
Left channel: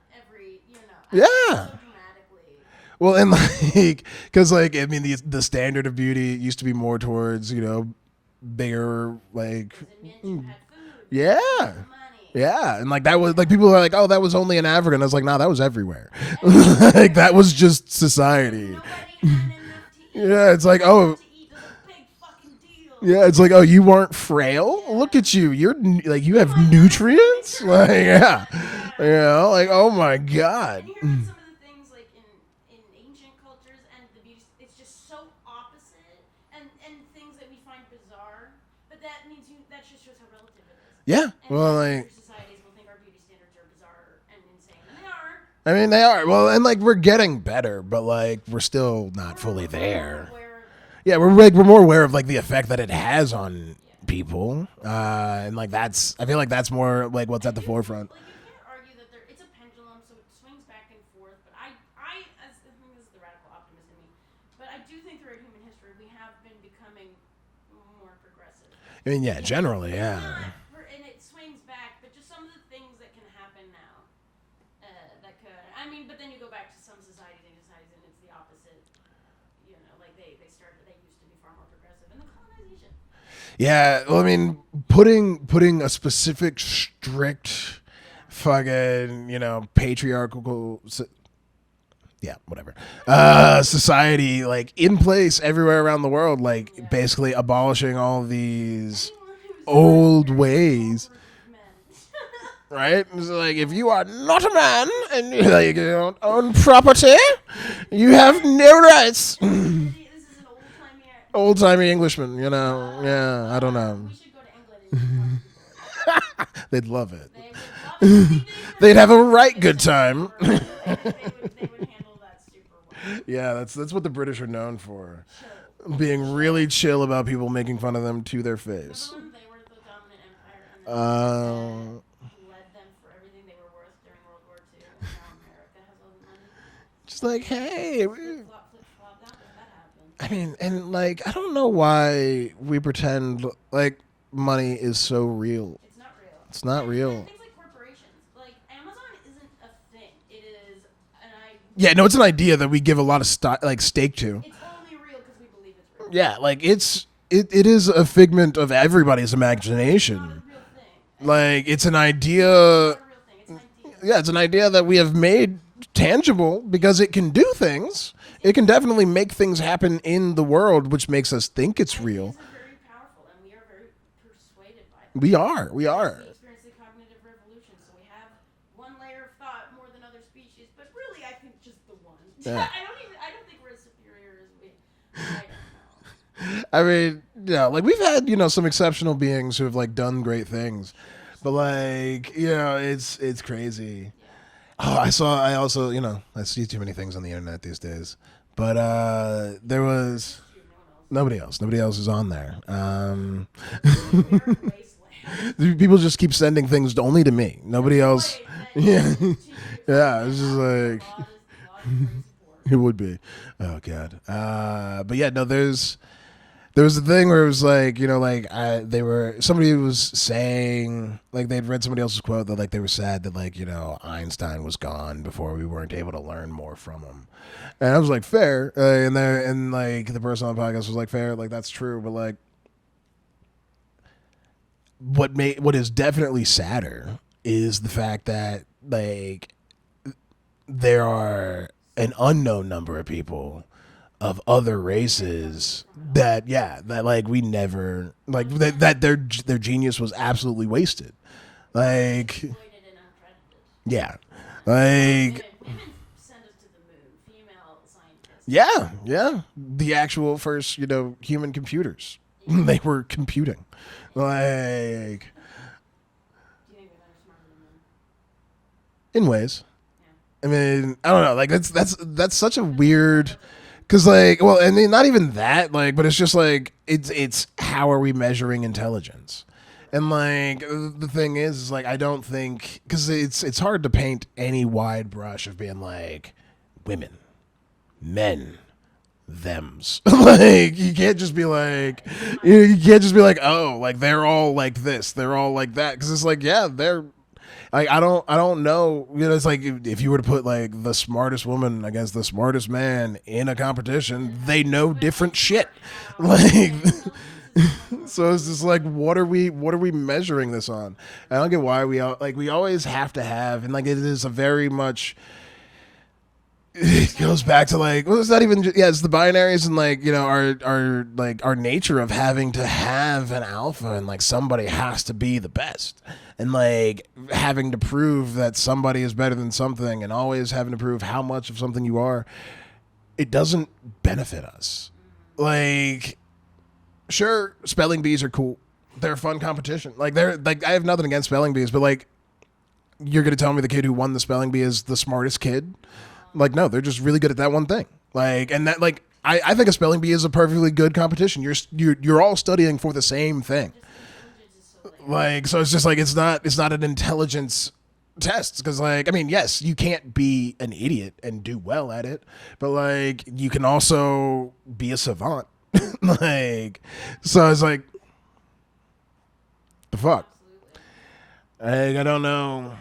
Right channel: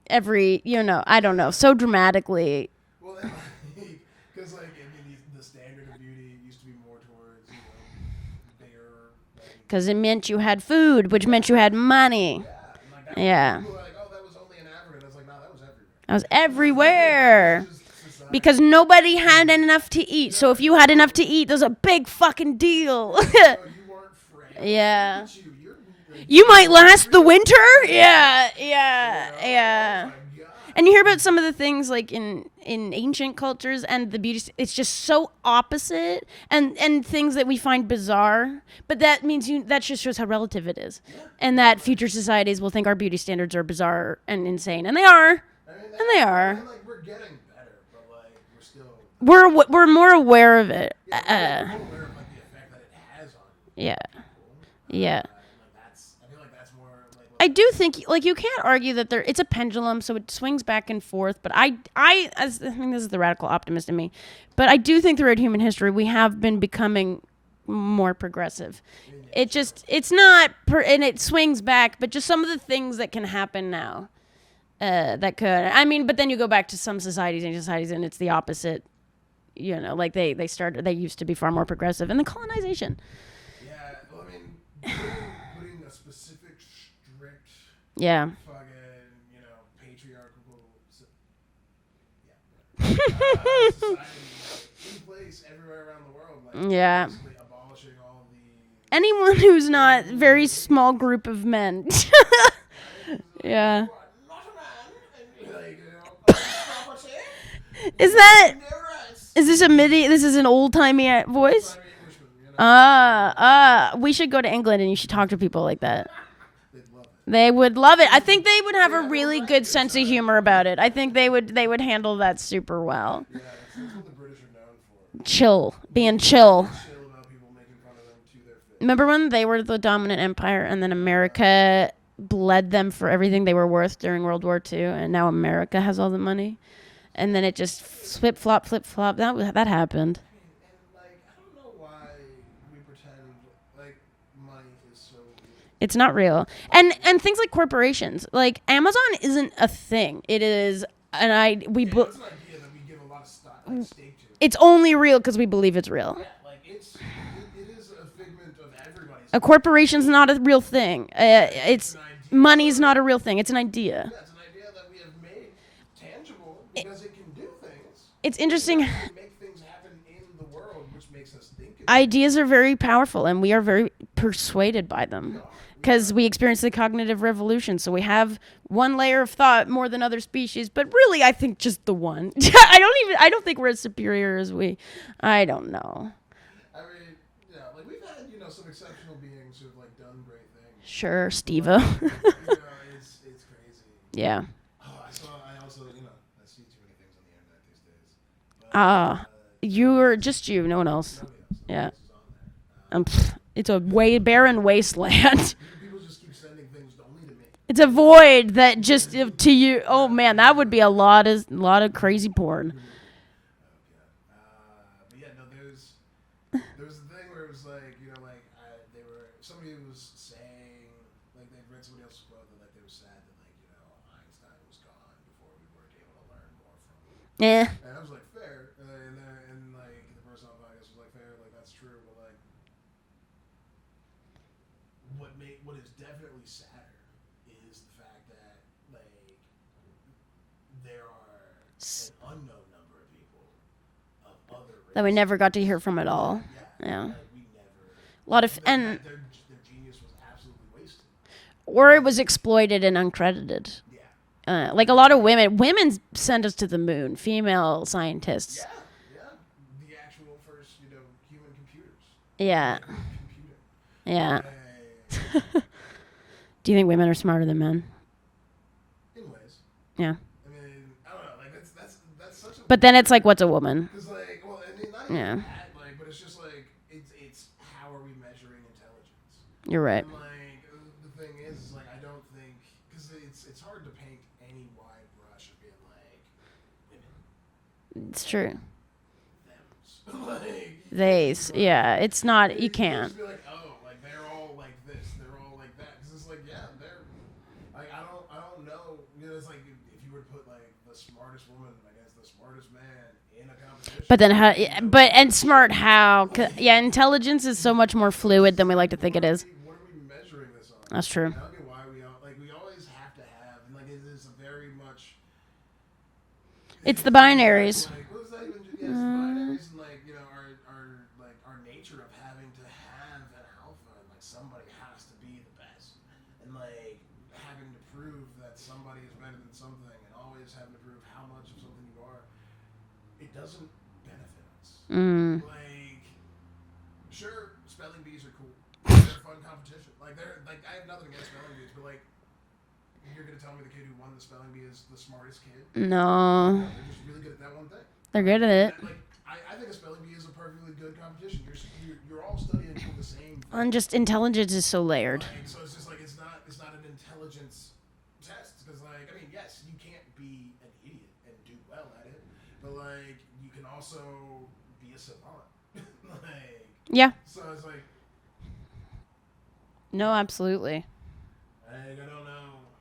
every. I don't know, so dramatically. Well, and like, because like I mean, the standard of beauty used to be more towards bigger, like, because it meant you had food, which meant you had money. Yeah, and like that was like people are like, oh, that was only in Africa, and I was like, no, that was everywhere. That was everywhere. Like, that was just society because nobody had enough to eat. So if you had enough to eat, there's a big fucking deal. Yeah, it's like, oh, you weren't frail. Yeah. Look at you. You're like you might last the winter. Like, Yeah. Like, oh my god. And you hear about some of the things like in ancient cultures and the beauty, it's just so opposite, and things that we find bizarre, but that means that just shows how relative it is. Yeah. And that future societies will think our beauty standards are bizarre and insane, and they are. I mean, they are. Well, and like we're getting better, but like we're still not we're more aware of it. Yeah, we're more aware of like the effect that it has on people. And like I feel like that's more like what I do think. Like you can't argue that it's a pendulum, so it swings back and forth. But I think this is the radical optimist in me, but I do think throughout human history we have been becoming more progressive. I mean, yeah, generally, it's not, and it swings back, but just some of the things that can happen now. That could. I mean, but then you go back to some societies, and it's the opposite. Like they used to be far more progressive, and the colonization. Yeah, well, I mean, putting a specific strict, fucking, patriarchal, whatever, society like in place everywhere around the world, like basically abolishing all these. Anyone who's not a very small group of men. Right? It's like, if you are not a man and you like, own property, You have no rights. Is this a MIDI? This is an old-timey voice? Old-timey Englishman, you know. I don't know. We should go to England and you should talk to people like that. They'd love it. They would love it. I think they would have a really good sense of humor about it. I think they would handle that super well. Yeah, that's what the British are known for. Chill. Being chill. Really chill about people making fun of them to their face. Remember when they were the dominant empire and then America bled them for everything they were worth during World War II, and now America has all the money? And then it just flip flop. That happened. I mean, and like, I don't know why we pretend like money is so real. It's not real. It's not real. And things like corporations, like Amazon isn't a thing. It is it's an idea that we give a lot of stake to. It's only real because we believe it's real. Yeah, like it is a figment of everybody's imagination. A corporation's not a real thing. Like it's an idea. Money's not a real thing. It's an idea. Yeah, it's an idea that we have made tangible because it can do things. It's it can definitely make things happen in the world, which makes us think it's ideas real. Are very powerful, and we are very persuaded by them. We are because we experienced the cognitive revolution, so we have one layer of thought more than other species. But really, I think just the one. I don't think we're as superior as I don't know. I mean, yeah, like we've had, some exceptional beings who have like done great things. Sure, Steve. But like, it's crazy. Yeah. Oh, I see too many things on the internet these days. But no one else. Nobody else is on there. It's a barren wasteland. People just keep sending things only to me. It's a void that just to you. Oh man, that would be a lot of crazy porn. It would be. Oh god. But yeah, no, there was a thing where it was like, somebody was saying, like, they'd read somebody else's quote that, like, they were sad that, like, Einstein was gone before we weren't able to learn more from him. Yeah. And I was like, fair. And like, the person on the podcast was like, fair. Like, that's true. But, like, what is definitely sadder is the fact that, like, there are an unknown number of people of other races and we never got to hear from it all. That like we never that their genius was absolutely wasted, or it was exploited and uncredited. Yeah, like a lot of women sent us to the moon. Female scientists. Yeah, the actual first human computers. Yeah, they were computing. Yeah. Do you think women are smarter than men? In ways. Yeah. I mean, I don't know. Like that's such a. But weird, then it's like, what's a woman? Because and not even that. Like, but it's just like it's how are we measuring intelligence? You're right. And like the thing is like I don't think because it's hard to paint any wide brush of being like women, men, thems. Like you can't just be like it's not. You can't just be like like they're all like this, they're all like that because it's like they're. Like I don't know. It's like if you were to put like the smartest woman against the smartest man in a competition, but then they know different smart shit. How? Like, intelligence is so much more fluid than we like to think it is. What are we measuring this on? That's true. I don't get why we always have to have, and like it is a very much. It's the binaries. Goes back to like it's not even it's the binaries and like our nature of having to have an alpha and like somebody has to be the best. And like having to prove that somebody is better than something and always having to prove how much of something you are, it doesn't benefit us. Like, sure, spelling bees are cool. They're a fun competition. Like I have nothing against spelling bees, but like you're gonna tell me the kid who won the spelling bee is the smartest kid? No. Like no, they're just really good at that one thing. I think a spelling bee is a perfectly good competition. You're all studying for the same thing. And just intelligence is so layered. Like so, it's just like it's not an intelligence test because like I mean yes, you can't be an idiot and do well at it, but like you can also be a savant. Like so it's like no, absolutely. I don't know.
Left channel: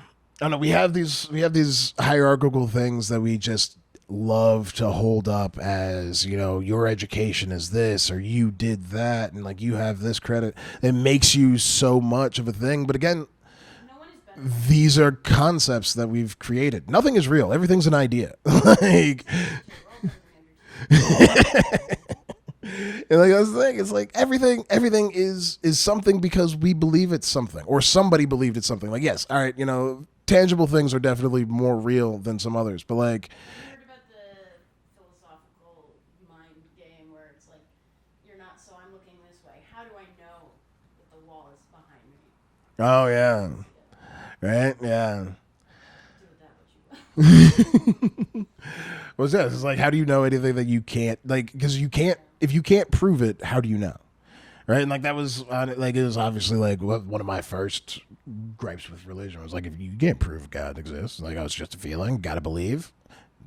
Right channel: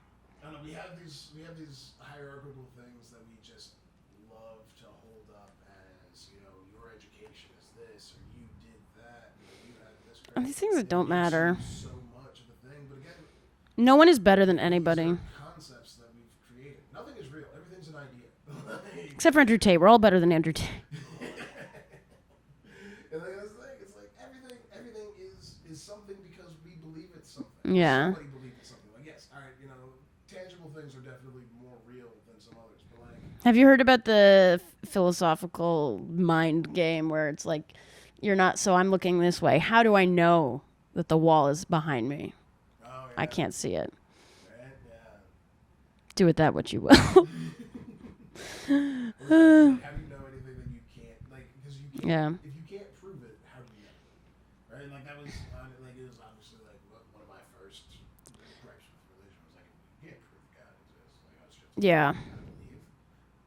We have these hierarchical things that we just love to hold up as your education is this or you did that and like you have this credit. It makes you so much of a thing. But again, no one is better than anybody. These are concepts that we've created. Nothing is real. Everything's an idea. Except for Andrew Tate. We're all better than Andrew Tate. And like that's the thing. It's like everything is something because we believe it's something or somebody believed it's something. Like yes, all right, tangible things are definitely more real than some others. But like, have you heard about the philosophical mind game where it's like, you're not, so I'm looking this way. How do I know that the wall is behind me? Oh yeah, I can't see it. Right? Yeah. Do with that what you will. What's that? It's like, how do you know anything that you can't, like, because you can't, if you can't prove it, how do you know? Right? And like, that was, like, it was obviously like one of my first gripes with religion was like, if you can't prove God exists, like, oh, it's just a feeling, gotta believe.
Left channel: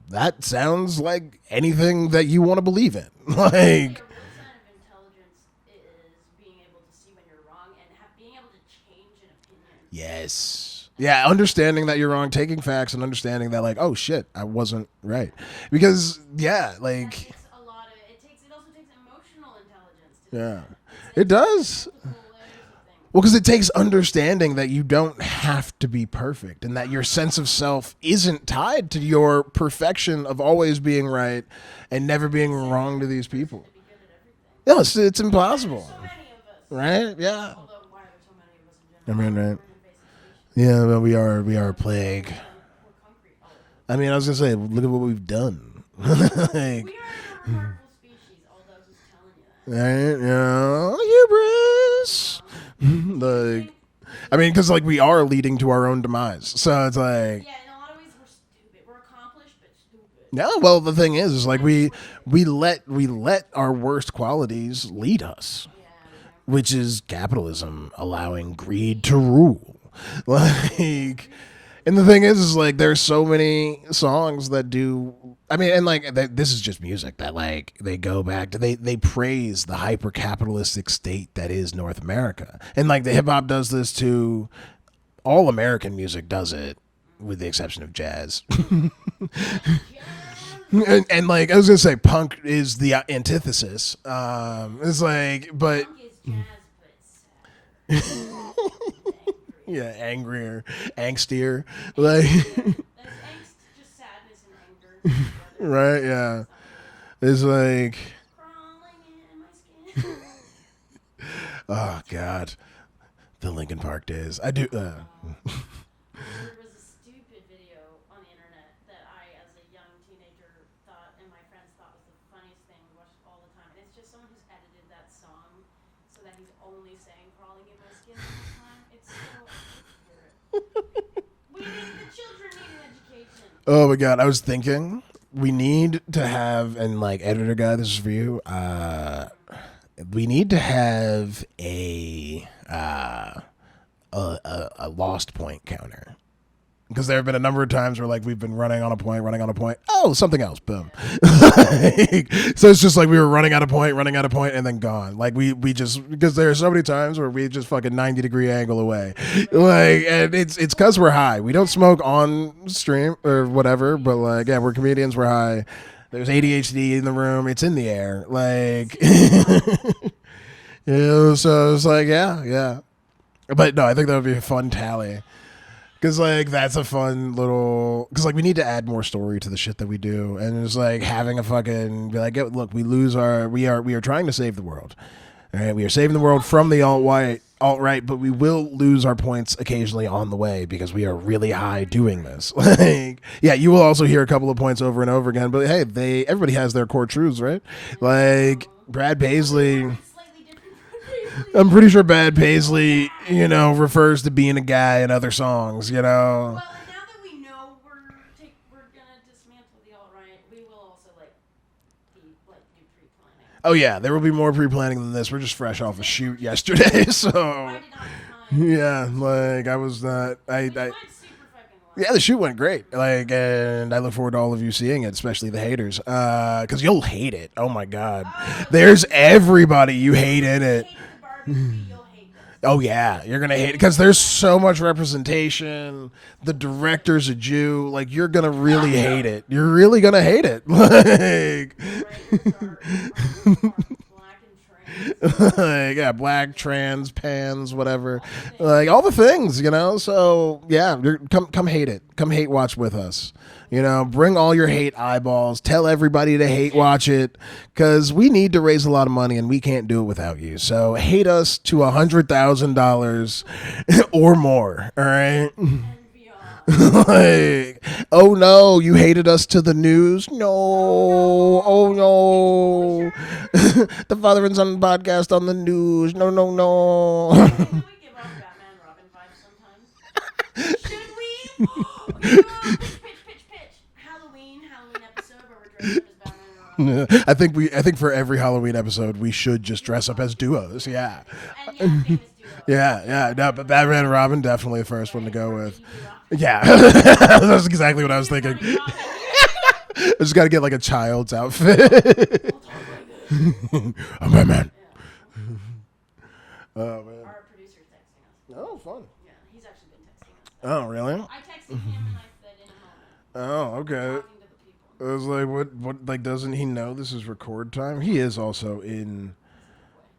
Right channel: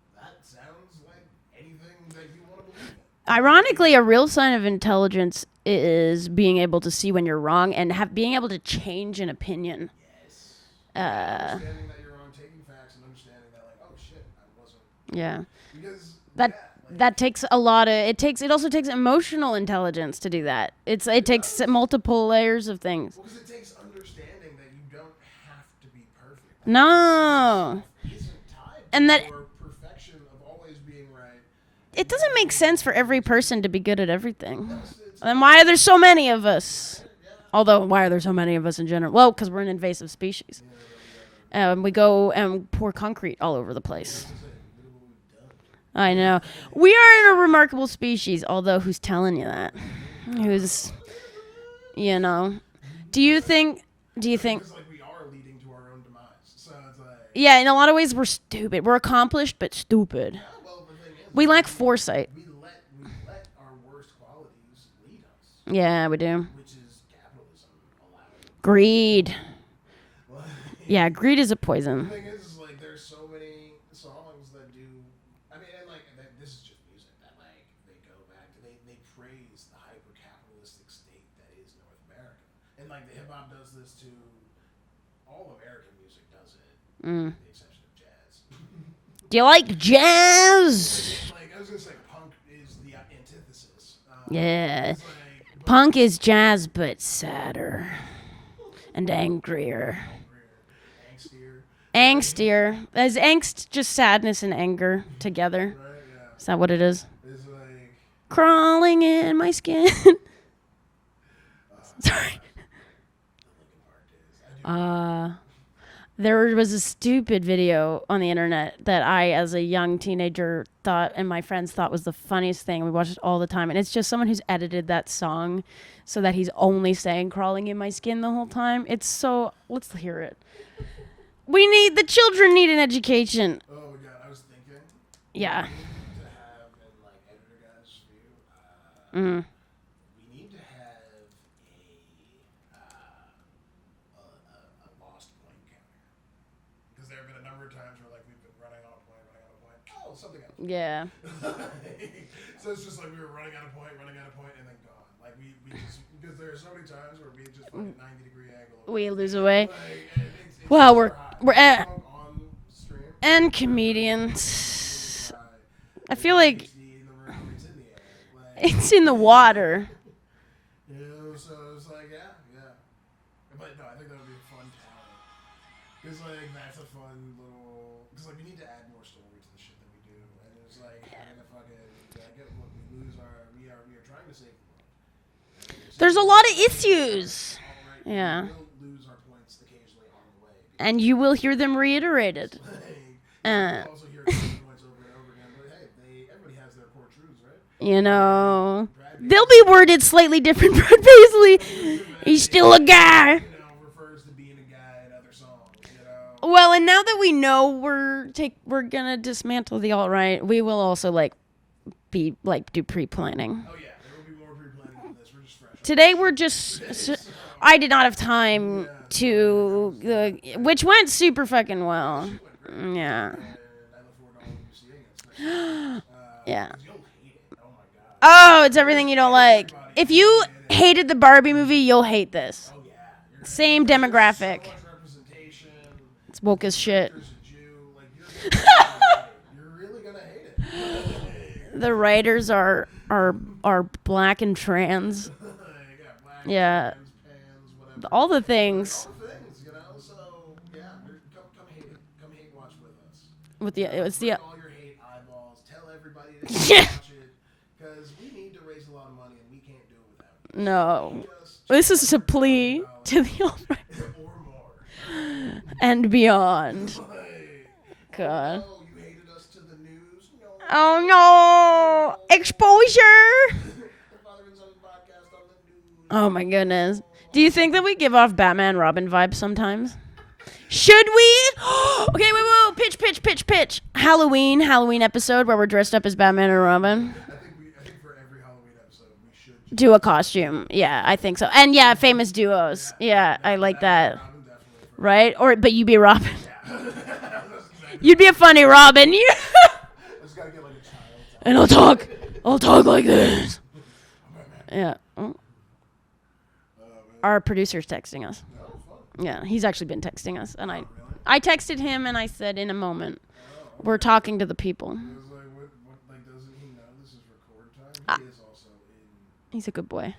That sounds like anything that you want to believe in. Ironically, a real sign of intelligence is being able to see when you're wrong and being able to change an opinion. Yes. Yeah, understanding that you're wrong, taking facts and understanding that, like, oh shit, I wasn't right. Yeah. Because that takes a lot of it also takes emotional intelligence to do that. It takes multiple layers of things. Well, because it takes understanding that you don't have to be perfect and that your sense of self isn't tied to your perfection of always being right. And it doesn't make sense for every person to be good at everything. No, it's impossible. Why are there so many of us? Right? Yeah. Although, why are there so many of us in general? Well, because we're an invasive species. Yeah, well, we are. We go and pour concrete all over the place. I mean, I was gonna say, look at what we've done. I know. We are a remarkable species. Although, who's telling you that? Right? You know. Do you think? I mean, because like we are leading to our own demise, so it's like in a lot of ways we're stupid. We're accomplished but stupid. Yeah, well, the thing is we like lack foresight. We let our worst qualities lead us. Yeah, we do. Which is capitalism allowing greed to rule. Like, yeah, greed is a poison. And the thing is like there's so many songs that do. I mean, and like this is just music that like they go back to they praise the hyper capitalistic state that is North America, and like the hip hop does this too. All American music does it, with the exception of jazz. Do you like jazz? And like I was gonna say, punk is the antithesis. It's like, but punk is jazz but sadder. And angrier. Yeah, angrier. Angstier. Angstier. Is angst just sadness and anger together? Right, yeah. Is that what it is? It's like... crawling in my skin. Oh, God. The Linkin Park days. I do... There was a stupid video on the internet that I, as a young teenager, thought, and my friends thought was the funniest thing. We watched it all the time. And it's just someone who's edited that song so that he's only saying crawling in my skin the whole time. It's so... Let's hear it. The children need an education. Oh, my God. I was thinking we need to have, and like, editor guy, this is for you. We need to have a lost point counter. Because there have been a number of times where like we've been running on a point. Oh, something else. Boom. Yeah. So it's just like we were running out of point, and then gone. Like we just because there are so many times where we just fucking 90-degree angle away. Like, and it's because we're high. We don't smoke on stream or whatever, comedians. but like we're comedians. We're high. There's ADHD in the room. It's in the air. Like it's in the water. So it's like yeah. But no, I think that would be a fun tally. Because, like, that's a fun little... Because, like, we need to add more story to the shit that we do. And it's, like, having a fucking... Be like, look, we lose our... We are trying to save the world. Right? We are saving the world from the alt-right, but we will lose our points occasionally on the way because we are really high doing this. Like, you will also hear a couple of points over and over again. But, hey, everybody has their core truths, right? You know. Like, Brad Paisley... They'll be worded slightly different, Brad Paisley. I'm pretty sure Brad Paisley... He's still a guy. You know, refers to being a guy in other songs, you know? Well, and now that we know we're going to dismantle the alt-right, we will also, like, do pre-planning. Oh yeah, there will be more pre-planning than this. We're just fresh off today. The We're just yesterday, so I did not have time. Yeah, to like I was not, which went super fucking well. Yeah, the shoot went great. Like, and I look forward to all of you seeing it, especially the haters, because you'll hate it. Oh my God. Oh, it's there's everybody you hate in it. If you hated the Barbie movie, you'll hate this. Oh yeah, you're gonna hate it because there's so much representation. The director's a Jew. Like you're gonna really hate it. You're really gonna hate it. Like, the writers are black and trans. Yeah, black, trans, pans, whatever. All the things. Like all the things, you know. So yeah, come hate it. Come hate watch with us. Bring all your hate eyeballs. Tell everybody to hate watch it, because we need to raise a lot of money and we can't do it without you. No. So hate us to $100,000 or more. All right, and beyond. No, you hated us to the news. No. Oh no. Exposure. The Father and Son podcast on the news. Oh my goodness. No. Do you think that we give off Batman Robin vibes sometimes? Should we? Okay, whoa, pitch. Halloween episode where we're dressed up as Batman and Robin. Yeah. I think for every Halloween episode we should just do dress a up as costume. duos. Yeah, I think so. And famous duos. Yeah. I like Batman that. and Robin definitely the first. Right? But you be Robin. Yeah, that's exactly what You'd I was be a funny Robin. I just got to get like a child's outfit. And I'll talk like this. I'm Batman. Yeah. Our producer's texting us. Oh, fun. Yeah, he's actually been texting us. Oh, really? I texted him and I said, in a moment. Oh, okay. We're talking to the people. I was like, what, like, doesn't he know this is record time? He is also in... He's a good boy.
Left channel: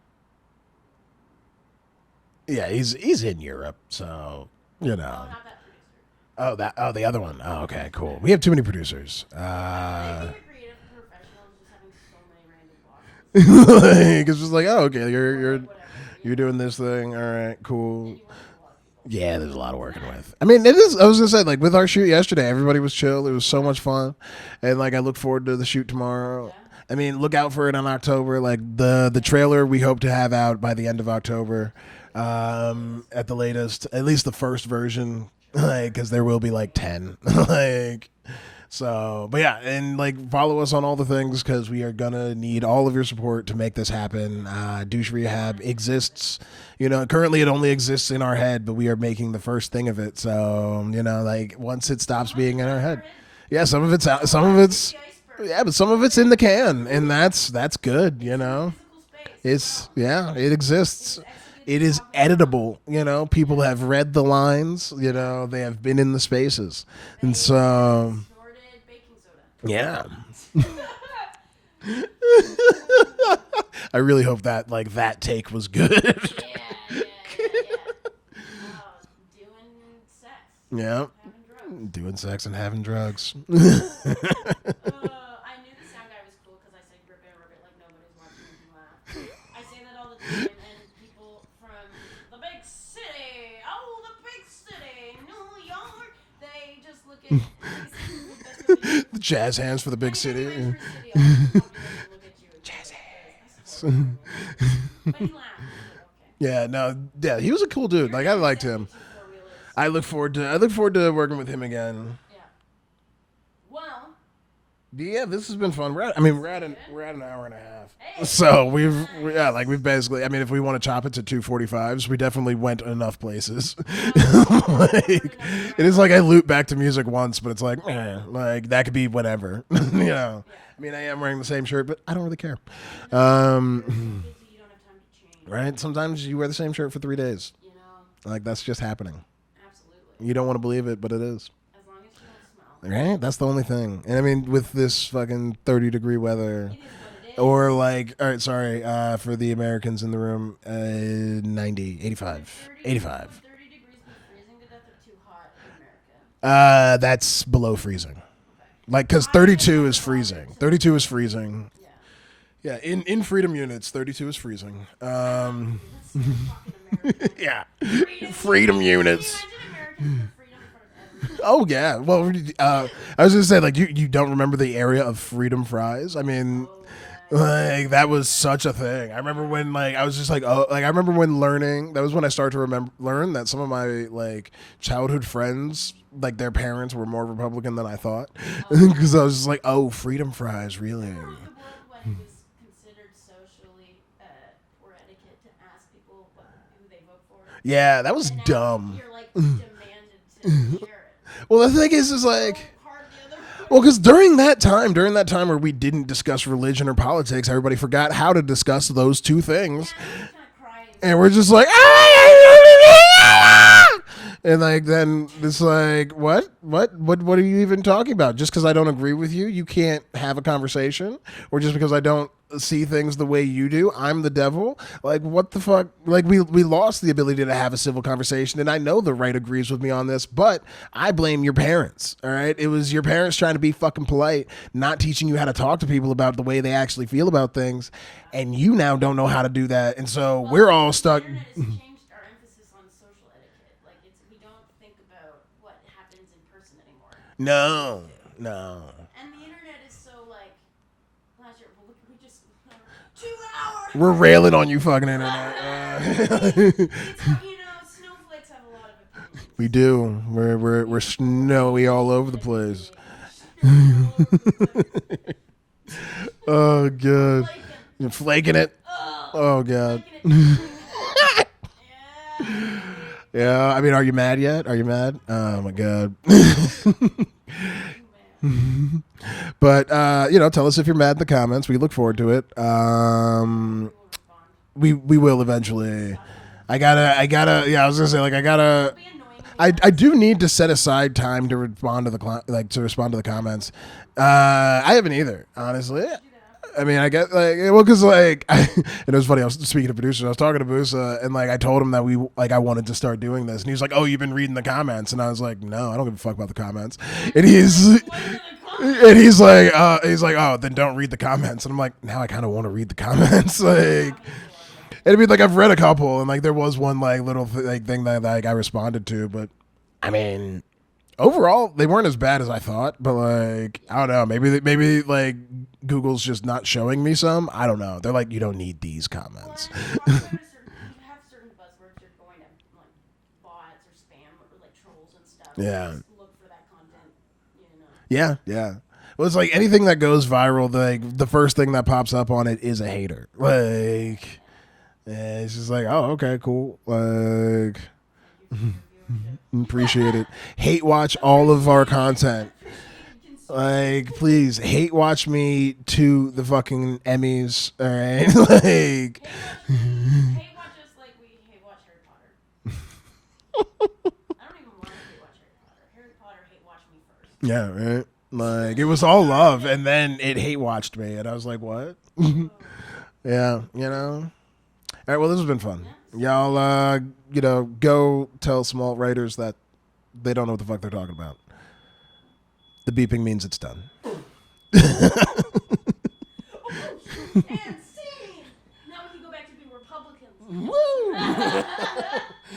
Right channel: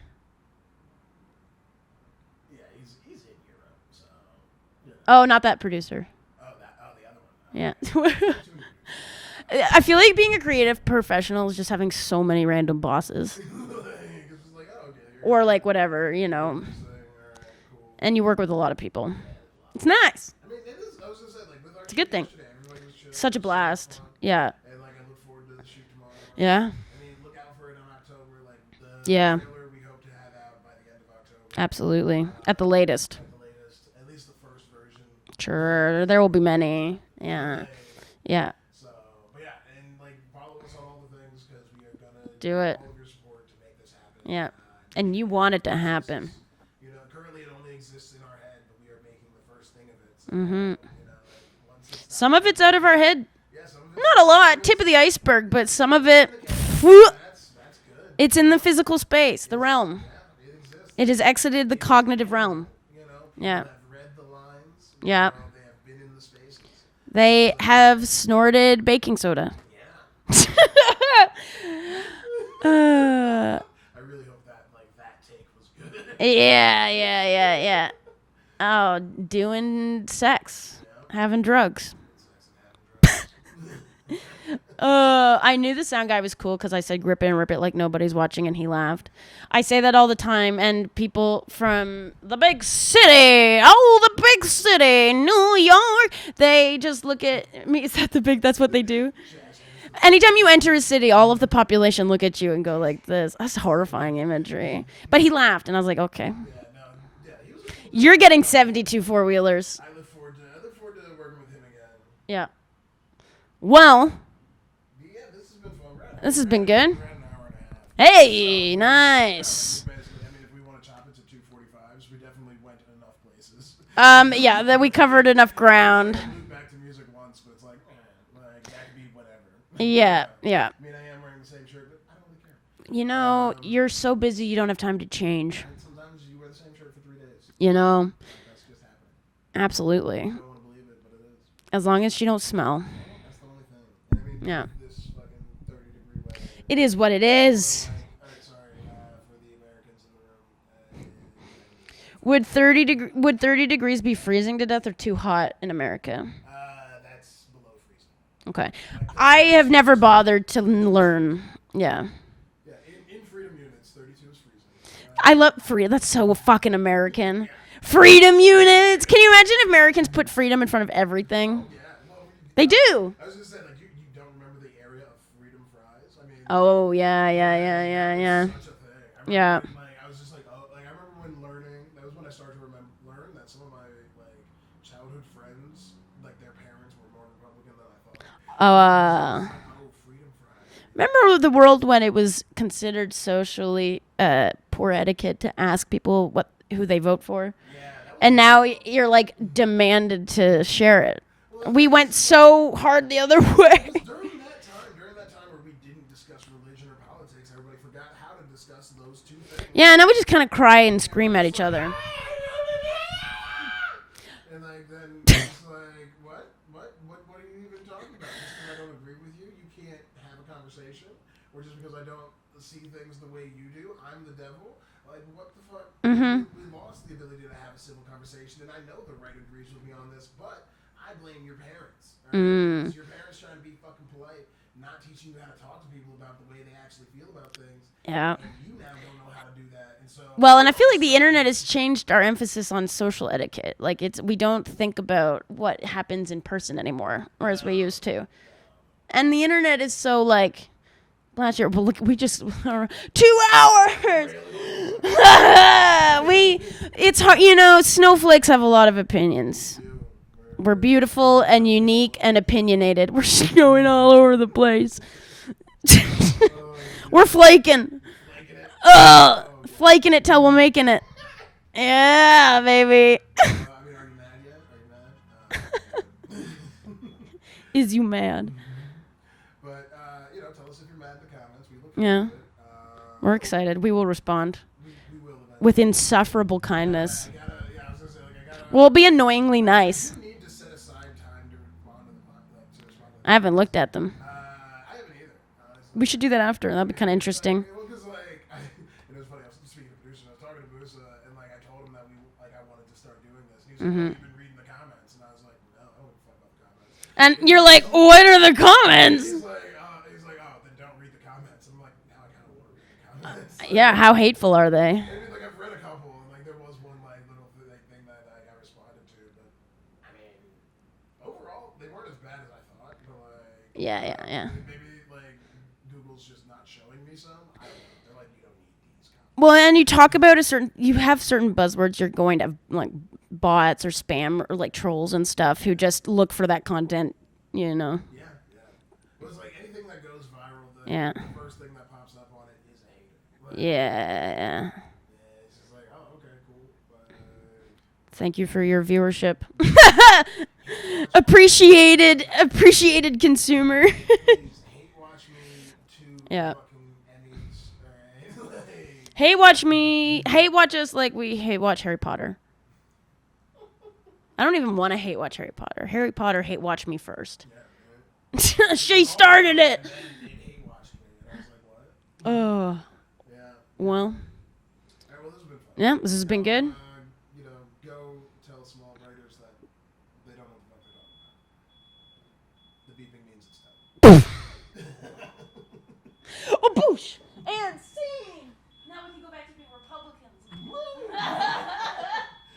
Yeah, he's in Europe, so, you know. Oh, not that producer. Oh, the other one. Oh, yeah. Okay. Cool. We have too many producers. I feel like being a creative professional is just having so many random bosses. It's just like, oh, okay. You're like whatever, you're doing this thing. All right, cool. And you work with a lot of people. Yeah, there's a lot of work. It's nice. I mean, it is. I was gonna say, like with our shoot yesterday, everybody was chill. Such it was a so much blast. fun. Yeah. And like, I look forward to the shoot tomorrow. Yeah. I mean, look out for it in October. Like the trailer we hope to have out by the end of October. Absolutely. At the latest. At least the first version. Sure. There will be many. Like 10. Yeah. Yeah. So, but yeah, and like follow us on all the things because we are gonna need all of your support to make this happen. Yeah. Douche and you Rehab want it to exists. Happen. Currently it only exists in our head, but we are making the first thing of it. So, like once it stops, some of it's out of our head. Yeah, some of it's not a lot. Tip of the iceberg, yeah, but some of it's in the can, and that's good. It's in the physical space, the realm. Yeah, it exists. It has exited the it cognitive is editable. realm. People have read the lines. You know, they have been in the spaces. They have snorted baking soda. Yeah. I really hope that that take was good. Yeah. Oh, doing sex. Yeah. Having drugs. Doing sex and having drugs. I knew the sound guy was cool because I said grip it and rip it like nobody's watching, and he laughed. I say that all the time, and people from the big city, New York, they just look at me. Is that that's what they do? Jazz hands for the big Anytime city. you enter a city, all of the population look at you and go like this. That's horrifying imagery. But he laughed, and I was like, okay. Yeah, he was a cool dude. You're getting 72 4-wheelers. I look forward to working with him again. Yeah. Well. Yeah, this has been fun. This has been good. We're at an hour and a half. Hey, so nice. We've basically. I mean, if we want to chop it to 2:45s, we definitely went enough places. Then we covered enough ground. It's like I loop back to music once, but it's like that could be whatever. Yeah. I mean, I am wearing the same shirt, but I don't really care. You're so busy, you don't have time to change. Right? Sometimes you wear the same shirt for 3 days. Like that's just happening. Absolutely. You don't want to believe it, but it is. As long as she don't smell. Right? That's the only thing. And I mean, with this fucking 30-degree weather. It is what it is. Or all right, sorry, for the Americans in the room, 90, 85. Would 30 degrees be freezing to death or too hot in America? That's below freezing. Okay. Because I have never bothered to 32 learn. is freezing. Yeah. Yeah, in freedom units, 32 is freezing. I love freedom. That's so fucking American. Yeah. Freedom units. Can you imagine if Americans put freedom in front of everything? Oh, yeah. Well, they do. I was going to say, you don't remember the area of freedom fries? I mean. Oh, yeah. That was such a thing. I remember when, I was just I remember when learning, that was when I started to learn that some of my, childhood friends, their parents were more Republican than I thought. Because I was just like, freedom fries, really? Remember the world when it was considered socially poor etiquette to ask people who they vote for? Yeah, that was And now dumb. you're demanded to share it. Well, we went so hard the other way. Well, because during that time where we didn't discuss religion or politics, everybody forgot how to discuss those two things. Yeah, now we just kind of cry and scream. And we're just And like then it's like what are you even talking about? Just because I don't agree with you, you can't have a conversation, or just because I don't see things the way you do, I'm the devil. Like what the fuck? Like we lost the ability to have a civil conversation, and I know the right agrees with me on this, but I blame your parents. All right, it was your parents trying to be fucking polite, not teaching you how to talk to people about the way they actually feel about things, and you now don't know how to do that, and so and I feel like the internet has changed our emphasis on social etiquette. Like we don't think about what happens in person anymore, or as we used to. No, and the internet is so like. Last year, but look, we just 2 hours. We're railing on you, fucking. It's hard, snowflakes have a lot of opinions. We do. We're beautiful and unique and opinionated. We're snowing all over the place. Oh, God. We're flaking. You're flaking it. Oh, God. Flaking it till we're making it. Yeah, baby. Yeah, I mean, are you mad yet? Are you mad? Oh my God. Is you mad? But tell us if you're mad in the comments. We look forward to it. We're excited. We will respond. We will eventually. With insufferable kindness. I gotta. Yeah, I was gonna say Well, it'll be annoyingly nice. I do need to set aside time to respond to the comments. I haven't looked at them. I haven't either, honestly. We should do that after. That'd be I guess interesting. because and it was funny. I was speaking to producers. I was talking to Busa, and I told him that I wanted to start doing this, and he was like, "Oh, you've been reading the comments," and I was like, "No, I don't give a fuck about the comments." And you're like, "What are the comments?" And he's like, "Oh, then don't read the comments." And I'm like, "Now I kind of want to read the comments." How hateful are they? It'd be like I've read a couple, and there was one little thing that I responded to, but I mean, overall they weren't as bad as I thought. But I don't know, maybe Google's just not showing me some. I don't know. They're like, you don't need these comments. Well, and you talk about you have certain buzzwords you're going to like bots or spam or trolls and stuff who just look for that content. Yeah. Well, it's like anything that goes viral, the first thing that pops up on it is a hater. Yeah, it's just like, oh, okay, cool. Thank you for your viewership. Hate watch appreciated, all of our content. Appreciated consumer. Please, hate watch me to the fucking Emmys. All right? Hate watch me. Hate watch us like we hate watch Harry Potter. I don't even want to hate watch Harry Potter. Harry Potter hate watch me first. Yeah, right. It was all love, and then it hate watched me, and I was like, "What?" Oh. Yeah, you know. All right, well, this has been fun. Yeah, this has been good. Go tell small writers that they don't know what the fuck they're talking about. The beeping means it's done. Oh, boosh! And scene! Now we can go back to being Republicans. Woo!